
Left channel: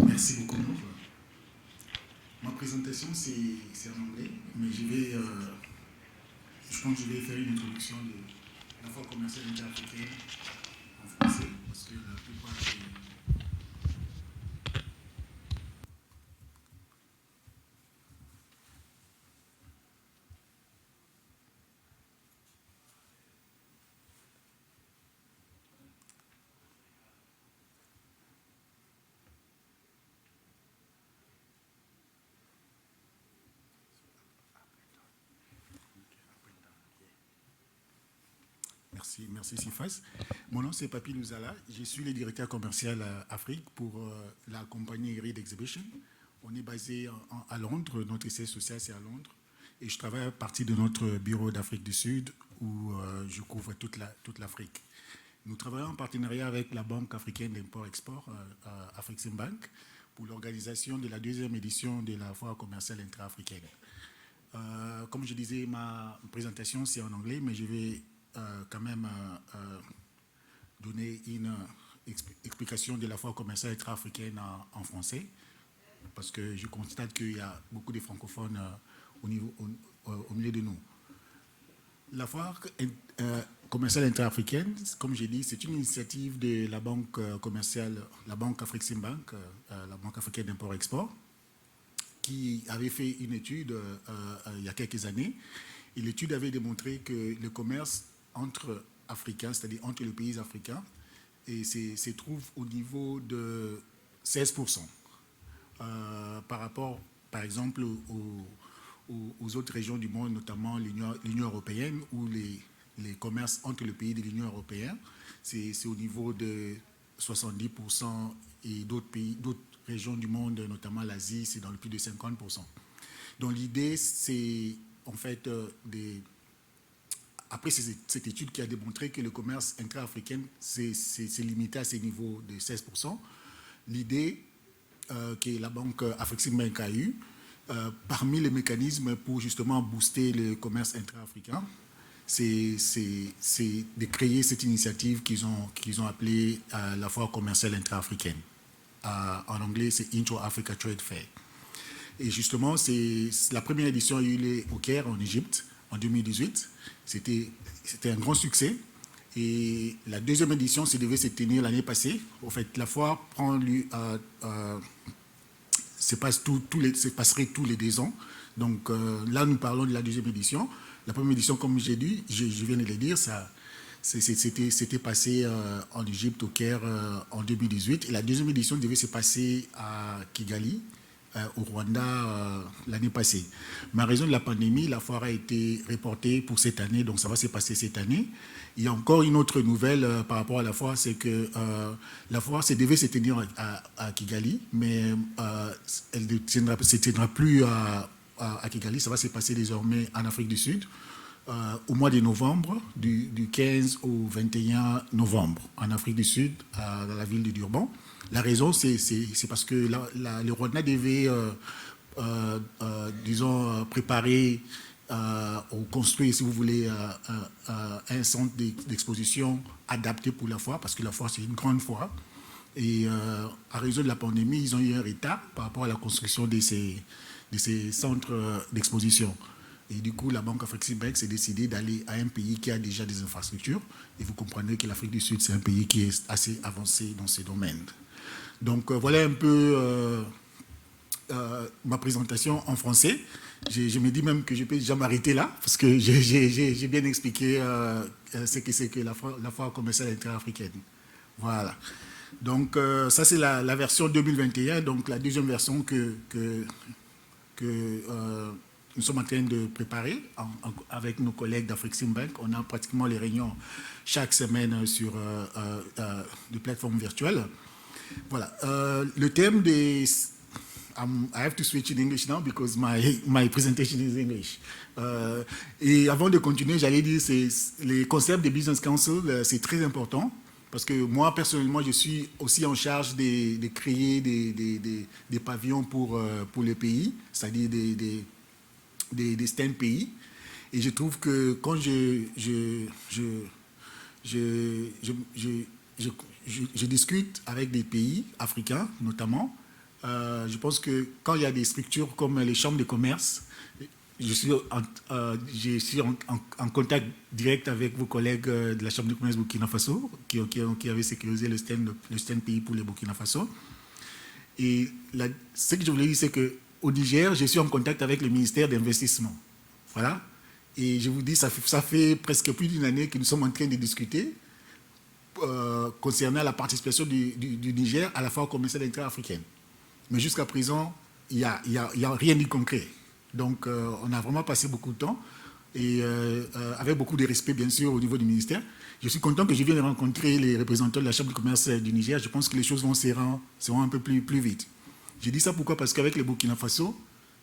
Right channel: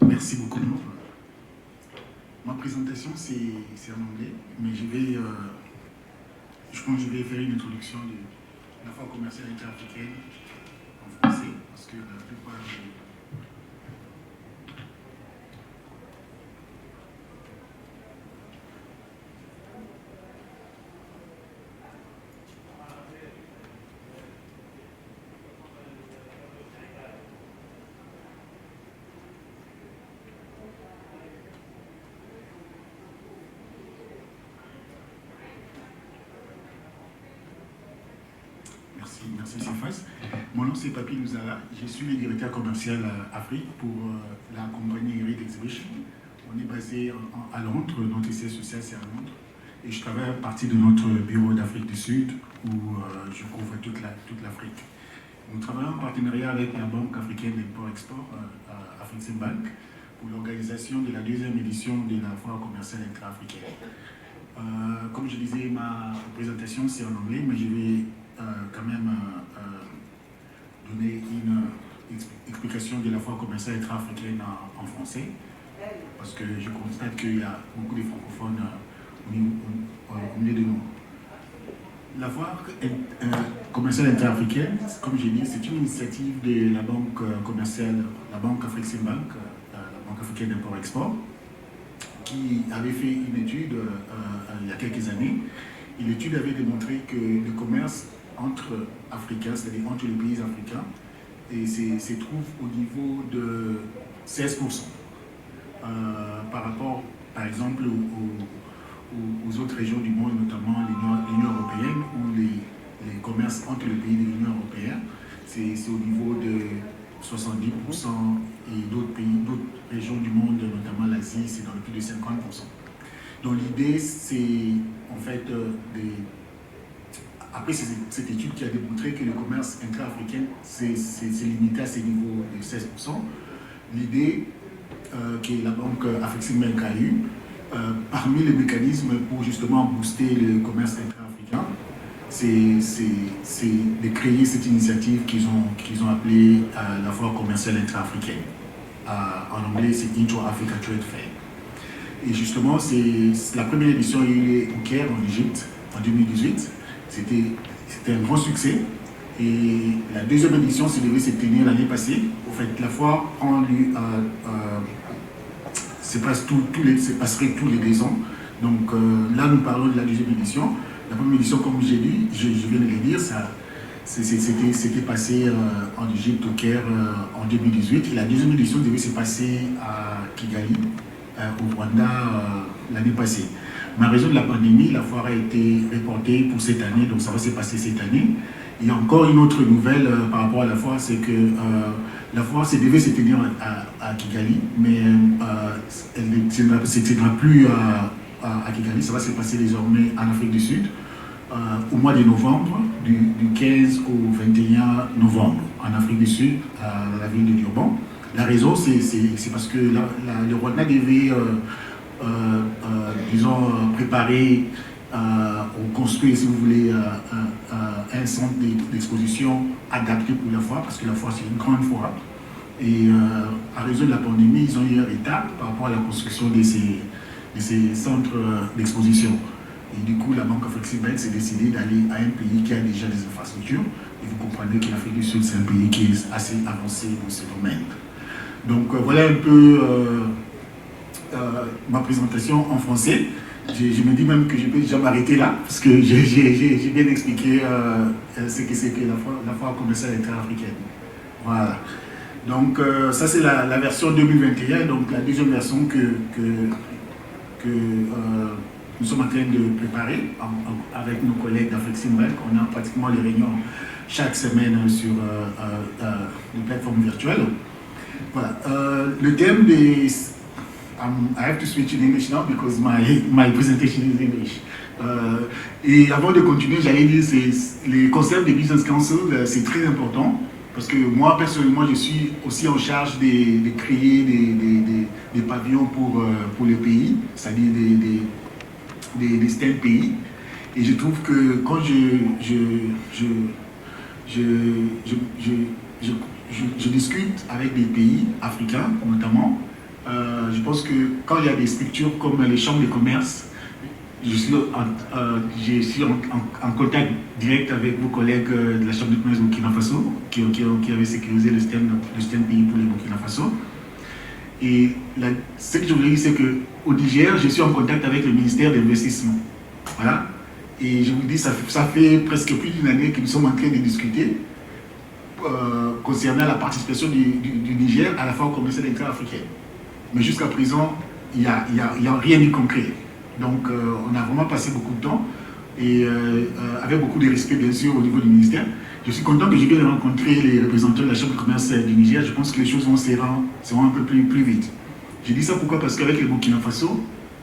Merci beaucoup. Ma présentation, c'est en anglais, mais je pense que je vais faire une introduction de la foire commerciale intra-africaine en français, parce que la plupart des... Merci Sifas. Mon nom c'est Papi Musala, je suis le directeur commercial à Afrique pour la compagnie Great Exhibition. On est basé à Londres, notre siège social c'est à Londres. Et je travaille à partir de notre bureau d'Afrique du Sud où je couvre toute l'Afrique. Nous travaillons en partenariat avec la Banque africaine d'import-export, Afreximbank, pour l'organisation de la deuxième édition de la foire commerciale intra-africaine. Comme je disais, ma présentation c'est en anglais, mais je vais quand même donner une explication de la foire commerciale intra-africaine en français, parce que je constate qu'il y a beaucoup de francophones au milieu de nous. La foire commerciale intra-africaine, comme j'ai dit, c'est une initiative de la banque commerciale, la banque Afreximbank, la banque africaine d'import-export, qui avait fait une étude il y a quelques années. Et l'étude avait démontré que le commerce entre Africains, c'est-à-dire entre les pays africains, se trouve au niveau de 16%. Par rapport, par exemple, aux autres régions du monde, notamment l'Union européenne, où les commerces entre les pays de l'Union européenne, c'est au niveau de 70%, et d'autres pays, d'autres régions du monde, notamment l'Asie, c'est dans le plus de 50%. Donc l'idée, c'est en fait après cette étude qui a démontré que le commerce intra-africain c'est limité à ces niveaux de 16%, l'idée que la banque Afreximbank a eue, parmi les mécanismes pour justement booster le commerce intra-africain, c'est de créer cette initiative qu'ils ont appelée la foire commerciale intra-africaine. En anglais, c'est Intra-Africa Trade Fair. Et justement, la première édition a eu lieu au Caire, en Égypte, en 2018. C'était un grand succès. Et la deuxième édition devait se tenir l'année passée. En fait, la foire se passerait tous les 2 ans. Donc là, nous parlons de la deuxième édition. La première édition, comme j'ai dit, je viens de le dire, c'était passé en Égypte, au Caire, en 2018. Et la deuxième édition devait se passer à Kigali, au Rwanda, l'année passée. Mais en raison de la pandémie, la foire a été reportée pour cette année, donc ça va se passer cette année. Il y a encore une autre nouvelle par rapport à la foire, c'est que la foire devait se tenir à Kigali, mais elle ne se tiendra plus à Kigali, ça va se passer désormais en Afrique du Sud, au mois de novembre, du 15 au 21 novembre, en Afrique du Sud, à la ville de Durban. La raison, c'est parce que le Rwanda devait, disons, préparer ou construire, si vous voulez, un centre d'exposition adapté pour la foire, parce que la foire, c'est une grande foire. Et à raison de la pandémie, ils ont eu un retard par rapport à la construction de ces centres d'exposition. Et du coup, la banque Afreximbank s'est décidée d'aller à un pays qui a déjà des infrastructures. Et vous comprenez que l'Afrique du Sud, c'est un pays qui est assez avancé dans ce domaine. Donc voilà un peu ma présentation en français. Je me dis même que je peux déjà m'arrêter là, parce que j'ai bien expliqué ce que c'est que la foire commerciale intra-africaine. Voilà. Donc ça c'est la version 2021, donc la deuxième version que nous sommes en train de préparer avec nos collègues d'Afreximbank. On a pratiquement les réunions chaque semaine sur des plateformes virtuelles. Voilà. Le thème des... I have to switch in English now because my presentation is in English. Et avant de continuer, j'allais dire que les concepts de Business Council, c'est très important. Parce que moi, personnellement, je suis aussi en charge de créer des pavillons pour les pays, c'est-à-dire des styles pays. Et je trouve que quand je discute avec des pays africains, notamment, je pense que quand il y a des structures comme les chambres de commerce, je suis en contact direct avec vos collègues de la Chambre de commerce Burkina Faso qui avaient sécurisé le système pays pour les Burkina Faso. Et ce que je voulais dire, c'est qu'au Niger, je suis en contact avec le ministère de l'Investissement. Voilà. Et je vous dis, ça fait presque plus d'une année que nous sommes en train de discuter concernant la participation du Niger à la Foire commerciale intra-africaine. Mais jusqu'à présent, il n'y a rien de concret. Donc, on a vraiment passé beaucoup de temps et avec beaucoup de respect, bien sûr, au niveau du ministère. Je suis content que je vienne rencontrer les représentants de la Chambre de commerce du Niger. Je pense que les choses seront un peu plus vite. Je dis ça pourquoi? Parce qu'avec le Burkina Faso,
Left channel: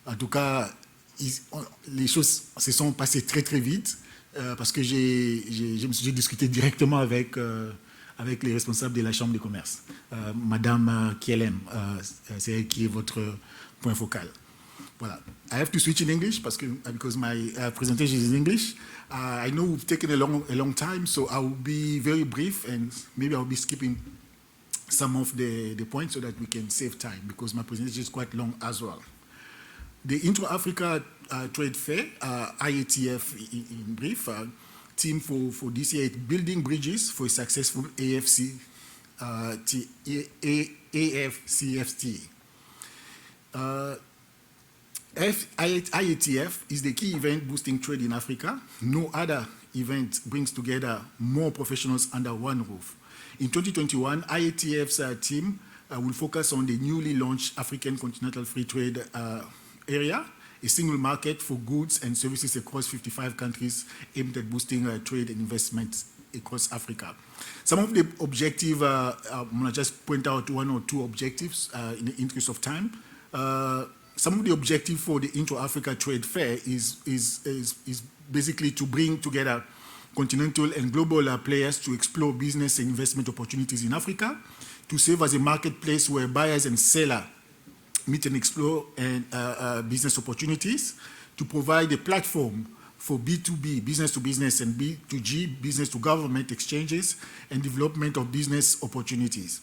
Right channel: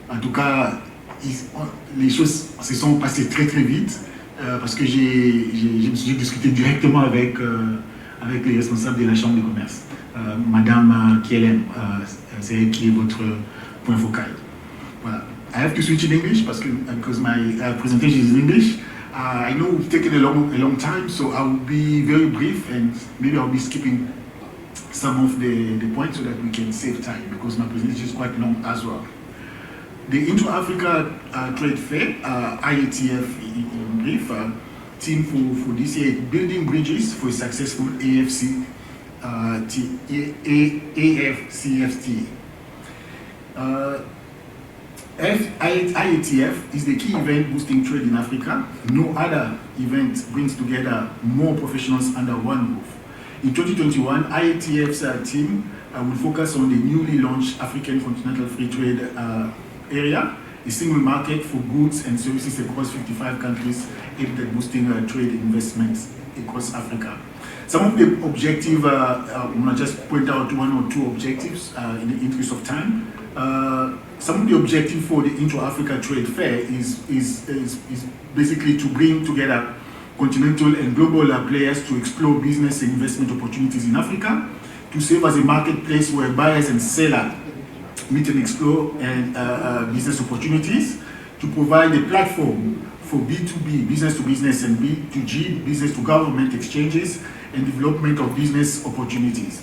en tout cas, les choses se sont passées très très vite parce que j'ai discuté directement avec les responsables de la Chambre de commerce. Madame Kacem, c'est elle qui est votre point focal. Voilà. I have to switch in English because my presentation is in English. I know we've taken a long time, so I will be very brief and maybe I'll be skipping some of the points so that we can save time because my presentation is quite long as well. The Intra-Africa Trade Fair, ITFC in brief, theme for this year, building bridges for a successful AFCFTA. IATF is the key event boosting trade in Africa. No other event brings together more professionals under one roof. In 2021, IATF's team will focus on the newly launched African Continental Free Trade area, a single market for goods and services across 55 countries aimed at boosting trade investments across Africa. Some of the objectives, I'm going to just point out one or two objectives in the interest of time. Some of the objectives for the Intra-Africa Trade Fair is basically to bring together continental and global players to explore business and investment opportunities in Africa, to serve as a marketplace where buyers and sellers meet and explore business opportunities, to provide a platform for B2B, business to business, and B2G, business to government exchanges and development of business opportunities.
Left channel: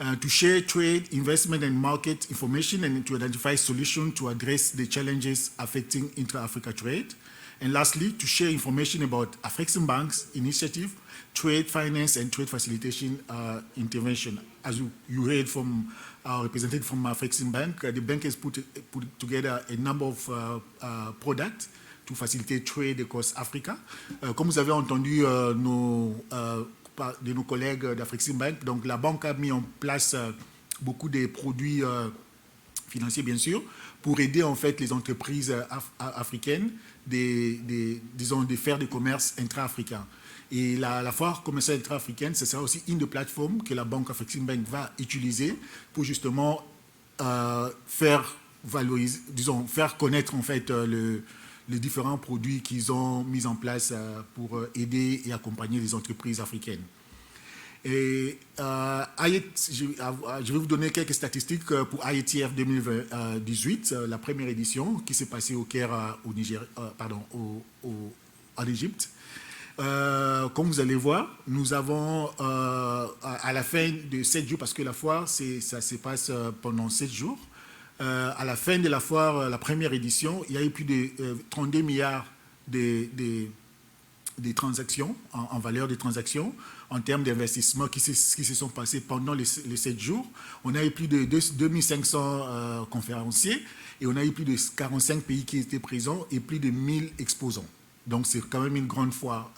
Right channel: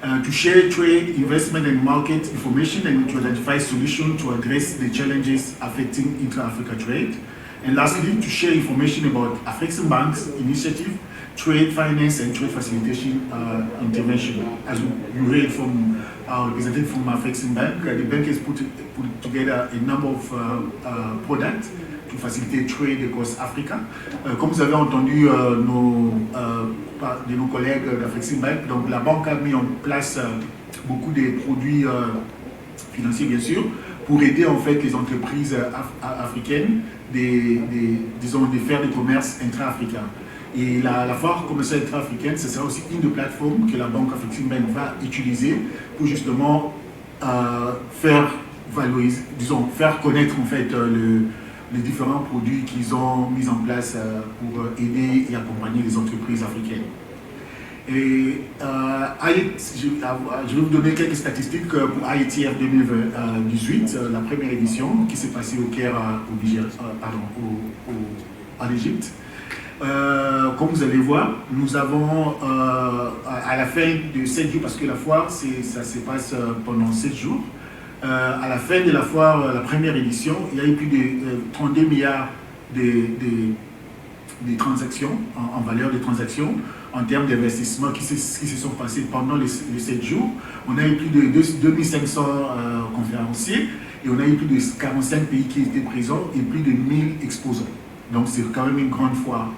To share trade, investment and market information and to identify solutions to address the challenges affecting intra-Africa trade. And lastly, to share information about Afreximbank's initiative, trade finance and trade facilitation intervention. As you heard from our representative from Afreximbank, the bank has put together a number of products to faciliter trade across Africa. Comme vous avez entendu de nos collègues d'Afreximbank, donc la banque a mis en place beaucoup de produits financiers bien sûr pour aider en fait les entreprises africaines de faire du commerce intra-africain. Et la foire commerciale intra-africaine, ce sera aussi une plateforme que la banque Afreximbank va utiliser pour justement faire valoriser, disons, faire connaître en fait les différents produits qu'ils ont mis en place pour aider et accompagner les entreprises africaines. Et je vais vous donner quelques statistiques pour ITF 2018, la première édition qui s'est passée au Caire, en Égypte. Comme vous allez voir, nous avons à la fin de 7 jours, parce que la foire ça se passe pendant 7 jours, à la fin de la foire, la première édition, il y a eu plus de 32 milliards de transactions, en valeur de transactions, en termes d'investissement qui se sont passés pendant les 7 jours. On a eu plus de 2500 conférenciers et on a eu plus de 45 pays qui étaient présents et plus de 1000 exposants. Donc c'est quand même une grande foire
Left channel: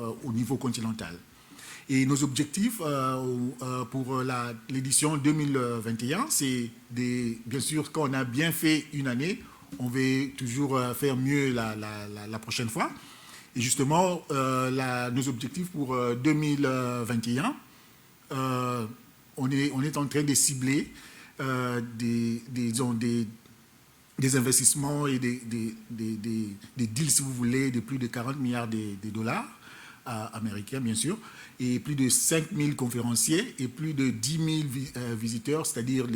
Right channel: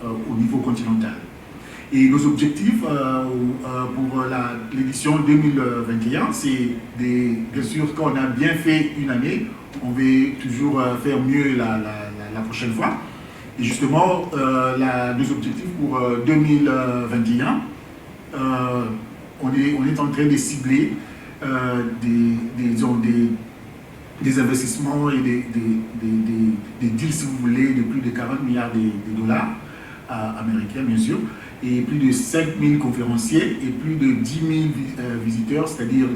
au niveau continental. Et nos objectifs pour l'édition 2021, c'est bien sûr quand on a bien fait une année, on veut toujours faire mieux la prochaine fois. Et justement, nos objectifs pour 2021, on est en train de cibler des investissements et des deals, si vous voulez, de plus de 40 milliards de dollars américains, bien sûr, et plus de 5 000 conférenciers et plus de 10 000 visiteurs, c'est-à-dire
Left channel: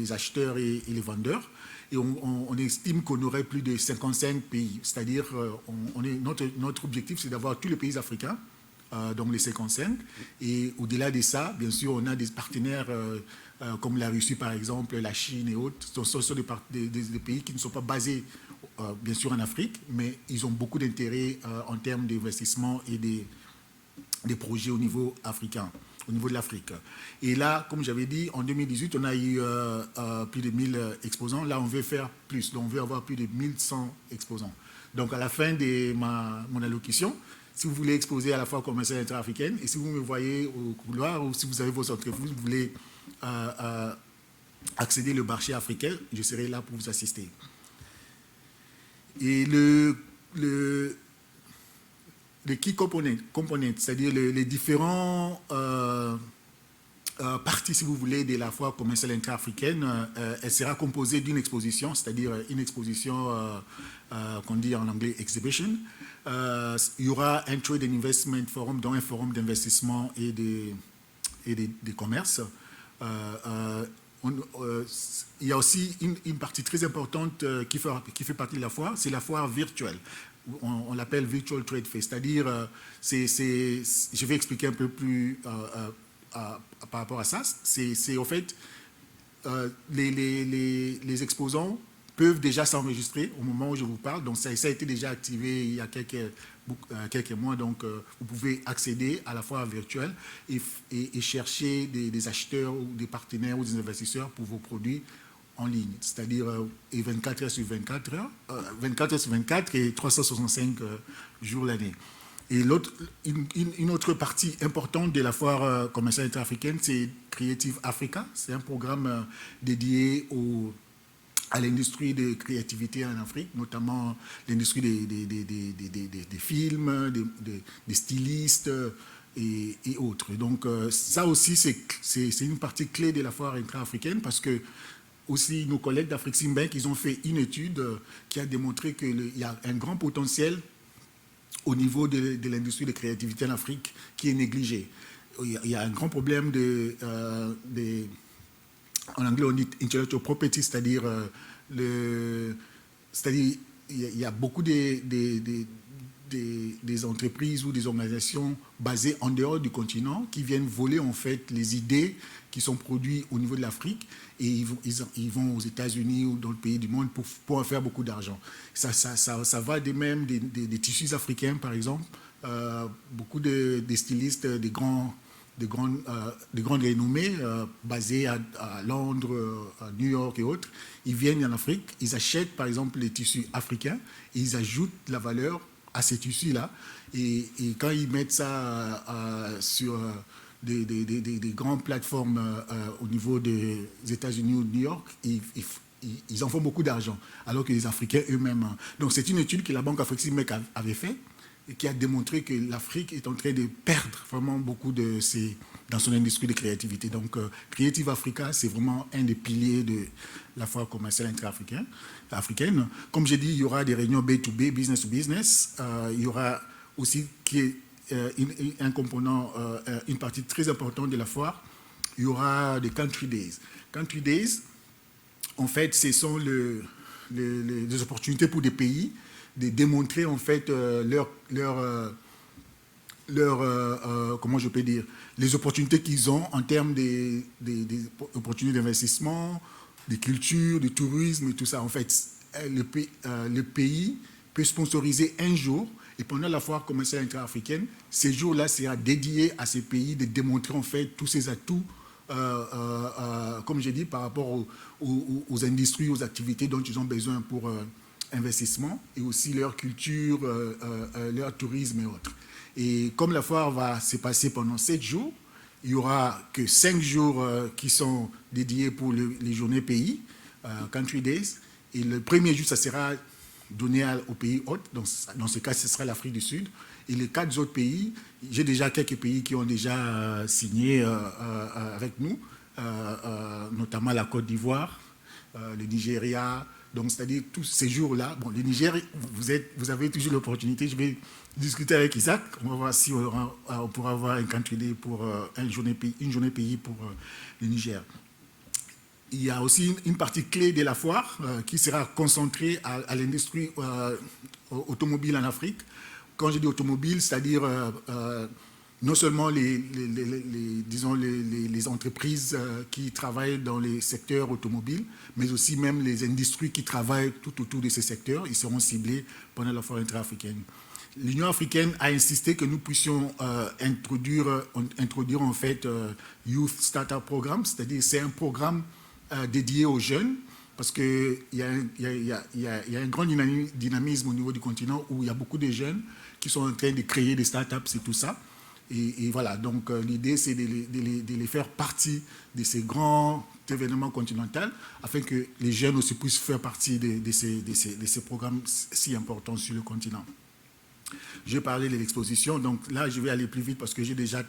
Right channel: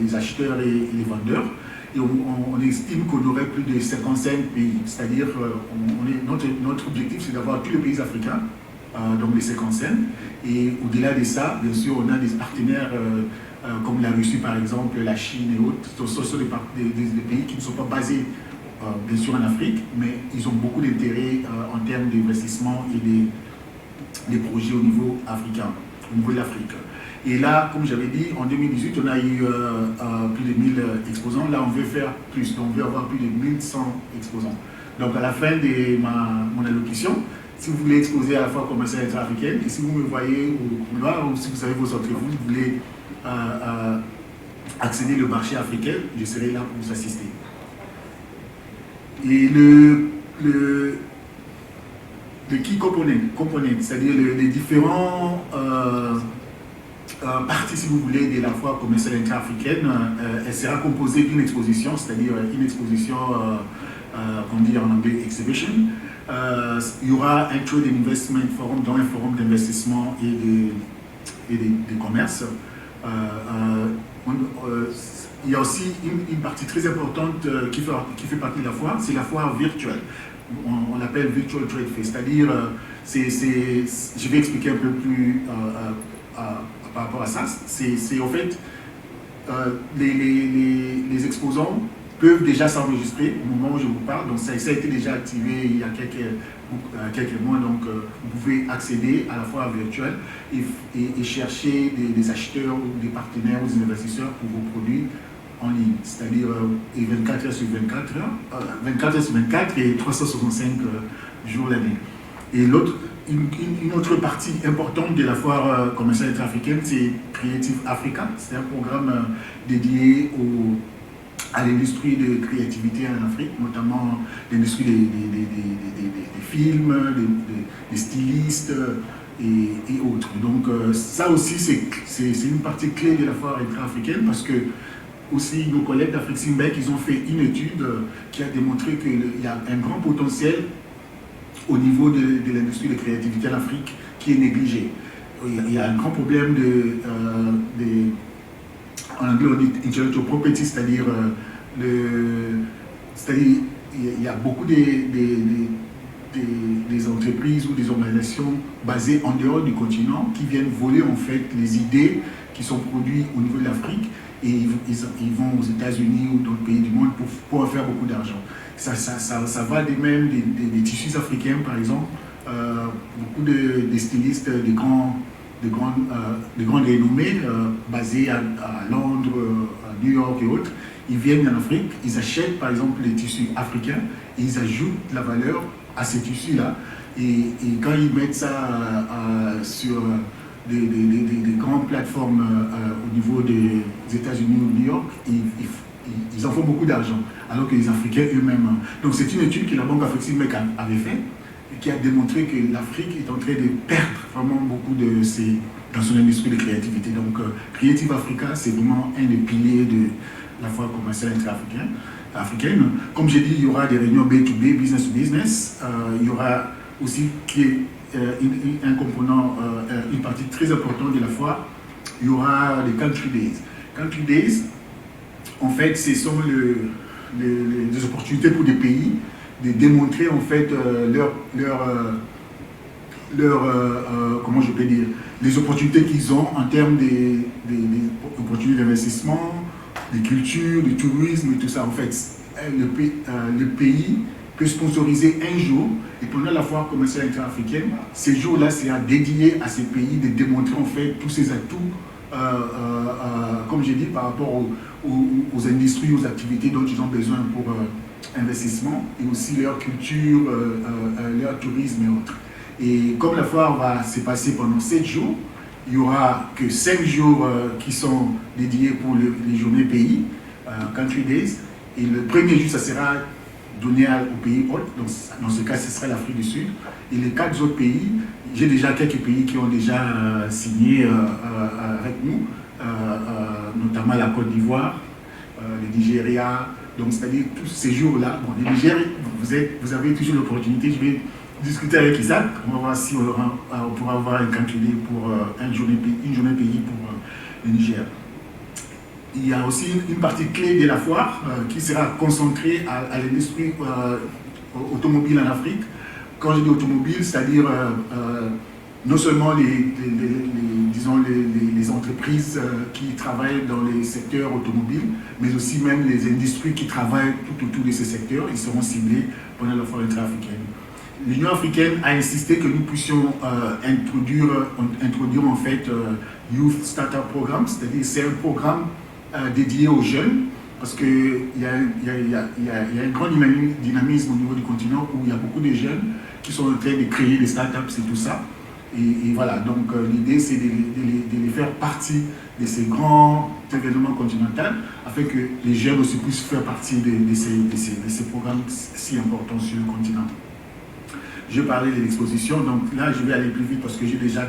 les acheteurs et les vendeurs. Et on estime qu'on aurait plus de 55 pays, c'est-à-dire notre objectif, c'est d'avoir tous les pays africains dans les 55. Et au-delà de ça, bien sûr, on a des partenaires comme la Russie, par exemple, la Chine et autres. Ce sont des pays qui ne sont pas basés, bien sûr, en Afrique, mais ils ont beaucoup d'intérêt en termes d'investissement et des projets au niveau africain, au niveau de l'Afrique. Et là, comme j'avais dit, en 2018, on a eu plus de 1000 exposants. Là, on veut faire plus, donc on veut avoir plus de 1100 exposants. Donc, à la fin de mon allocution, si vous voulez exposer à la fois commerciale et intra-africaine, et si vous me voyez au couloir, ou si vous avez vos entreprises, vous voulez accéder au marché africain, je serai là pour vous assister. Et le key component, c'est-à-dire les différents parties, si vous voulez, de la fois commerciale intra-africaine, elle sera composée d'une exposition, c'est-à-dire une exposition, qu'on dit en anglais, exhibition. Il y aura un Trade Investment Forum, dont un forum d'investissement et de commerce. Il y a aussi une partie très importante qui fait partie de la foire, c'est la foire virtuelle. On l'appelle Virtual Trade Fair, c'est-à-dire, je vais expliquer un peu plus par rapport à ça. C'est en fait, les exposants peuvent déjà s'enregistrer au moment où je vous parle, donc ça a été déjà activé il y a quelques mois, donc vous pouvez accéder à la foire virtuelle et chercher des acheteurs ou des partenaires ou des investisseurs pour vos produits en ligne, c'est-à-dire 24 heures sur 24 heures, 24 heures sur 24 et 365 jours l'année. Et une autre partie importante de la foire commerciale intra-africaine, c'est Creative Africa, c'est un programme dédié à l'industrie de créativité en Afrique, notamment l'industrie des films, des stylistes et autres. Donc ça aussi, c'est une partie clé de la foire intra-africaine parce que aussi nos collègues d'Afrique Bank, ils ont fait une étude qui a démontré qu'il y a un grand potentiel au niveau de l'industrie de créativité en Afrique qui est négligé. Il y a un grand problème en anglais on dit intellectual property, c'est-à-dire il y a beaucoup des entreprises ou des organisations basées en dehors du continent qui viennent voler en fait les idées qui sont produites au niveau de l'Afrique et ils vont aux États-Unis ou dans le pays du monde pour en faire beaucoup d'argent. Ça va de même des tissus africains par exemple, beaucoup de stylistes de grandes renommées basés à Londres, à New York et autres, ils viennent en Afrique, ils achètent par exemple des tissus africains, et ils ajoutent la valeur à ces tissus-là. Et quand ils mettent ça sur des grandes plateformes au niveau des États-Unis ou de New York, ils en font beaucoup d'argent, alors que les Africains eux-mêmes. Donc c'est une étude que la Banque africaine avait faite, qui a démontré que l'Afrique est en train de perdre vraiment beaucoup dans son industrie de créativité. Donc, Creative Africa, c'est vraiment un des piliers de la foire commerciale intra-africaine. Comme j'ai dit, il y aura des réunions B2B, business to business. Il y aura aussi un component, une partie très importante de la foire. Il y aura les Country Days. Country Days, en fait, ce sont les opportunités pour des pays de démontrer en fait comment je peux dire, les opportunités qu'ils ont en termes d'opportunités d'investissement, de culture, de tourisme, et tout ça. En fait, le pays peut sponsoriser un jour, et pendant la foire commerciale intra-africaine, ces jours-là sera dédié à ces pays de démontrer en fait tous ces atouts, comme j'ai dit, par rapport aux industries, aux activités dont ils ont besoin pour investissement et aussi leur culture, leur tourisme et autres. Et comme la foire va se passer pendant 7 jours, il n'y aura que 5 jours qui sont dédiés pour les journées pays, Country Days. Et le premier jour, ça sera donné aux pays hôtes. Donc, dans ce cas, ce sera l'Afrique du Sud. Et les 4 autres pays, j'ai déjà quelques pays qui ont déjà signé avec nous, notamment la Côte d'Ivoire, le Nigeria. Donc, c'est-à-dire tous ces jours-là. Bon, le Niger, vous avez toujours l'opportunité. Je vais discuter avec Isaac. On va voir si on pourra avoir un calculé pour une journée pays pour le Niger. Il y a aussi une partie clé de la foire qui sera concentrée à l'industrie automobile en Afrique. Quand je dis automobile, c'est-à-dire non seulement les entreprises qui travaillent dans les secteurs automobiles, mais aussi même les industries qui travaillent tout autour de ces secteurs. Ils seront ciblés pendant la foire intra-africaine. L'Union africaine a insisté que nous puissions introduire en fait Youth Startup Programme, c'est-à-dire c'est un programme dédié aux jeunes, parce qu'il y a un grand dynamisme au niveau du continent où il y a beaucoup de jeunes qui sont en train de créer des startups et tout ça. Et voilà, donc l'idée c'est de les faire partie de ces grands événements continentaux afin que les jeunes aussi puissent faire partie de ces programmes si importants sur le continent. Je parlais de l'exposition, donc là je vais aller plus vite parce que j'ai déjà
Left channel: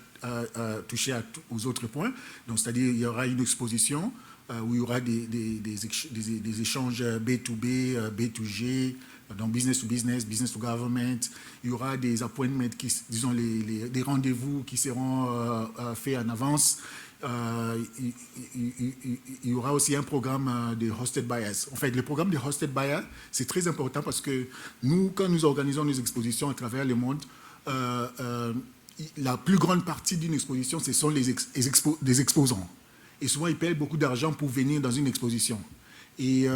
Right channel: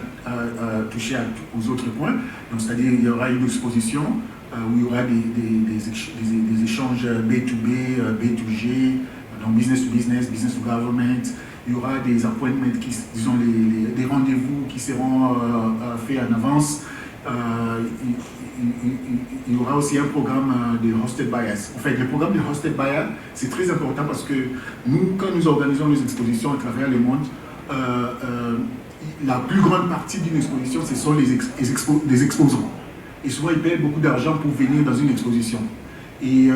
touché aux autres points. C'est-à-dire il y aura une exposition où il y aura des échanges B2B, B2G, donc business to business, business to government. Il y aura des appointments, disons des rendez-vous qui seront faits en avance. Il y aura aussi un programme de hosted buyers. En fait, le programme de hosted buyers, c'est très important parce que nous, quand nous organisons les expositions à travers le monde, la plus grande partie d'une exposition, ce sont les exposants. Et souvent, ils payent beaucoup d'argent pour venir dans une exposition. Et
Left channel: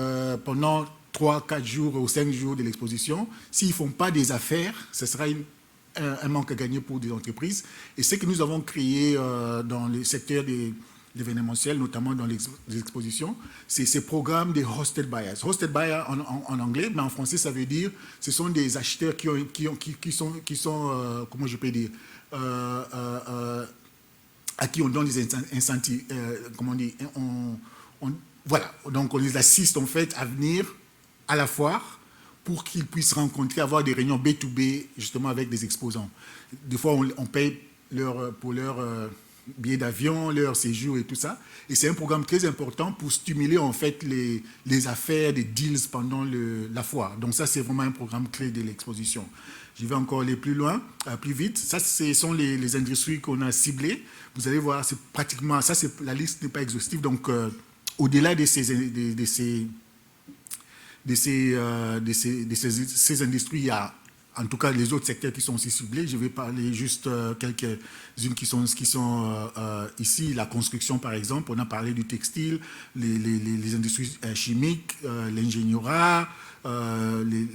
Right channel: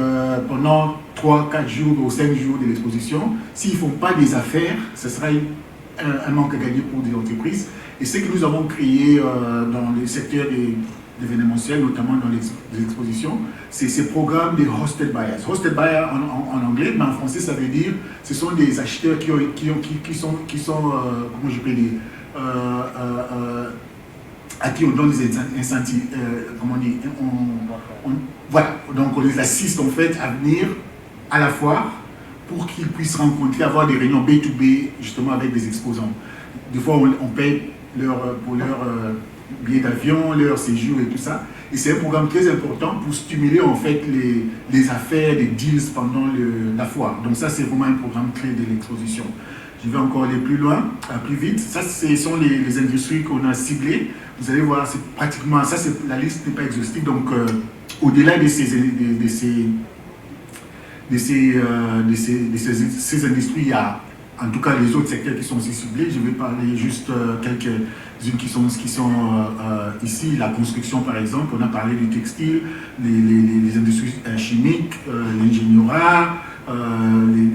pendant 3, 4 jours ou 5 jours de l'exposition, s'ils ne font pas des affaires, ce sera un manque à gagner pour des entreprises. Et ce que nous avons créé dans le secteur des événementiel, notamment dans les expositions, c'est ces programmes de hosted buyers. Hosted buyers en anglais, mais en français, ça veut dire ce sont des acheteurs qui sont comment je peux dire, à qui on donne des incentives, comment dire, voilà, donc on les assiste en fait à venir à la foire pour qu'ils puissent rencontrer, avoir des réunions B2B justement avec des exposants. Des fois, on paye pour leur billets d'avion, leur séjour et tout ça. Et c'est un programme très important pour stimuler en fait les affaires, les deals pendant la foire. Donc ça, c'est vraiment un programme clé de l'exposition. Je vais encore aller plus loin, plus vite. Ça, ce sont les industries qu'on a ciblées. Vous allez voir, c'est pratiquement, ça, la liste n'est pas exhaustive. Donc, au-delà de ces industries, il y a en tout cas les autres secteurs qui sont aussi ciblés. Je vais parler juste quelques-unes qui sont ici. La construction, par exemple, on a parlé du textile, les industries chimiques, l'ingénierie,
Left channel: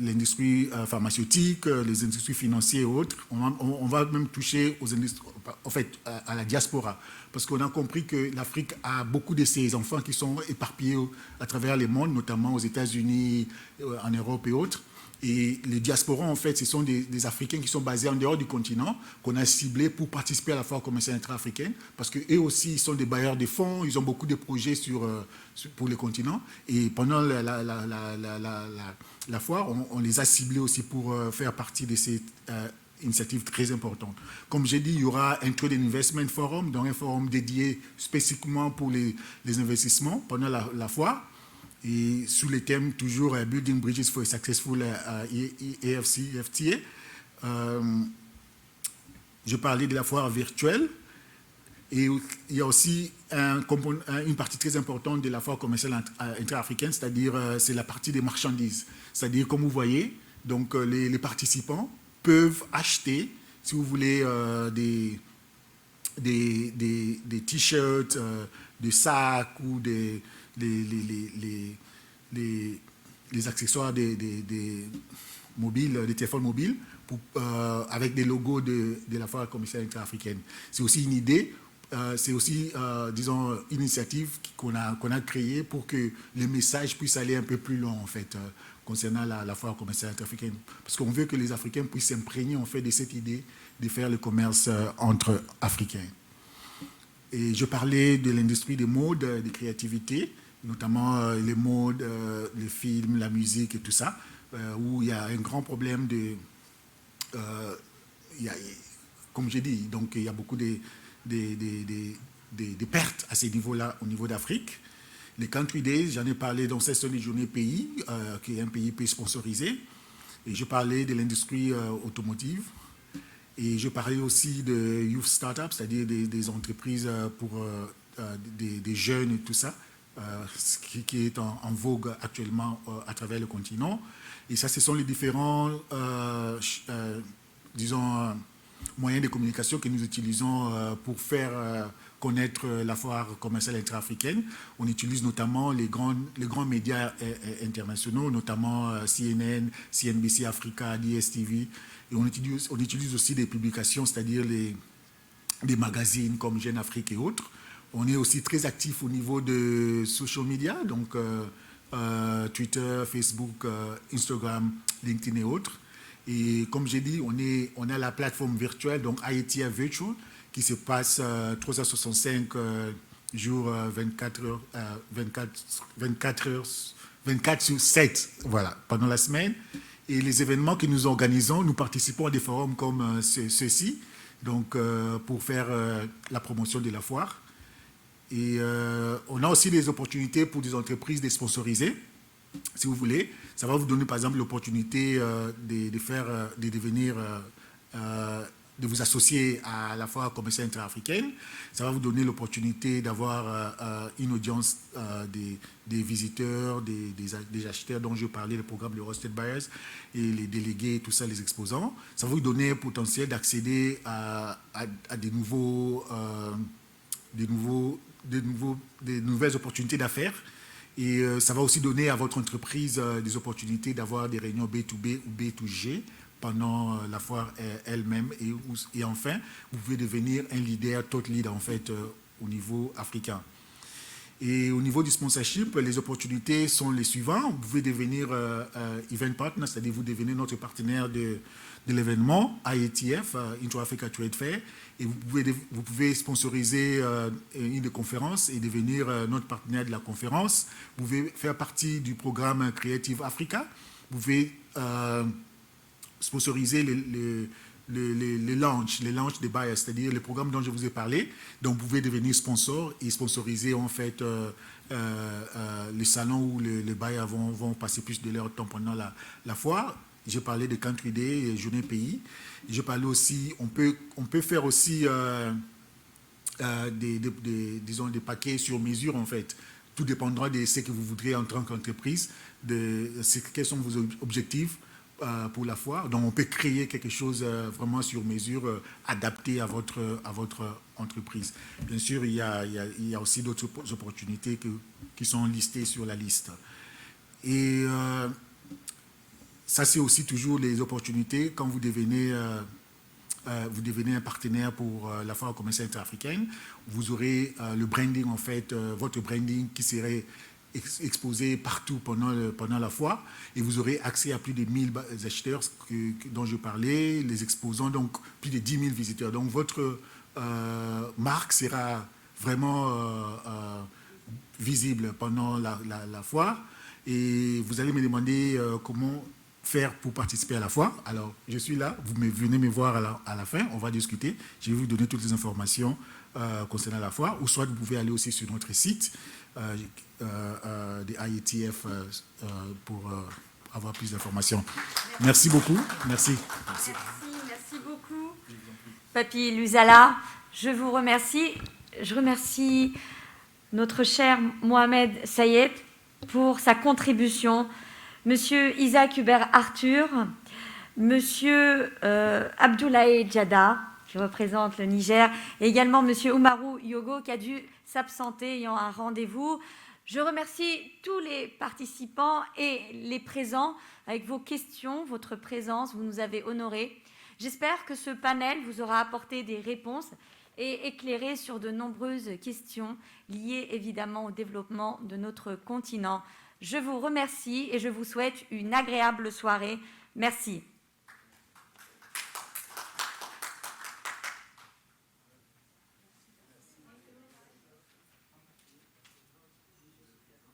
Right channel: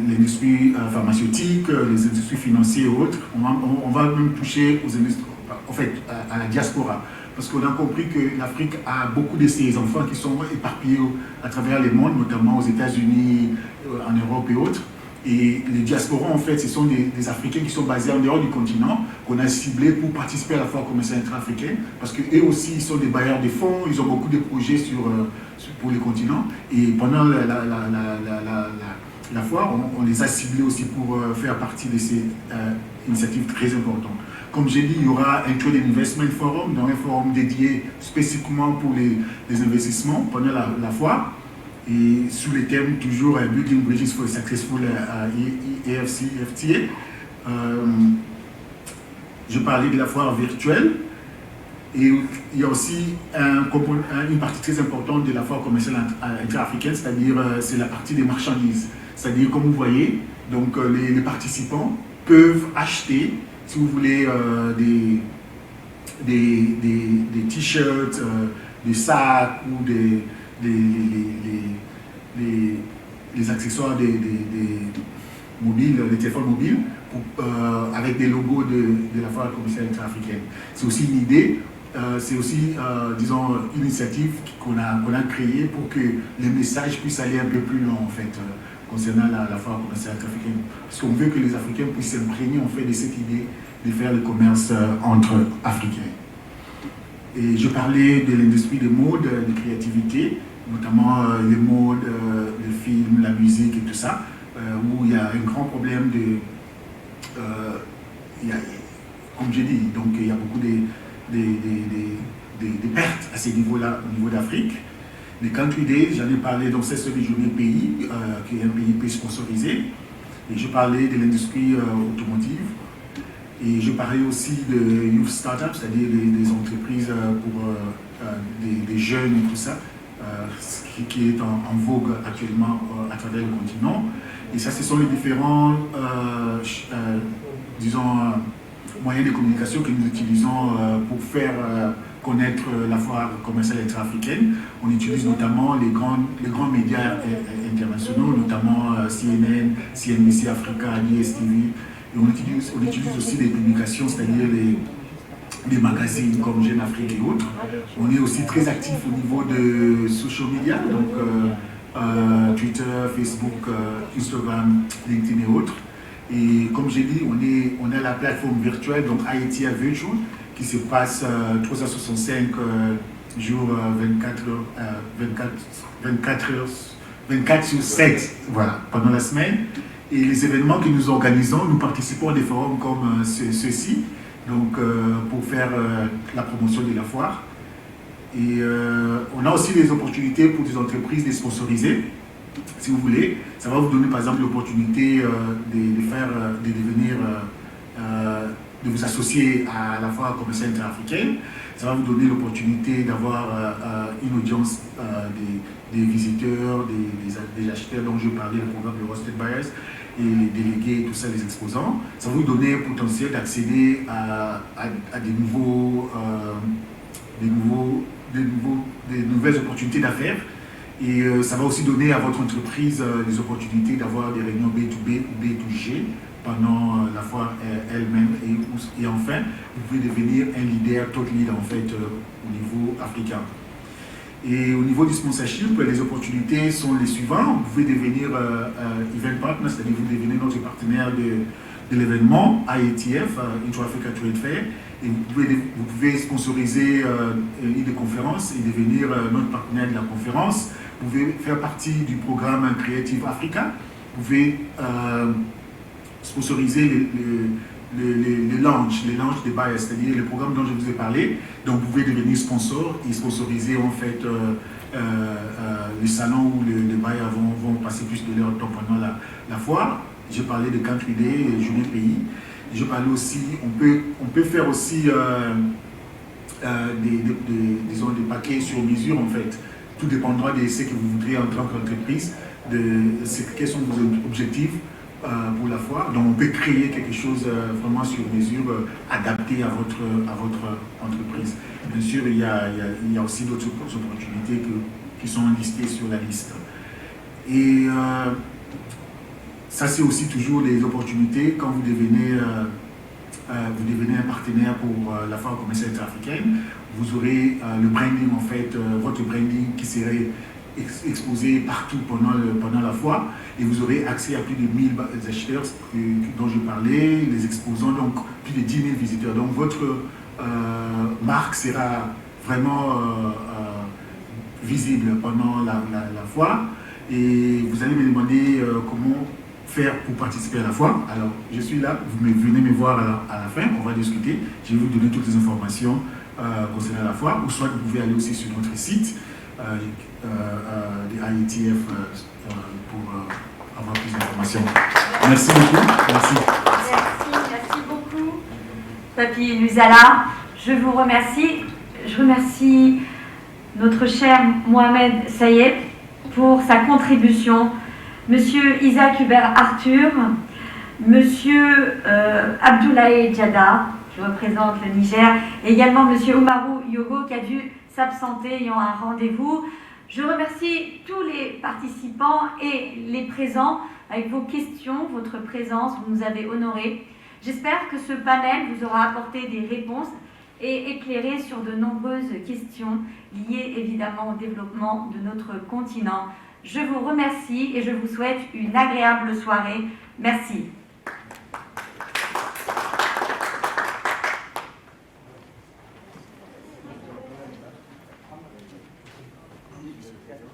l'industrie pharmaceutique, les industries financières et autres. On va même toucher aux industries, en fait, à la diaspora. Parce qu'on a compris que l'Afrique a beaucoup de ses enfants qui sont éparpillés à travers le monde, notamment aux États-Unis, en Europe et autres. Et les diasporas, en fait, ce sont des Africains qui sont basés en dehors du continent, qu'on a ciblés pour participer à la foire commerciale intra-africaine, parce qu'eux aussi, ils sont des bailleurs de fonds, ils ont beaucoup de projets pour les continents. Et pendant la foire, on les a ciblés aussi pour faire partie de ces initiatives très importantes. Comme j'ai dit, il y aura un Trade Investment Forum, donc un forum dédié spécifiquement pour les investissements pendant la foire. Et sous le thème toujours Building Bridges for Successful ITFC, FTA. Je parlais de la foire virtuelle. Et il y a aussi une partie très importante de la foire commerciale intra-africaine, c'est-à-dire c'est la partie des marchandises. C'est-à-dire, comme vous voyez, donc, les participants peuvent acheter, si vous voulez, des t-shirts, des sacs ou des accessoires des mobiles, des téléphones mobiles, avec des logos de la foire commerciale intra-africaine. C'est aussi une idée, c'est aussi, disons, une initiative qu'on a créée pour que le message puisse aller un peu plus loin, en fait, concernant la foire commerciale intra-africaine. Parce qu'on veut que les Africains puissent s'imprégner, en fait, de cette idée de faire le commerce entre Africains. Et je parlais de l'industrie des modes, de créativité, notamment les modes, le film, la musique et tout ça, où il y a un grand problème de... comme je dis, donc il y a beaucoup de pertes à ce niveau-là, au niveau d'Afrique. Les Country Days, j'en ai parlé, donc c'est sur les journées pays, qui est un pays sponsorisé. Et je parlais de l'industrie automotive. Et je parlais aussi de Youth Startups, c'est-à-dire des entreprises pour des jeunes et tout ça, ce qui est en vogue actuellement à travers le continent. Et ça, ce sont les différents, disons, moyens de communication que nous utilisons pour faire connaître la foire commerciale intra-africaine. On utilise notamment les grands médias internationaux, notamment CNN, CNBC Africa, ITFC. Et on utilise aussi des publications, c'est-à-dire les magazines comme Jeune Afrique et autres. On est aussi très actif au niveau de social media, donc Twitter, Facebook, Instagram, LinkedIn et autres. Et comme j'ai dit, on a la plateforme virtuelle, donc ITFC Virtual, qui se passe 365 jours, 24 sur 7, voilà, pendant la semaine. Et les événements que nous organisons, nous participons à des forums comme ceux-ci, donc pour faire la promotion de la foire. Et on a aussi des opportunités pour des entreprises de sponsoriser, si vous voulez. Ça va vous donner par exemple l'opportunité de vous associer à la foire commerciale intra-africaine. Ça va vous donner l'opportunité d'avoir une audience des visiteurs, des acheteurs dont je parlais, le programme de Hosted Buyers, et les délégués, tout ça, les exposants. Ça va vous donner le potentiel d'accéder à des nouvelles opportunités d'affaires. Et ça va aussi donner à votre entreprise des opportunités d'avoir des réunions B2B ou B2G pendant la foire elle-même. Et enfin, vous pouvez devenir un leader, top lead en fait, au niveau africain. Et au niveau du sponsorship, les opportunités sont les suivantes. Vous pouvez devenir event partner, c'est-à-dire vous devenez notre partenaire de l'événement ITF, Intra-Africa Trade Fair. Et vous pouvez sponsoriser une ligne de conférence et devenir notre partenaire de la conférence. Vous pouvez faire partie du programme Creative Africa. Vous pouvez sponsoriser les launch des buyers, c'est-à-dire le programme dont je vous ai parlé. Donc vous pouvez devenir sponsor et sponsoriser en fait les salons où les buyers vont passer plus de leur temps pendant la foire. J'ai parlé de Country Day, Journée Pays. Je parlais aussi, on peut faire aussi des paquets sur mesure en fait. Tout dépendra de ce que vous voudrez en tant qu'entreprise, quels sont vos objectifs pour la foire. Donc on peut créer quelque chose vraiment sur mesure, adapté à votre entreprise. Bien sûr, il y a aussi d'autres opportunités qui sont listées sur la liste. Et ça, c'est aussi toujours des opportunités quand vous devenez un partenaire pour la foire commerciale intra-africaine. Vous aurez le branding, en fait, votre branding qui serait exposé partout pendant la foire, et vous aurez accès à plus de 1000 acheteurs dont je parlais, les exposants, donc plus de 10 000 visiteurs. Donc votre marque sera vraiment visible pendant la foire, et vous allez me demander comment faire pour participer à la foire. Alors, je suis là, venez me voir à la fin, on va discuter, je vais vous donner toutes les informations concernant la foire, ou soit vous pouvez aller aussi sur notre site de ITF pour avoir plus d'informations. Merci beaucoup. Merci. Merci beaucoup, Papi Lusala. Je vous remercie. Je remercie notre cher Mohamed Sayed pour sa contribution. Monsieur Isaac Hubert Arthur, Monsieur Abdoulaye Djada, qui représente le Niger, et également Monsieur Omarou Yogo, qui a dû s'absenter ayant un rendez-vous. Je remercie tous les participants et les présents avec vos questions, votre présence, vous nous avez honorés. J'espère que ce panel vous aura apporté des réponses et éclairé sur de nombreuses questions liées évidemment au développement de notre continent. Je vous remercie et je vous souhaite une agréable soirée. Merci.